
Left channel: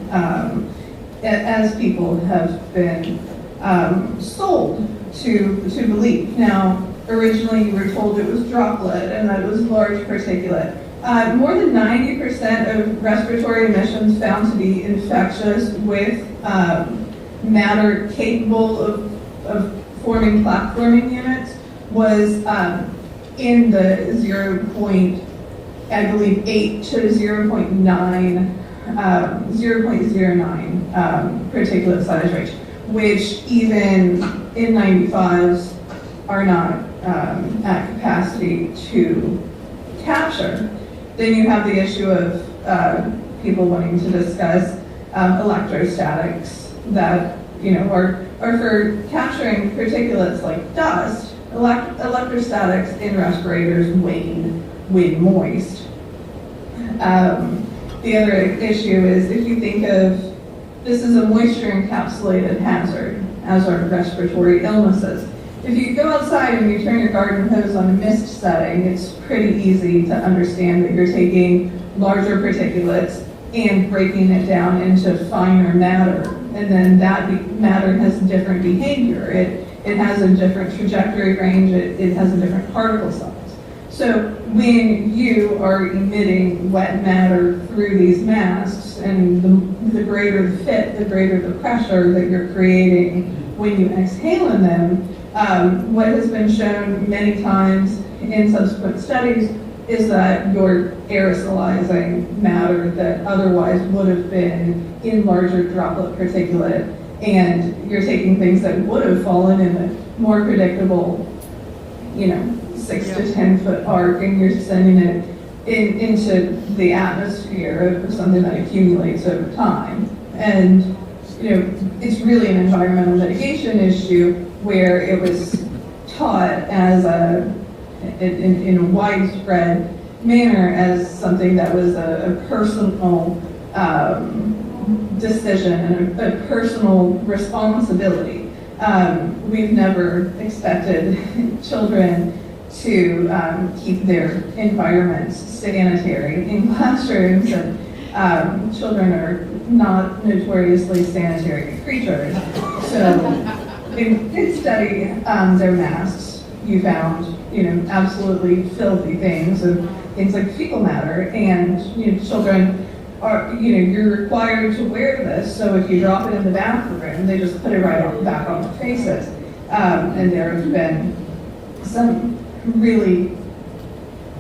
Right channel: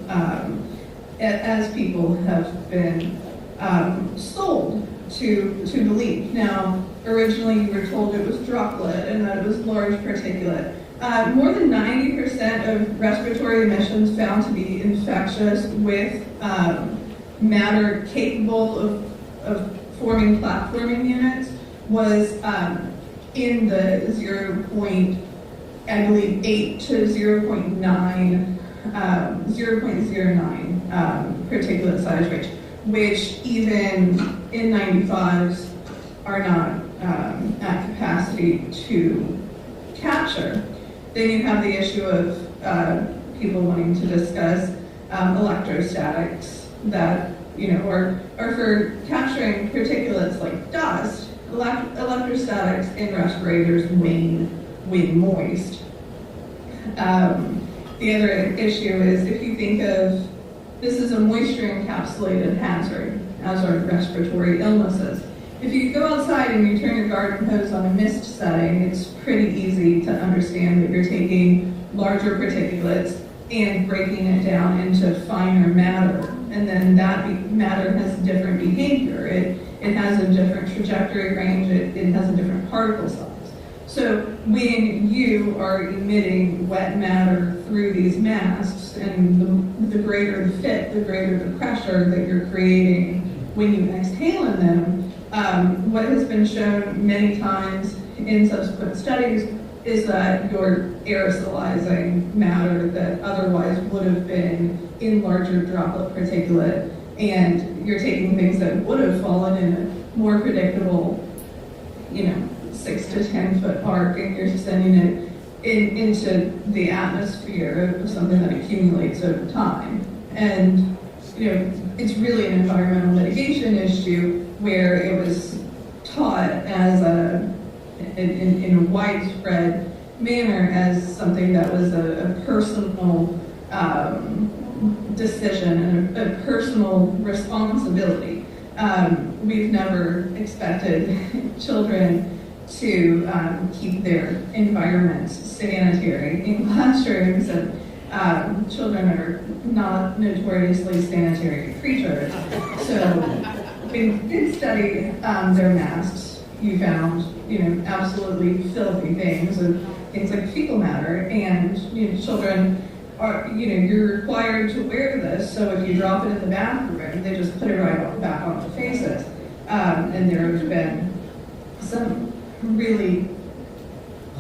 as people have been sold to believe. Now, originally you were told it was droplet and that it was large particulate. More than 90% of respiratory emissions found to be infectious with matter capable of forming plaque-forming units was in the 0.8 to 0.09 particulate size range, which even in 95s are not at capacity to capture. Then you have the issue of people wanting to discuss electrostatics that are for capturing particulates like dust. Electrostatics in respirators when moist. The other issue is if you think of this is a moisture encapsulated hazard, as are respiratory illnesses. If you go outside and you turn your garden hose on a mist setting, it's pretty easy to understand that you're taking larger particulates and breaking it down into finer matter. And then that matter has different behavior. It has a different trajectory range, it has a different particle size. So when you are emitting wet matter through these masks, and the greater the fit, the greater the pressure that you're creating when you exhale in them, what has been shown many times in subsequent studies is that you're aerosolizing matter that otherwise would have been in larger droplet particulate, and you're taking things that would have fallen in a more predictable, 6 to 10 foot arc, and you're sending it into the atmosphere of something that accumulates over time. And it's really an environmental mitigation issue where it was taught as in a widespread manner as something that was a personal decision and a personal responsibility. We've never expected children to keep their environments sanitary in classrooms, and children are not notoriously sanitary creatures. So we did study their masks. You found, absolutely filthy things like fecal matter, and children are, you're required to wear this. So if you drop it in the bathroom, they just put it right back on their faces. And there have been some really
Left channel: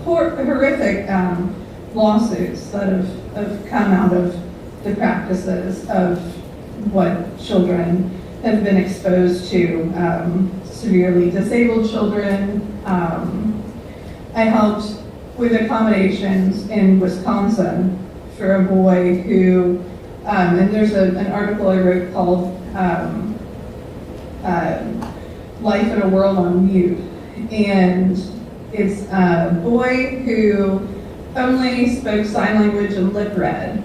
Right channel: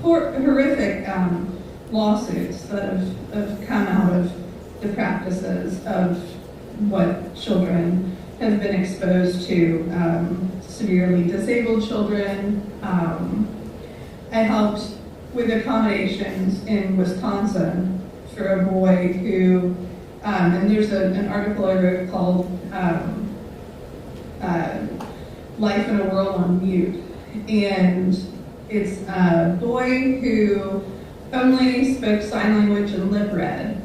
horrific lawsuits that have come out of the practices of what children have been exposed to. Severely disabled children. I helped with accommodations in Wisconsin for a boy who, and there's an article I wrote called Life in a World on Mute. And it's a boy who only spoke sign language and lip read.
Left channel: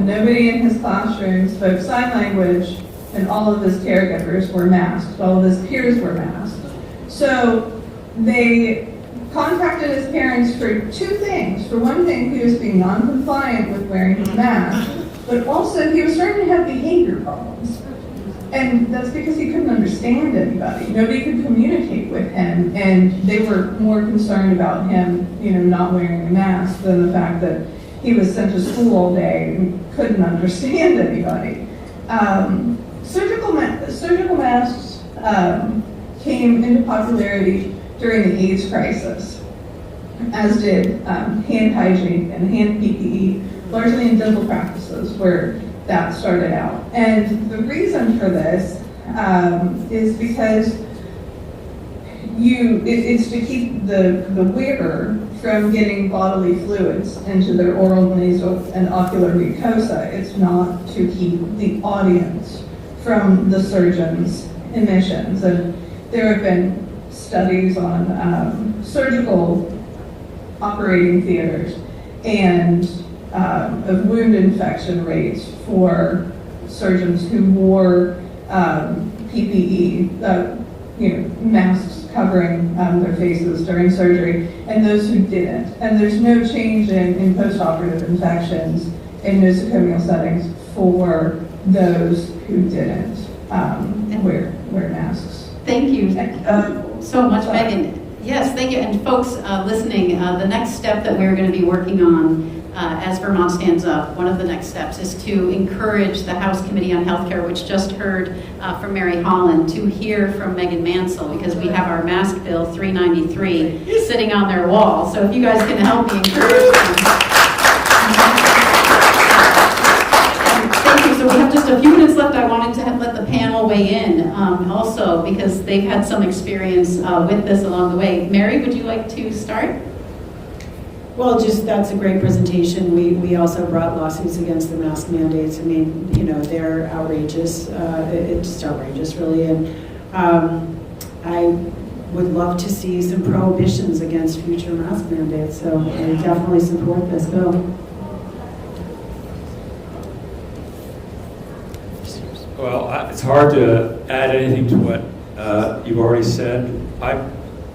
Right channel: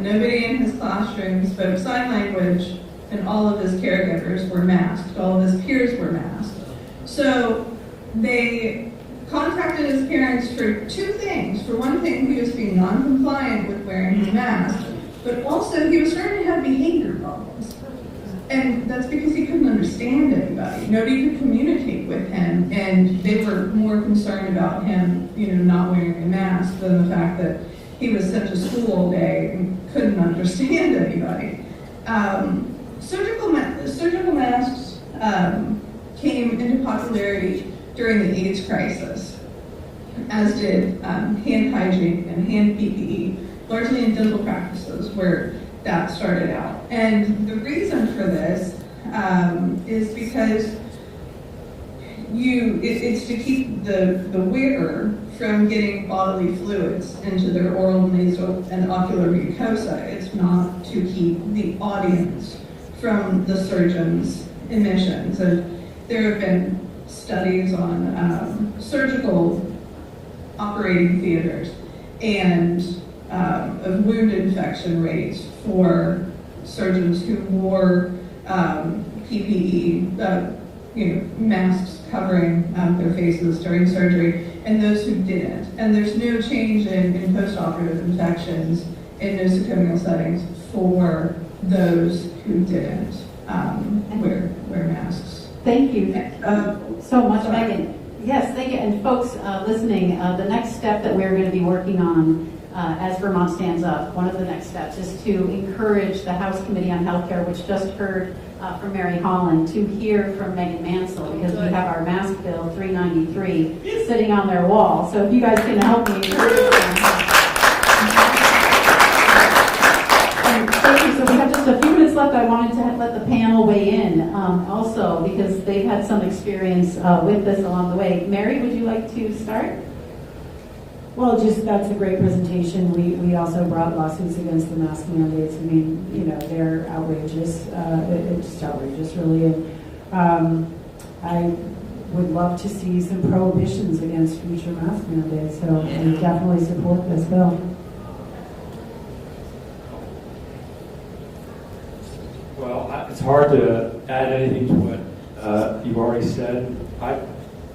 Nobody in his classroom spoke sign language, and all of his caregivers were masked. All of his peers were masked. So they contacted his parents for two things. For one thing, he was being non-compliant with wearing his mask, but also he was starting to have behavior problems. And that's because he couldn't understand anybody. Nobody could communicate with him, and they were more concerned about him, not wearing a mask than the fact that he was sent to school all day and couldn't understand anybody. Surgical masks came into popularity during the AIDS crisis, as did hand hygiene and hand PPE, largely in dental practices where that started out. And the reason for this is because it's to keep the wearer from getting bodily fluids into their oral, nasal, and ocular mucosa. It's not to keep the audience from the surgeon's emissions. And there have been studies on surgical operating theaters and of wound infection rates for surgeons who wore PPE, masks covering their faces during surgery, and those who didn't. And there's no change in post-operative infections in nosocomial settings for those who didn't wear masks. Thank you so much, Megan. Yes, thank you. And folks listening, the next step that we're going to be working on as Vermont Stands Up, one of the next steps is to encourage the House Committee on Healthcare, which just heard from Mary Holland, to hear from Megan Mansell, because we have our mask bill 393 sitting on their wall. So if you guys can help me encourage them. Thank you. So we have just a few minutes left. I wanted to let the panel weigh in also, because they've had some experience with this along the way. Mary, would you like to start? Well, that's a great presentation. We also brought lawsuits against the mask mandates. I mean, they're outrageous. It's just outrageous, really. And I would love to see some prohibitions against future mask mandates. So I definitely support this bill. Well, it's hard to add anything to what you've already said.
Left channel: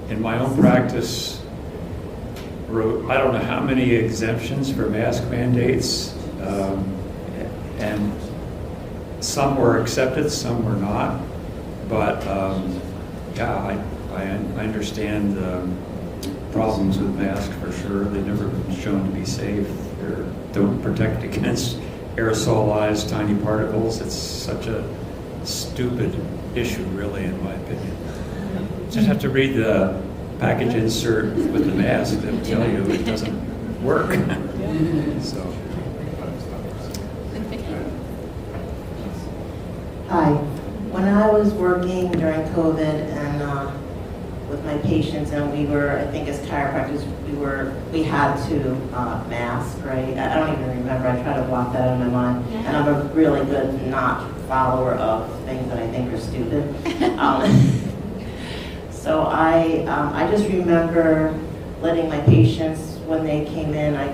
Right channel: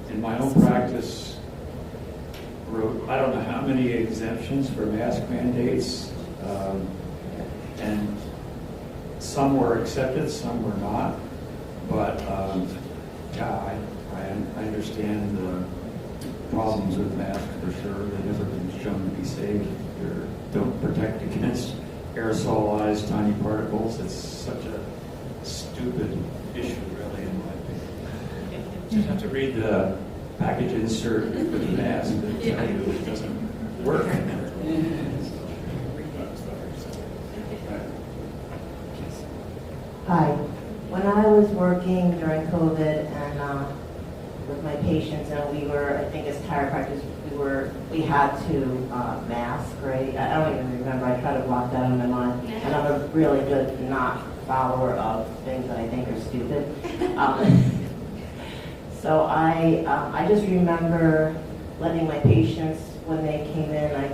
In my own practice, wrote I don't know how many exemptions for mask mandates, and some were accepted, some were not. But I understand the problems with masks for sure. They've never been shown to be safe. They don't protect against aerosolized tiny particles. It's such a stupid issue, really, in my opinion. Just have to read the package insert with the mask that tell you it doesn't work. So. Hi. When I was working during COVID and with my patients, and we were, I think as chiropractors, we had to mask, right? I don't even remember. I try to block that out of my mind. And I'm a really good not follower of things that I think are stupid. So I just remember letting my patients, when they came in, I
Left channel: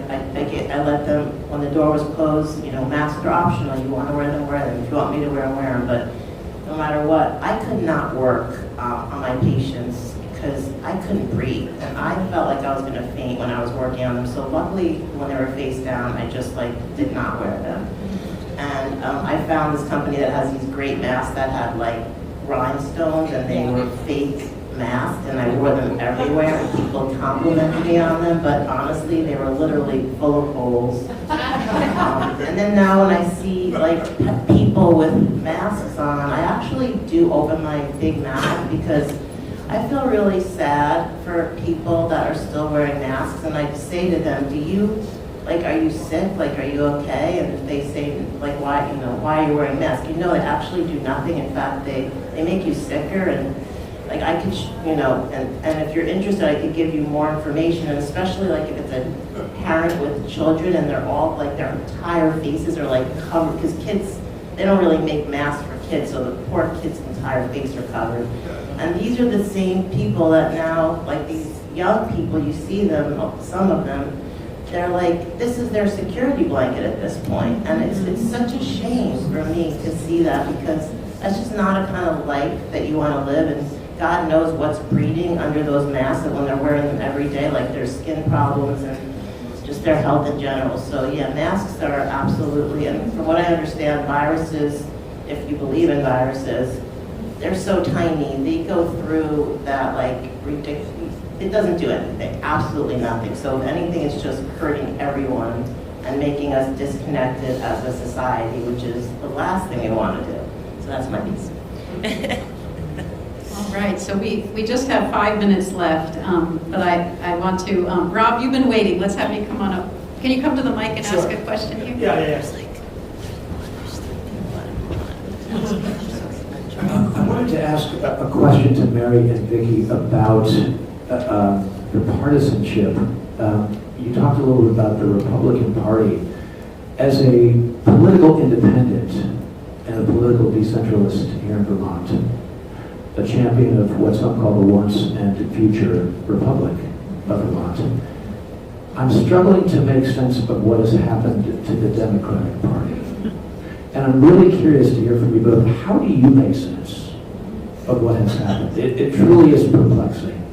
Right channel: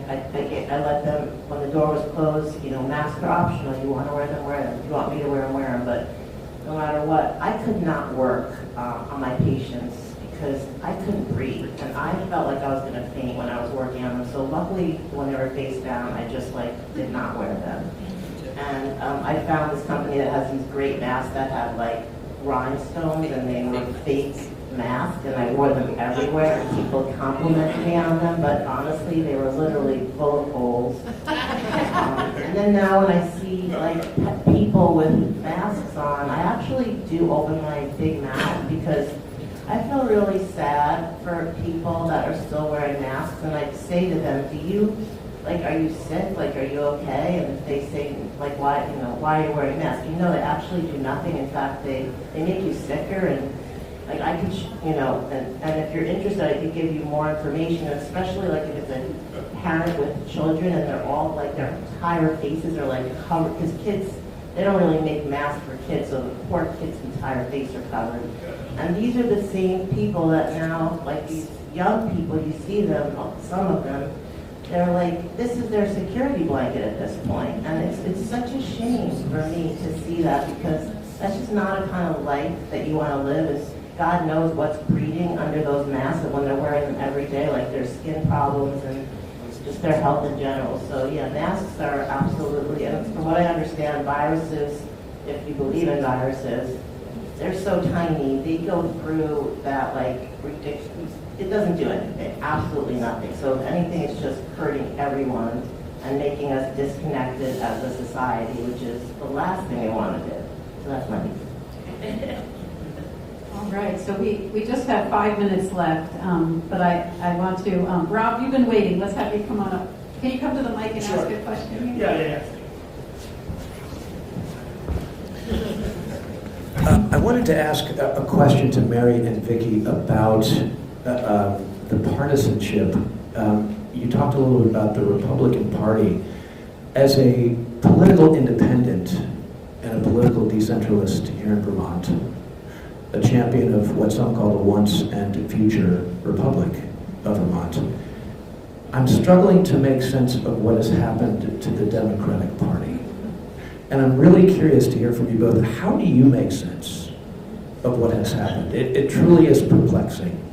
let them, when the door was closed, masks are optional. You want to wear them, wear them. If you want me to wear them, wear them. But no matter what, I could not work on my patients because I couldn't breathe. And I felt like I was going to faint when I was working on them. So luckily, when they were face down, I just did not wear them. And I found this company that has these great masks that had rhinestones, and they were fake masks, and I wore them everywhere, and people complimented me on them, but honestly, they were literally full of holes. And then now when I see people with masks on, I actually do open my big mask because I feel really sad for people that are still wearing masks, and I say to them, are you sick? Are you okay? And if they say, why are you wearing a mask? They actually do nothing. In fact, they make you sicker, and I could, and if you're interested, I could give you more information, and especially if it's a parent with children and they're all, their entire faces are covered, because kids, they don't really make masks for kids, so the poor kid's entire face are covered. And these are the same people that now, these young people, you see them, some of them, they're like, this is their security blanket at this point. And it's such a shame for me to see that, because that's just not a kind of life that you want to live. And God knows what's breeding under those masks, and when they're wearing them every day, like their skin problems and just their health in general. So yeah, masks are absolutely, and from what I understand, viruses, if you believe in viruses, they're so tiny, they go through that like ridiculous, it doesn't do anything, absolutely nothing. So if anything, it's just hurting everyone and making us disconnected as a society, which is the last thing we want to do. So that's my piece. All right, so we just have 5 minutes left, but I want to, Rob, you've been waiting. Let's have you come on up. Can you come to the mic and ask a question here? Yeah. I wanted to ask a question to Mary and Vicki about the partisanship. You talked a little bit about the Republican Party. As a political independent and a political decentralist here in Vermont, a champion of what some call the once and future Republic of Vermont, I'm struggling to make sense of what has happened to the Democratic Party. And I'm really curious to hear from you both. How do you make sense of what has happened? It truly is perplexing.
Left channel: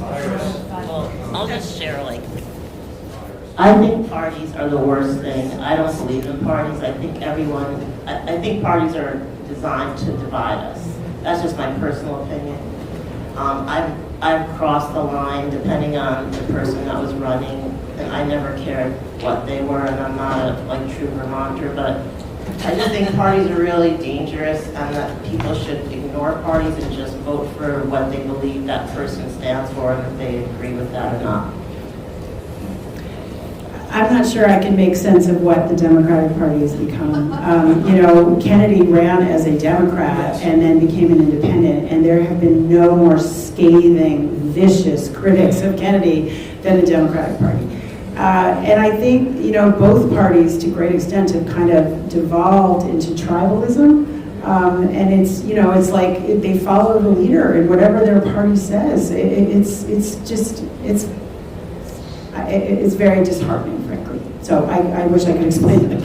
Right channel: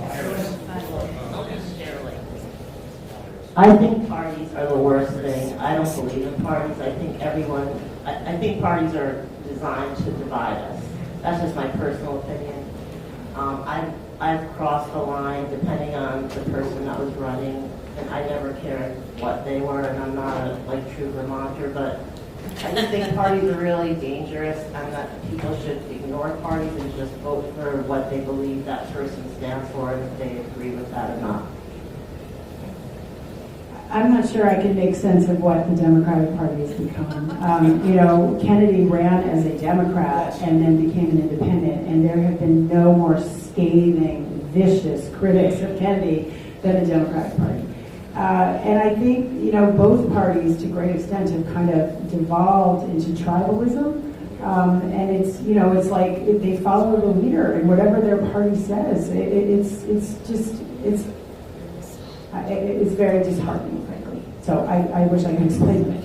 Well, I'll just share, like, I think parties are the worst thing. I don't believe in parties. I think I think parties are designed to divide us. That's just my personal opinion. I've crossed the line depending on the person that was running, and I never cared what they were, and I'm not a true Vermonter, but I just think parties are really dangerous, and that people should ignore parties and just vote for what they believe that person stands for, and if they agree with that or not. I'm not sure I can make sense of what the Democratic Party has become. Kennedy ran as a Democrat and then became an independent, and there have been no more scathing, vicious critics of Kennedy than the Democratic Party. And I think, both parties to a great extent have kind of devolved into tribalism. And it's like they follow the leader, and whatever their party says, it's very disheartening, frankly. So I wish I could explain it.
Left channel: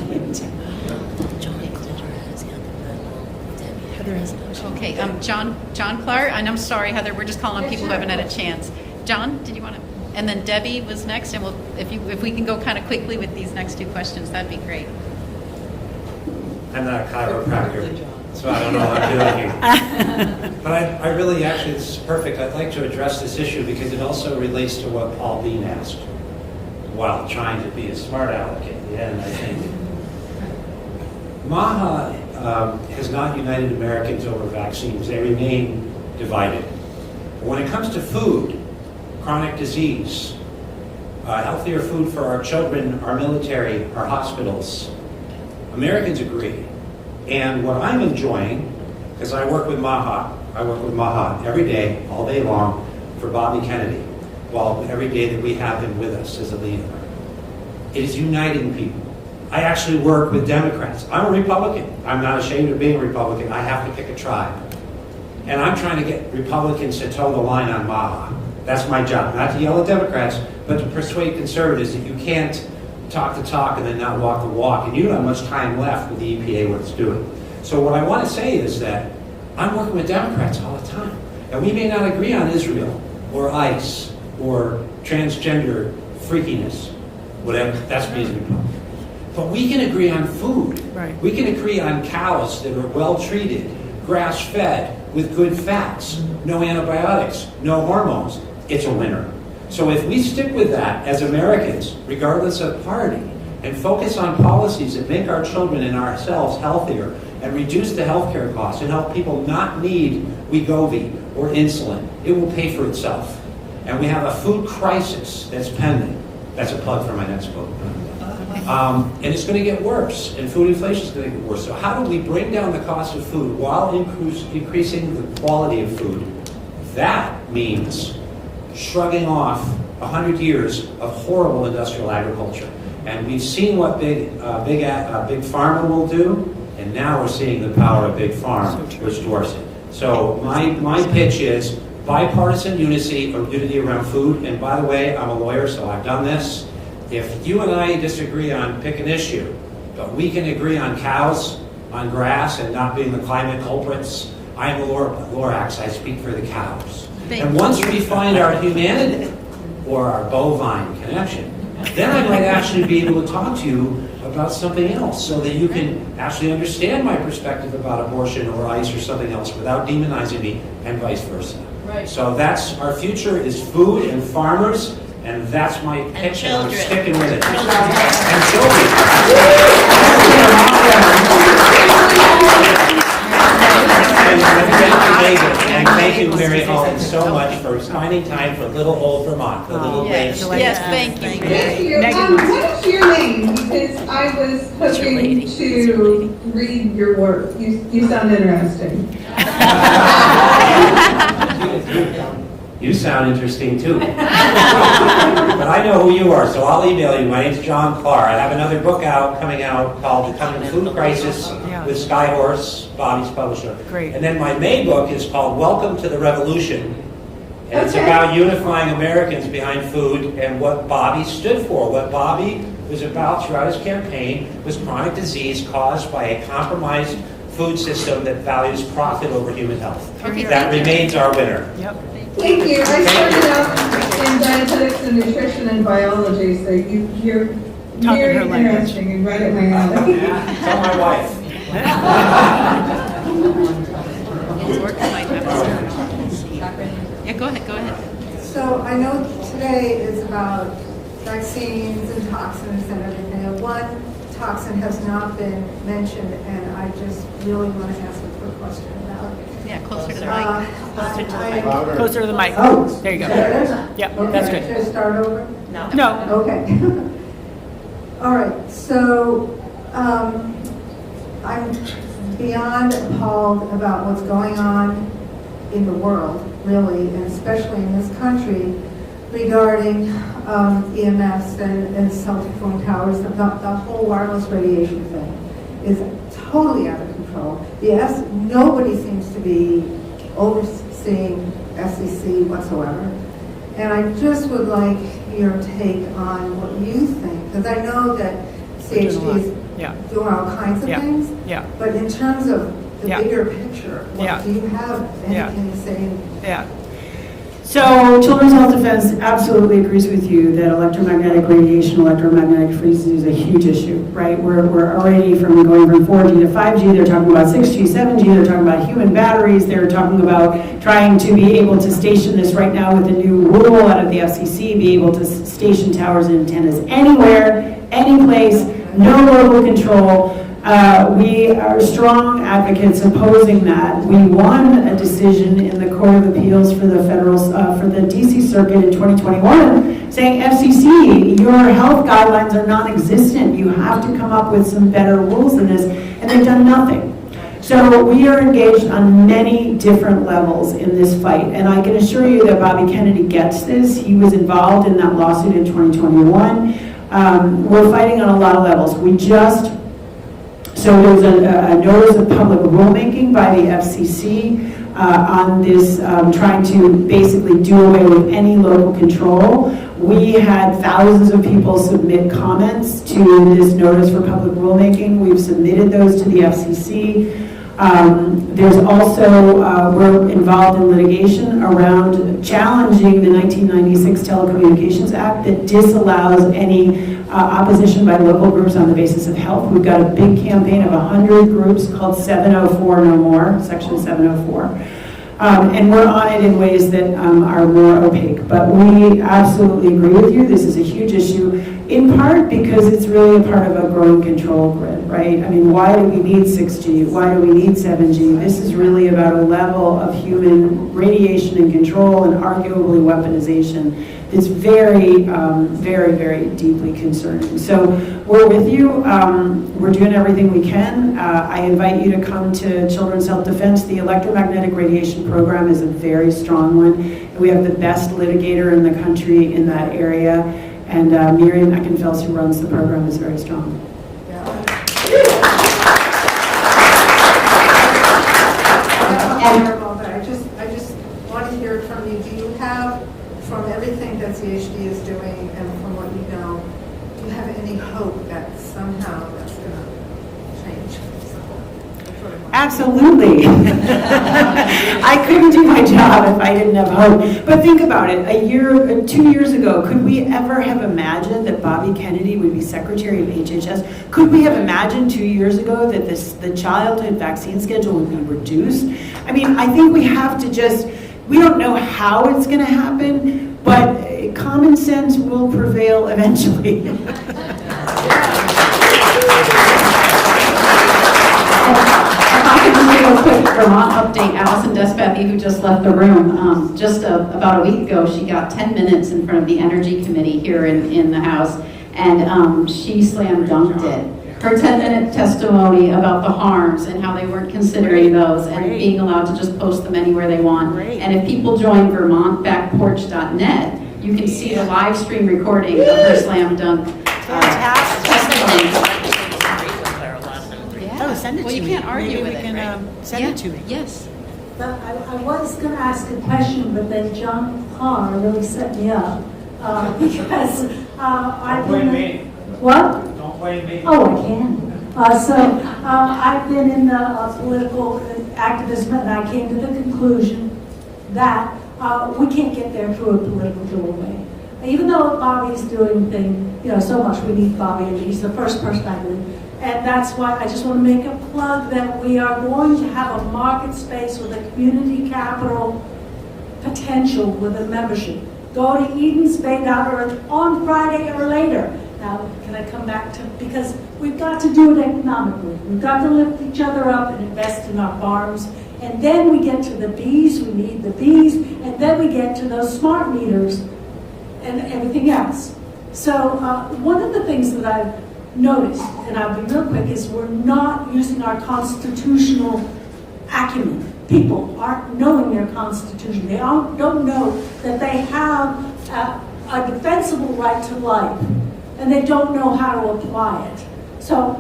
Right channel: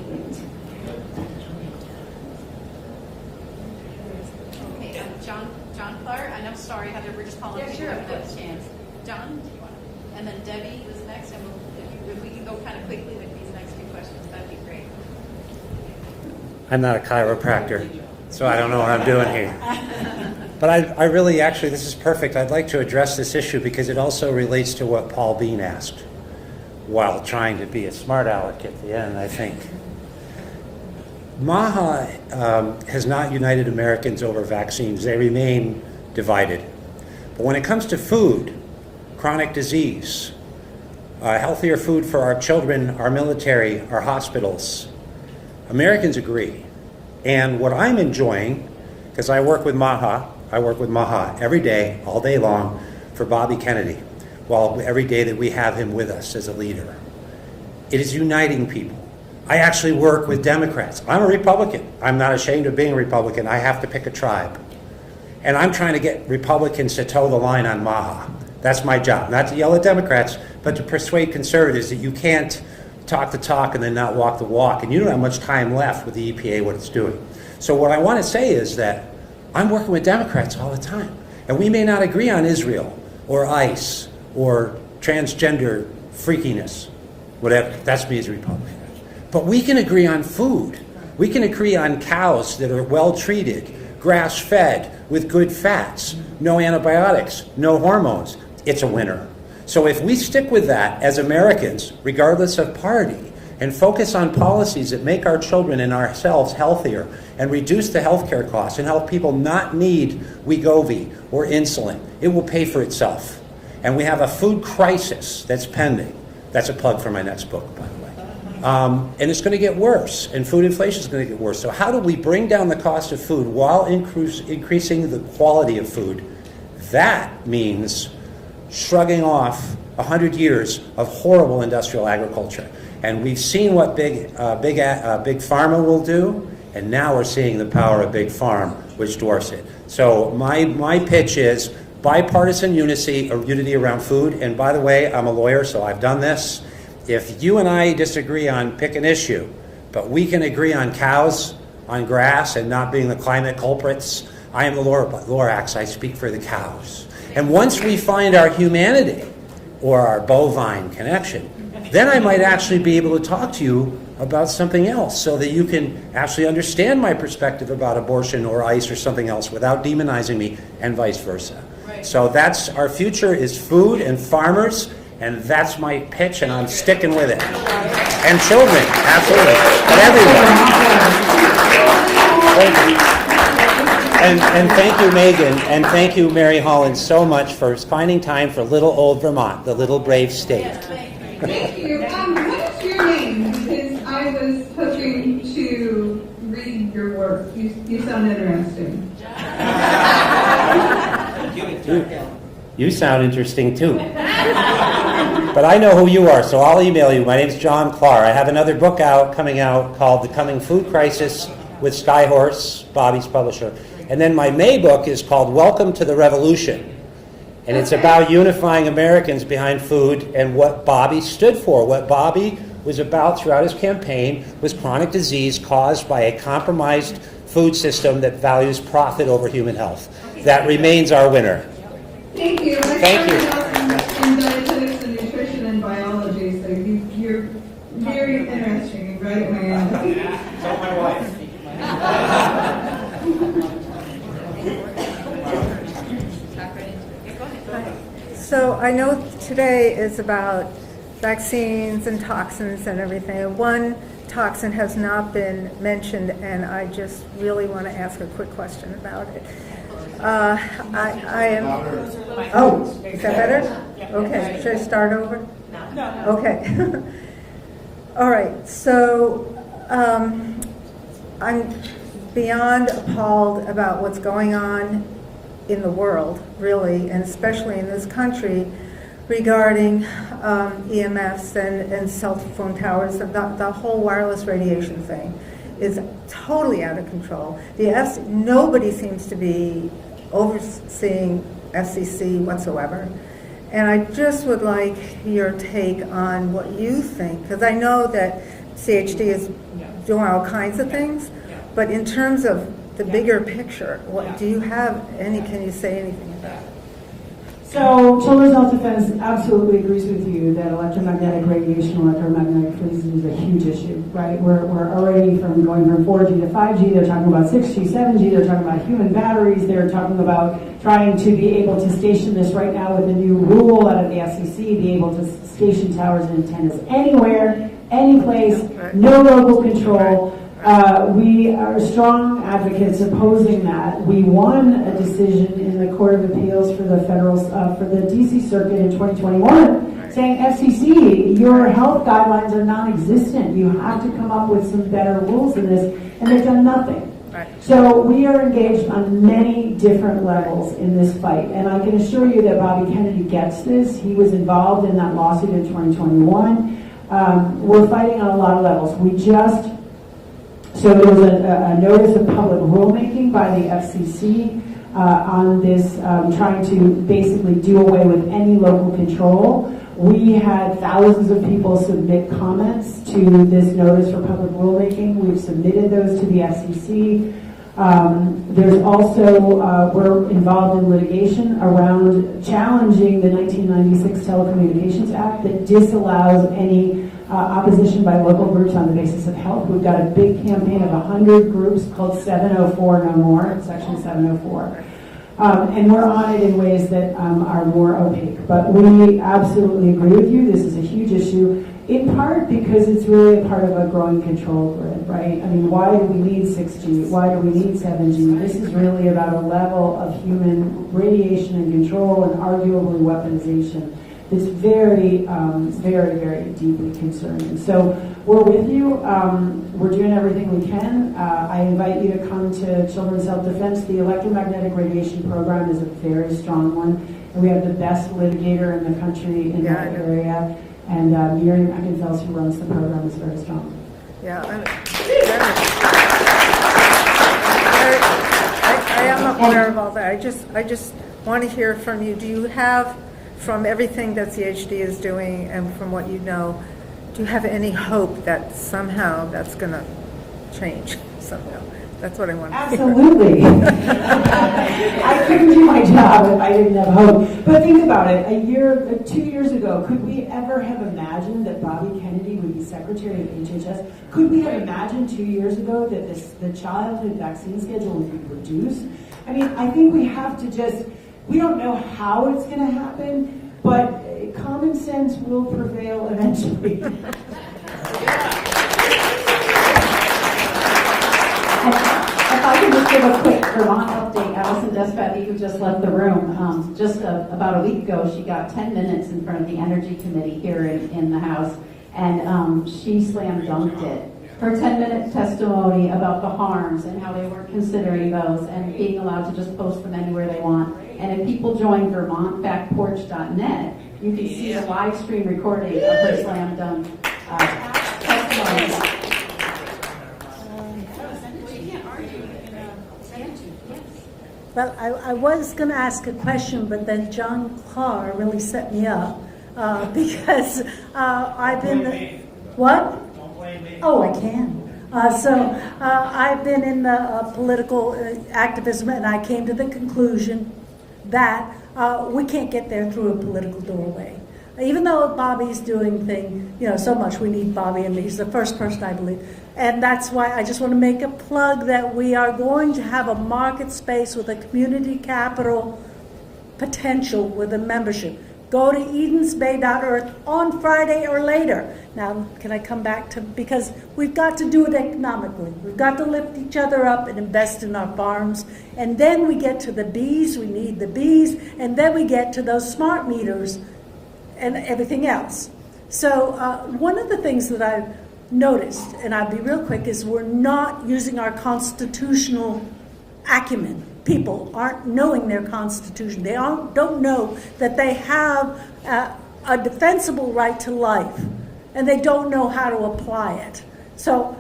Okay, John Clark, and I'm sorry, Heather, we're just calling on people who haven't had a chance. John, did you want to? And then Debbie was next, and if we can go kind of quickly with these next two questions, that'd be great. I'm not a chiropractor, so I don't know how I'm doing here. But I really, actually, this is perfect. I'd like to address this issue because it also relates to what Paul Bean asked, while trying to be a smart aleck at the end, I think. MAHA has not united Americans over vaccines. They remain divided. But when it comes to food, chronic disease, healthier food for our children, our military, our hospitals, Americans agree. And what I'm enjoying, because I work with MAHA every day, all day long, for Bobby Kennedy, well, every day that we have him with us as a leader. It is uniting people. I actually work with Democrats. I'm a Republican. I'm not ashamed of being a Republican. I have to pick a tribe. And I'm trying to get Republicans to toe the line on MAHA. That's my job. Not to yell at Democrats, but to persuade conservatives that you can't talk the talk and then not walk the walk. And you don't have much time left with the EPA, what it's doing. So what I want to say is that I'm working with Democrats all the time. And we may not agree on Israel or ICE or transgender freakiness, whatever. That's me as a Republican. But we can agree on food. Right. We can agree on cows that are well treated, grass-fed, with good fats, no antibiotics, no hormones. It's a winner. So if we stick with that as Americans, regardless of party, and focus on policies that make our children and ourselves healthier and reduce the healthcare costs and help people not need Wegovy or insulin, it will pay for itself. And we have a food crisis that's pending. That's a plug for my next book. And it's going to get worse, and food inflation is going to get worse. So how do we bring down the cost of food while increasing the quality of food? That means shrugging off 100 years of horrible industrial agriculture. And we've seen what big pharma will do, and now we're seeing the power of big farm, which dwarfs it. So my pitch is, bipartisan unity around food. And by the way, I'm a lawyer, so I've done this. If you and I disagree on pick an issue, but we can agree on cows, on grass, and not being the climate culprits, I am a Lorax. I speak for the cows. And once we find our humanity or our bovine connection, then I might actually be able to talk to you about something else so that you can actually understand my perspective about abortion or ICE or something else without demonizing me, and vice versa. Right. So that's our future is food and farmers, and that's my pitch, and I'm sticking with it. And children, And thank you, Megan, and thank you, Mary Holland, so much for finding time for little old Vermont, the little brave state. Yes, thank you. Thank you. What is your name? Because I was hoping to read your work. You sound interesting. You sound interesting too. But I know who you are, so I'll email you. My name's John Clark. I have another book coming out called The Coming Food Crisis with Skyhorse, Bobby's publisher. Great. And then my May book is called Welcome to the Revolution. And it's about unifying Americans behind food and what Bobby stood for. What Bobby was about throughout his campaign was chronic disease caused by a compromised food system that values profit over human health. That remains our winner. Yep. Thank you. I started out in dietetics and nutrition and biology, so you're very interesting and right at my alley. Tell my wife. Yeah, go ahead. So I know today is about vaccines and toxins and everything. And one toxin has not been mentioned, and I just really want to ask a quick question about it. Yeah, closer to the mic. Closer to the mic. Oh, There you go. better? Yep, Okay, that's good. should I start over? No. Okay. All right, so I'm beyond appalled about what's going on in the world, really, and especially in this country, regarding EMS and self-performed towers. The whole wireless radiation thing is totally out of control. Nobody seems to be overseeing FCC whatsoever. And I just would like your take on what you think, because I know that CHD is doing all kinds of things, but in terms of the bigger picture, what do you have, and can you say anything? Yeah. So Children's Health Defense absolutely agrees with you that electromagnetic radiation, electromagnetic freezing is a huge issue, right? We're already going from 4G to 5G. They're talking about 6G, 7G. They're talking about human batteries. They're talking about trying to be able to station this right now with the new rule out of the FCC, be able to station towers and antennas anywhere, any place, no local control. We are strong advocates opposing that. We won a decision in the Court of Appeals for the for the DC Circuit in 2021 saying, FCC, your health guidelines are non-existent. You have to come up with some better rules in this, and they've done nothing. So we are engaged on many different levels in this fight, and I can assure you that Bobby Kennedy gets this. He was involved in that lawsuit in 2021. We're fighting on a lot of levels. So there was a notice of public rulemaking by the FCC on this, trying to basically do away with any local control. We had thousands of people submit comments to this notice for public rulemaking. We've submitted those to the FCC. There's also, we're involved in litigation around challenging the 1996 Telecommunications Act that disallows any opposition by local groups on the basis of health. We've got a big campaign of 100 groups called 704 No More, Section 704. And we're on it in ways that are more opaque. But we absolutely agree with you. This is a huge issue, in part because it's really a part of a growing control grid, right? I mean, why do we need 6G? Why do we need 7G? This is really about a level of human radiation and control and arguably weaponization that's very, very, very deeply concerning. So we're with you. We're doing everything we can. I invite you to come to Children's Health Defense. The electromagnetic radiation program is a very strong one, and we have the best litigator in the country in that area. And Miriam Eckenfels, who runs the program, is very strong. Yeah. I just want to hear from you. Do you have, from everything that CHD is doing and from what you know, do you have any hope that somehow that's going to change somehow? That's what I want to hear. Absolutely. I couldn't do my job if I didn't have hope. But think about it. 2 years ago, could we ever have imagined that Bobby Kennedy would be Secretary of HHS? Could we have imagined 2 years ago that the childhood vaccine schedule would be reduced? I mean, I think we have to just, we don't know how it's going to happen, but common sense will prevail eventually. If I could just give a quick Vermont update, Allison Despathy, who just left the room, just about a week ago, she got 10 minutes in front of the Energy Committee here in the House, and she slam dunked it. Her 10-minute testimony about the harms and how they weren't considering those and being allowed to just post them anywhere they want. And if people join VermontBackPorch.net, you can see the live stream recording of her slam dunk testimony. Oh, send it Well, to you me. can't argue Maybe with we it, can right? send it to me. Yes. But I was going to ask a question, but then John Parr really set me up because I've been. What? Don't blame me. Oh, I can. I've been in the political activism, and I came to the conclusion that we can't get there through a political doorway. Even though Bobby's doing so much, we need Bobby, and he's the first person I believe. And that's why I just want to make a plug that we are going to have a market space with a community capital potential with a membership. Go to edensbay.org on Friday or later. Now, can I come back to, because we've got to do it economically. We've got to lift each other up and invest in our farms. And then we get to the bees, we need the bees, and then we get to those smart meters and everything else. So one of the things that I've noticed, and I'll be real quick, is we're not using our constitutional acumen. People aren't knowing their constitution. They don't know that they have a defensible right to life, and they don't know how to apply it. So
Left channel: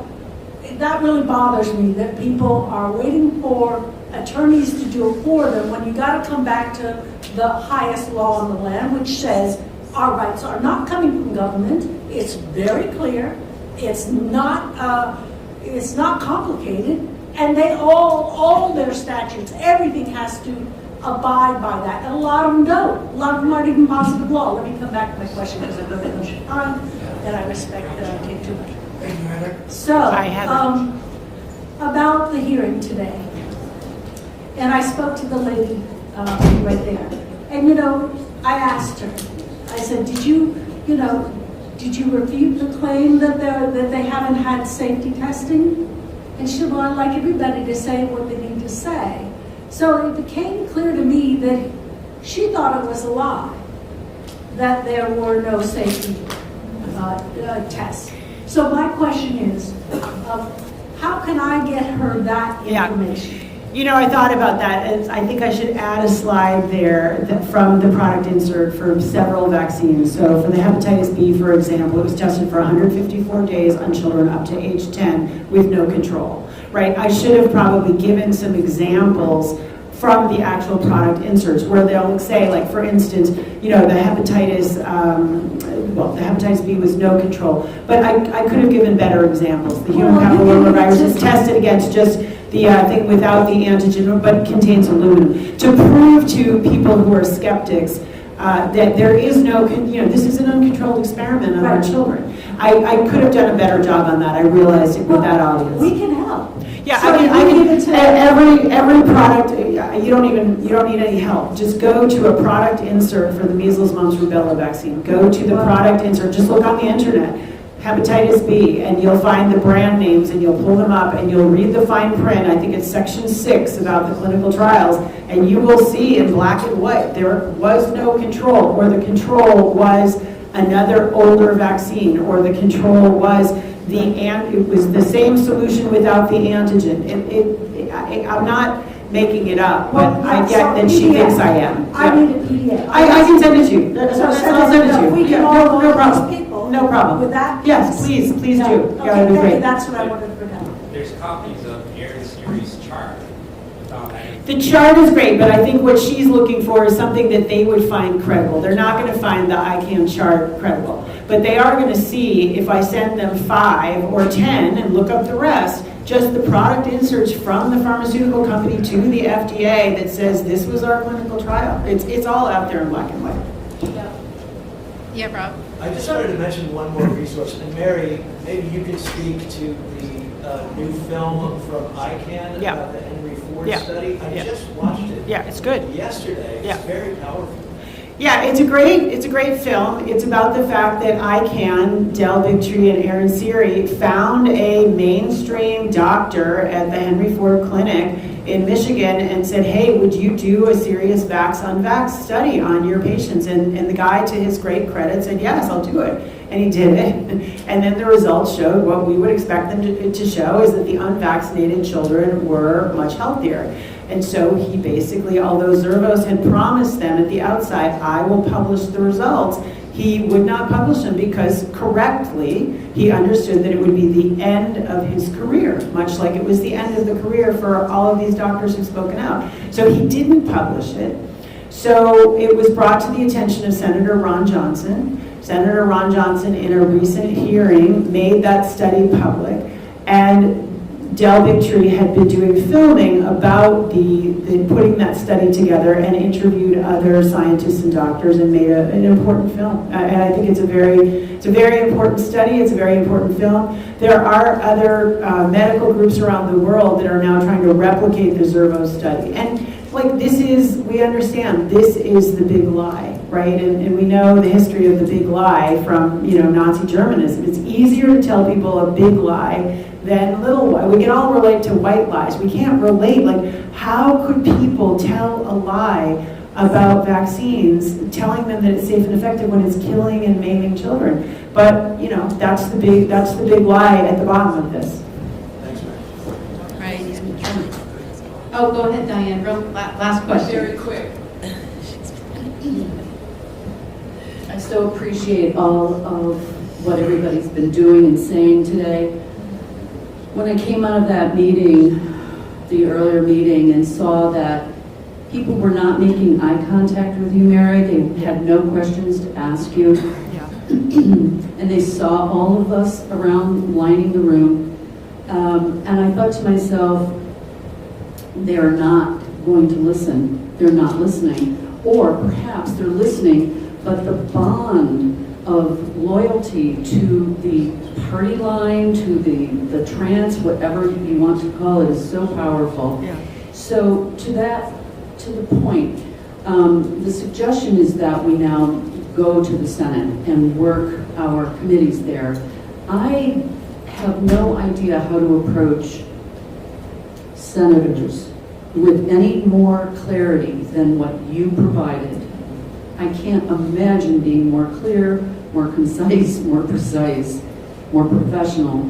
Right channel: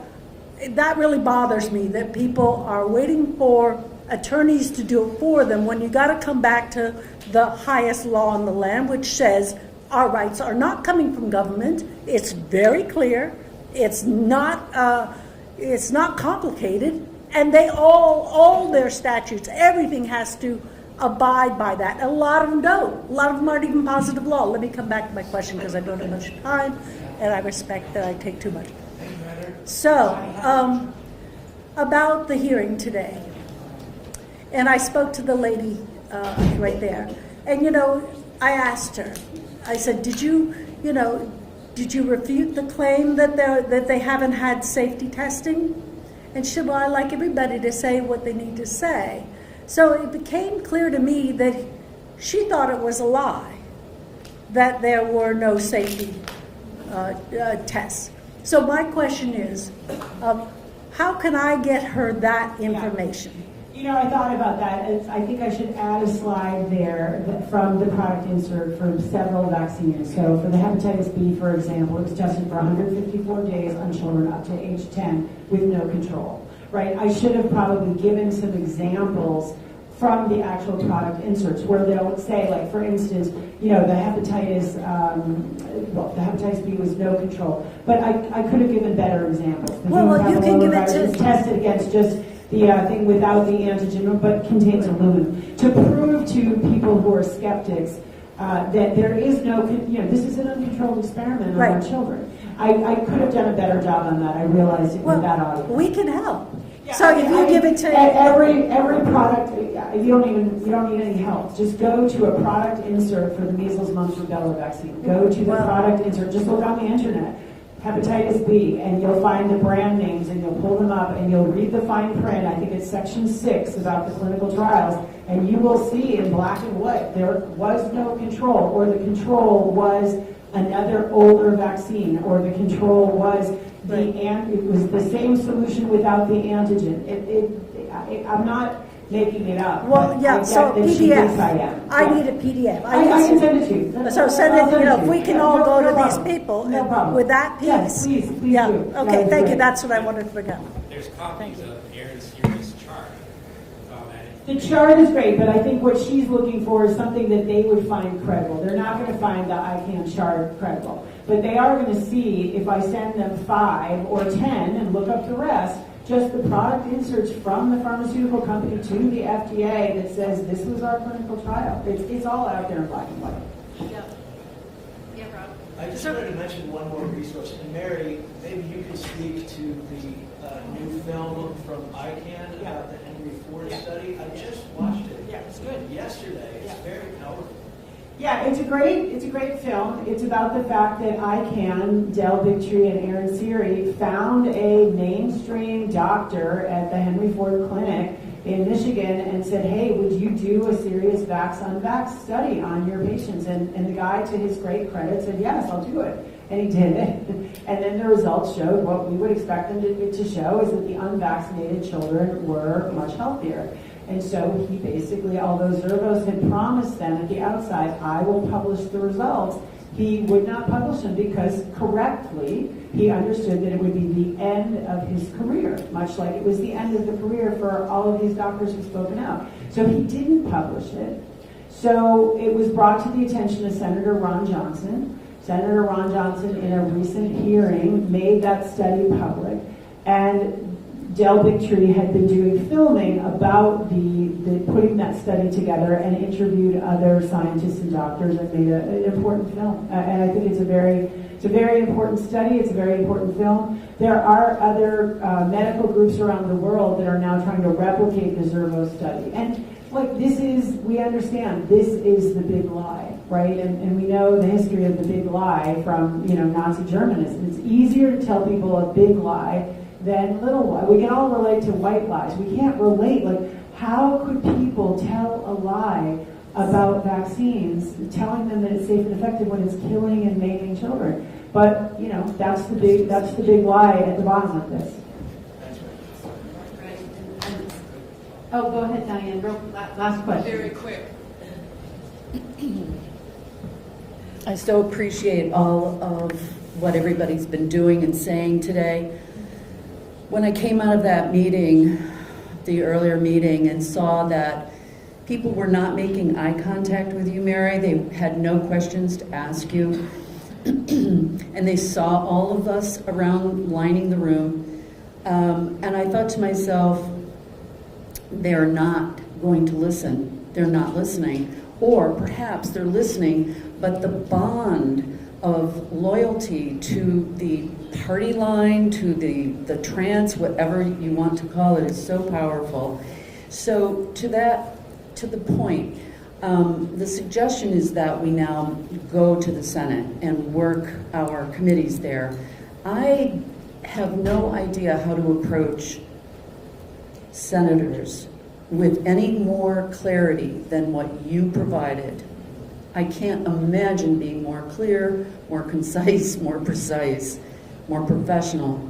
that really bothers me, that people are waiting for attorneys to do it for them when you got to come back to the highest law in the land, which says our rights are not coming from government. It's very clear. It's not complicated, and they all their statutes, everything has to abide by that. And a lot of them don't. A lot of them aren't even positive law. Let me come back to my question because I've got a bunch of time, and I respect that I take too much. So, about the hearing today, and I spoke to the lady right there, and I asked her. I said, did you refute the claim that they haven't had safety testing? And she said, well, I'd like everybody to say what they need to say. So it became clear to me that she thought it was a lie, that there were no safety tests. So my question is, how can I get her that information? I thought about that, and I think I should add a slide there from the product insert for several vaccines. So for the hepatitis B, for example, it was tested for 154 days on children up to age 10 with no control, right? I should have probably given some examples from the actual product inserts where they'll say, like, for instance, the hepatitis B was no control. But I could have given better examples. The human papillomavirus is tested against just the thing without the antigen, but it contains aluminum. To prove to people who are skeptics that there is no, this is an uncontrolled experiment on our children. I could have done a better job on that. I realized it with that audience. We can help. Yeah, so every product, you don't need any help. Just go to a product insert for the measles, mumps, rubella vaccine. Go to the product insert. Just look on the internet. Hepatitis B, and you'll find the brand names, and you'll pull them up, and you'll read the fine print. I think it's section 6 about the clinical trials, and you will see in black and white there was no control, or the control was another older vaccine, or the control was it was the same solution without the antigen. I'm not making it up, but I get that she thinks I am. I need a PDF. I can send it to you. So send it to you. We can all no vote problem. these people. No problem. With that piece. Yes, please do. Okay, thank you. That's what I wanted to bring up. There's copies of Aaron's series chart. The chart is great, but I think what she's looking for is something that they would find credible. They're not going to find the ICANN chart credible, but they are going to see if I send them 5 or 10 and look up the rest, just the product inserts from the pharmaceutical company to the FDA that says this was our clinical trial. It's all out there in black and white. Yeah, Rob. I just wanted to mention one more resource. And Mary, maybe you could speak to the new film from ICANN about the Henry Ford study. I just watched it. Yeah, it's good. Yesterday. It's very powerful. Yeah, it's a great film. It's about the fact that ICANN, Del Bigtree, and Aaron Seary found a mainstream doctor at the Henry Ford Clinic in Michigan and said, hey, would you do a serious vax-unvax study on your patients? And the guy, to his great credit, said, yes, I'll do it. And he did it. And then the results showed what we would expect them to show, is that the unvaccinated children were much healthier. And so he basically, although Zervos had promised them at the outside, I will publish the results, he would not publish them because correctly he understood that it would be the end of his career, much like it was the end of the career for all of these doctors who've spoken out. So he didn't publish it. So it was brought to the attention of Senator Ron Johnson. Senator Ron Johnson, in a recent hearing, made that study public. And Del Bigtree had been doing filming about the putting that study together and interviewed other scientists and doctors and made an important film. And I think it's a very important study. It's a very important film. There are other medical groups around the world that are now trying to replicate the Zervos study. And we understand this is the big lie, right? And we know the history of the big lie from, Nazi Germanism. It's easier to tell people a big lie than little lie. We can all relate to white lies. We can't relate, how could people tell a lie about vaccines, telling them that it's safe and effective when it's killing and maiming children? But, that's the big lie at the bottom of this. Right. Oh, go ahead, Diane. Last question. Very quick. I so appreciate all of what everybody's been doing and saying today. When I came out of that meeting, the earlier meeting, and saw that people were not making eye contact with you, Mary, they had no questions to ask you, and they saw all of us around lining the room, and I thought to myself, they're not going to listen. They're not listening. Or perhaps they're listening, but the bond of loyalty to the party line, to the trance, whatever you want to call it, is so powerful. Yeah. So to the point, the suggestion is that we now go to the Senate and work our committees there. I have no idea how to approach senators with any more clarity than what you provided. I can't imagine being more clear, more concise, more precise, more professional.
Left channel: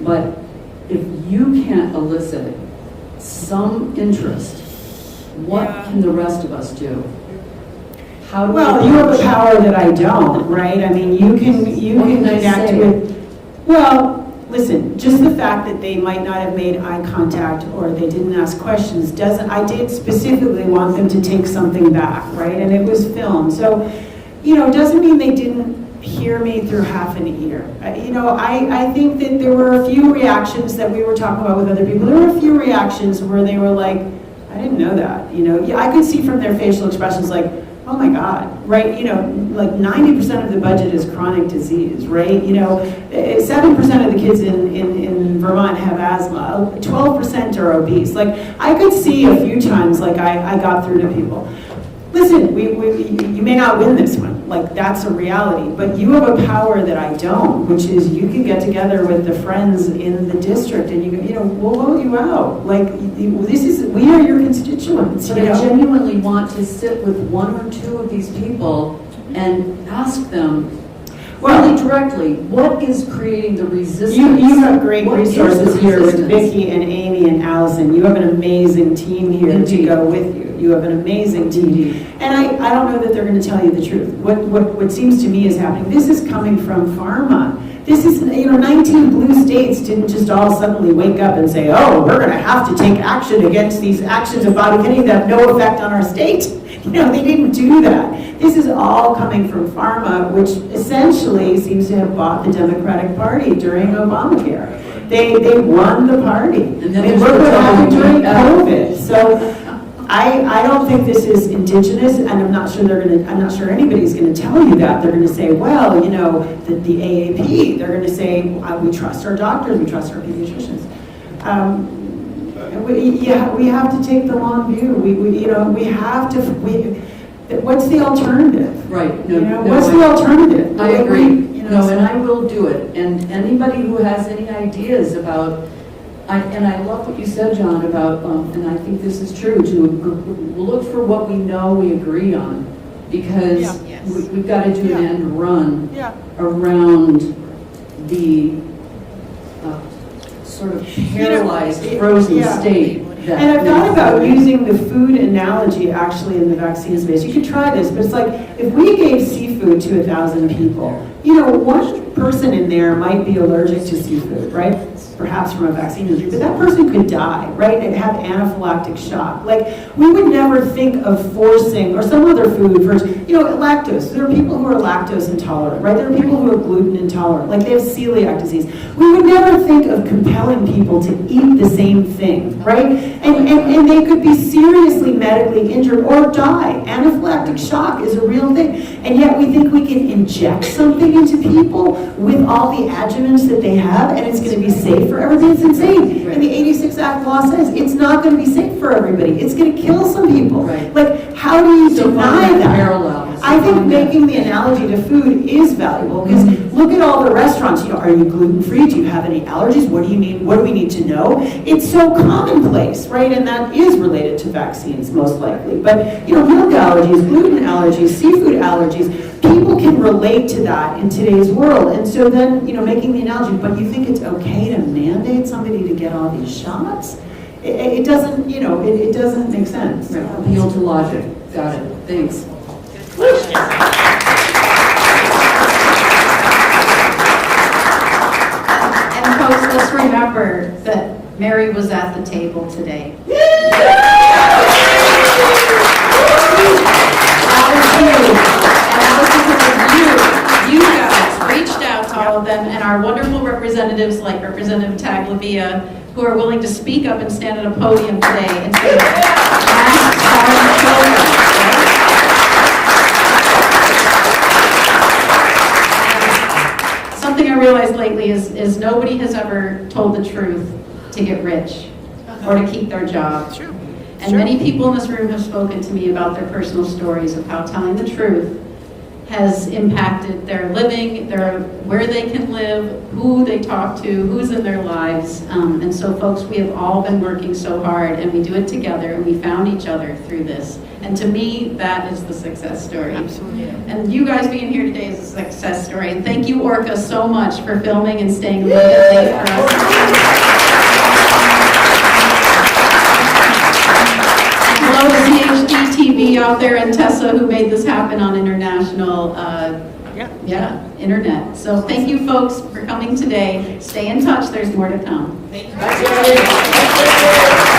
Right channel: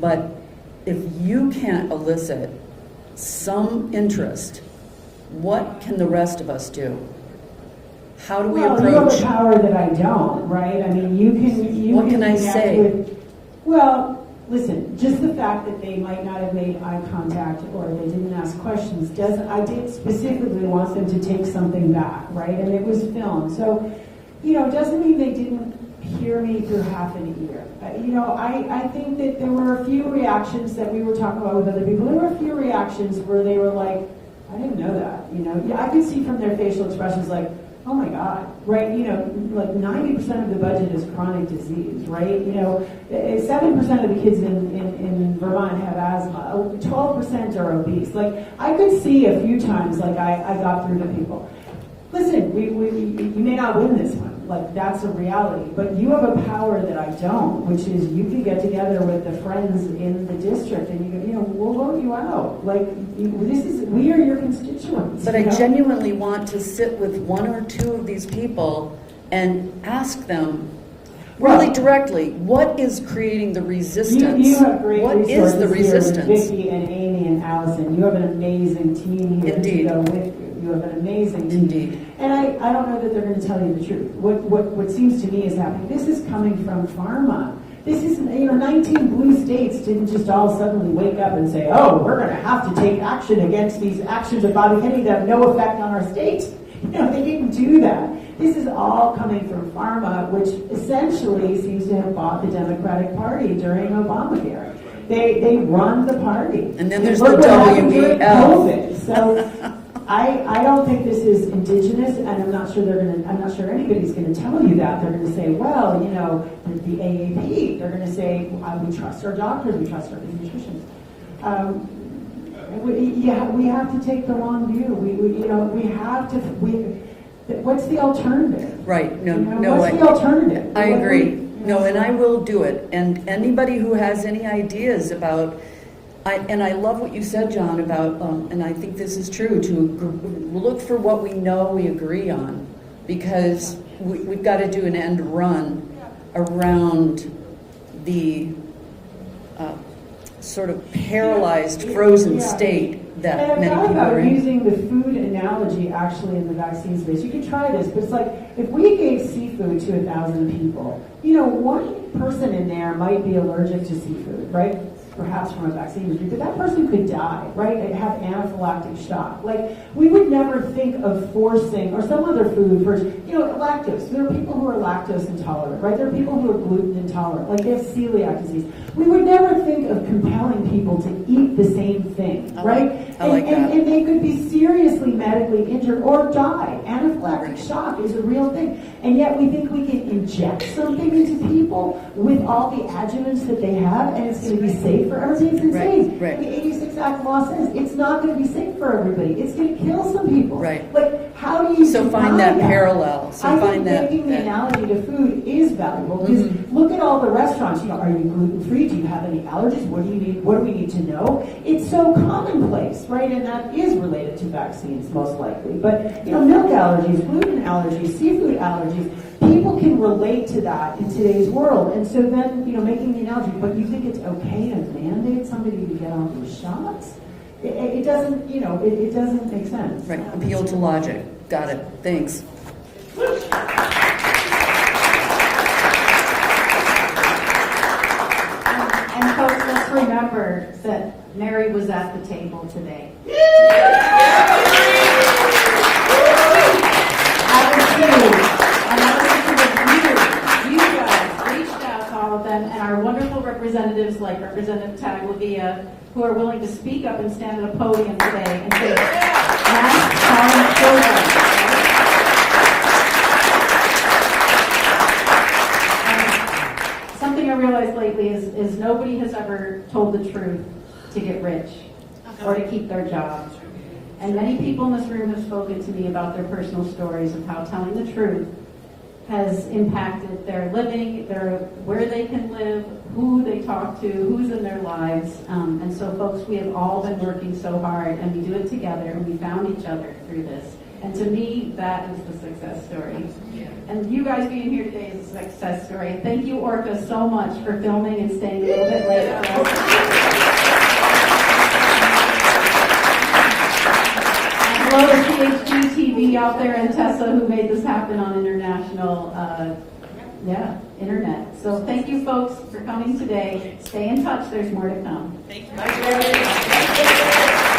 But if you can't elicit some interest, what can the rest of us do? How do you have a power that I don't, right? I mean, you can connect with. Well, listen, just the fact that they might not have made eye contact or they didn't ask questions I did specifically want them to take something back, right? And it was filmed. So, it doesn't mean they didn't hear me through half an ear. I think that there were a few reactions that we were talking about with other people. There were a few reactions where they were like, I didn't know that. I could see from their facial expressions like, oh my God, right? 90% of the budget is chronic disease, right? 7% of the kids in Vermont have asthma. 12% are obese. I could see a few times, I got through to people. Listen, you may not win this one. That's a reality. But you have a power that I don't, which is you can get together with the friends in the district and we'll vote you out. We are your constituents. But I genuinely want to sit with one or two of these people and ask them really directly, what is creating the resistance? You have great resources here with Vicki and Amy and Allison. You have an amazing team here to go with you. You have an amazing team. And I don't know that they're going to tell you the truth. What seems to me is happening, this is coming from pharma. this is, 19 blue states didn't just all suddenly wake up and say, oh, we're going to have to take action against these actions of Bobby Kennedy that have no effect on our state. They didn't do that. This is all coming from pharma, which essentially seems to have bought the Democratic Party during Obamacare. They won the party. And then look what happened during COVID. So I don't think this is indigenous, and I'm not sure anybody's gonna tell you that. They're gonna say, well, the AAP, they're gonna say, we trust our doctors, we trust our pediatricians. We have to take the long view. We have to, what's the alternative? Right. What's the alternative? I agree. And I will do it. And anybody who has any ideas about, and I love what you said, John, about, and I think this is true, to look for what we know we agree on, because we've got to do an end run around the sort of paralyzed, frozen state. And I've thought about using the food analogy actually in the vaccine space. You could try this, but it's like if we gave seafood to 1,000 people, one person in there might be allergic to seafood, right? Perhaps from a vaccine injury, but that person could die, right? And have anaphylactic shock. We would never think of forcing, or some other food first, lactose. There are people who are lactose intolerant, right? There are people who are gluten intolerant, they have celiac disease. We would never think of compelling people to eat the same thing, right? And they could be seriously medically injured or die. Anaphylactic shock is a real thing. And yet we think we can inject something into people with all the adjuvants that they have, and it's going to be safe for everybody. It's insane. And the 86 Act law says it's not going to be safe for everybody. It's going to kill some people. How do you deny that? I think making the analogy to food is valuable, because look at all the restaurants. Are you gluten-free? Do you have any allergies? What do you need? What do we need to know? It's so commonplace, right? And that is related to vaccines, most likely. But milk allergies, gluten allergies, seafood allergies, people can relate to that in today's world. And so then, making the analogy, but you think it's okay to mandate somebody to get all these shots? It doesn't, it doesn't make sense. Right. Appeal to logic. Got it. Thanks. And folks, just remember that Mary was at the table today. You guys reached out to all of them, and our wonderful representatives like Representative Taglavia, who are willing to speak up and stand at a podium today and say, masks are children. Something I realized lately is nobody has ever told the truth to get rich or to keep their job. And many people in this room have spoken to me about their personal stories of how telling the truth has impacted their living, where they can live, who they talk to, who's in their lives. And so folks, we have all been working so hard, and we do it together, and we found each other through this. And to me, that is the success story. Absolutely. And you guys being here today is a success story. And thank you, Orca, so much for filming and staying a little bit late for us. Hello to PhD TV out there and Tessa, who made this happen on international internet. So thank you folks for coming today. Stay in touch, there's more to come. Thank you.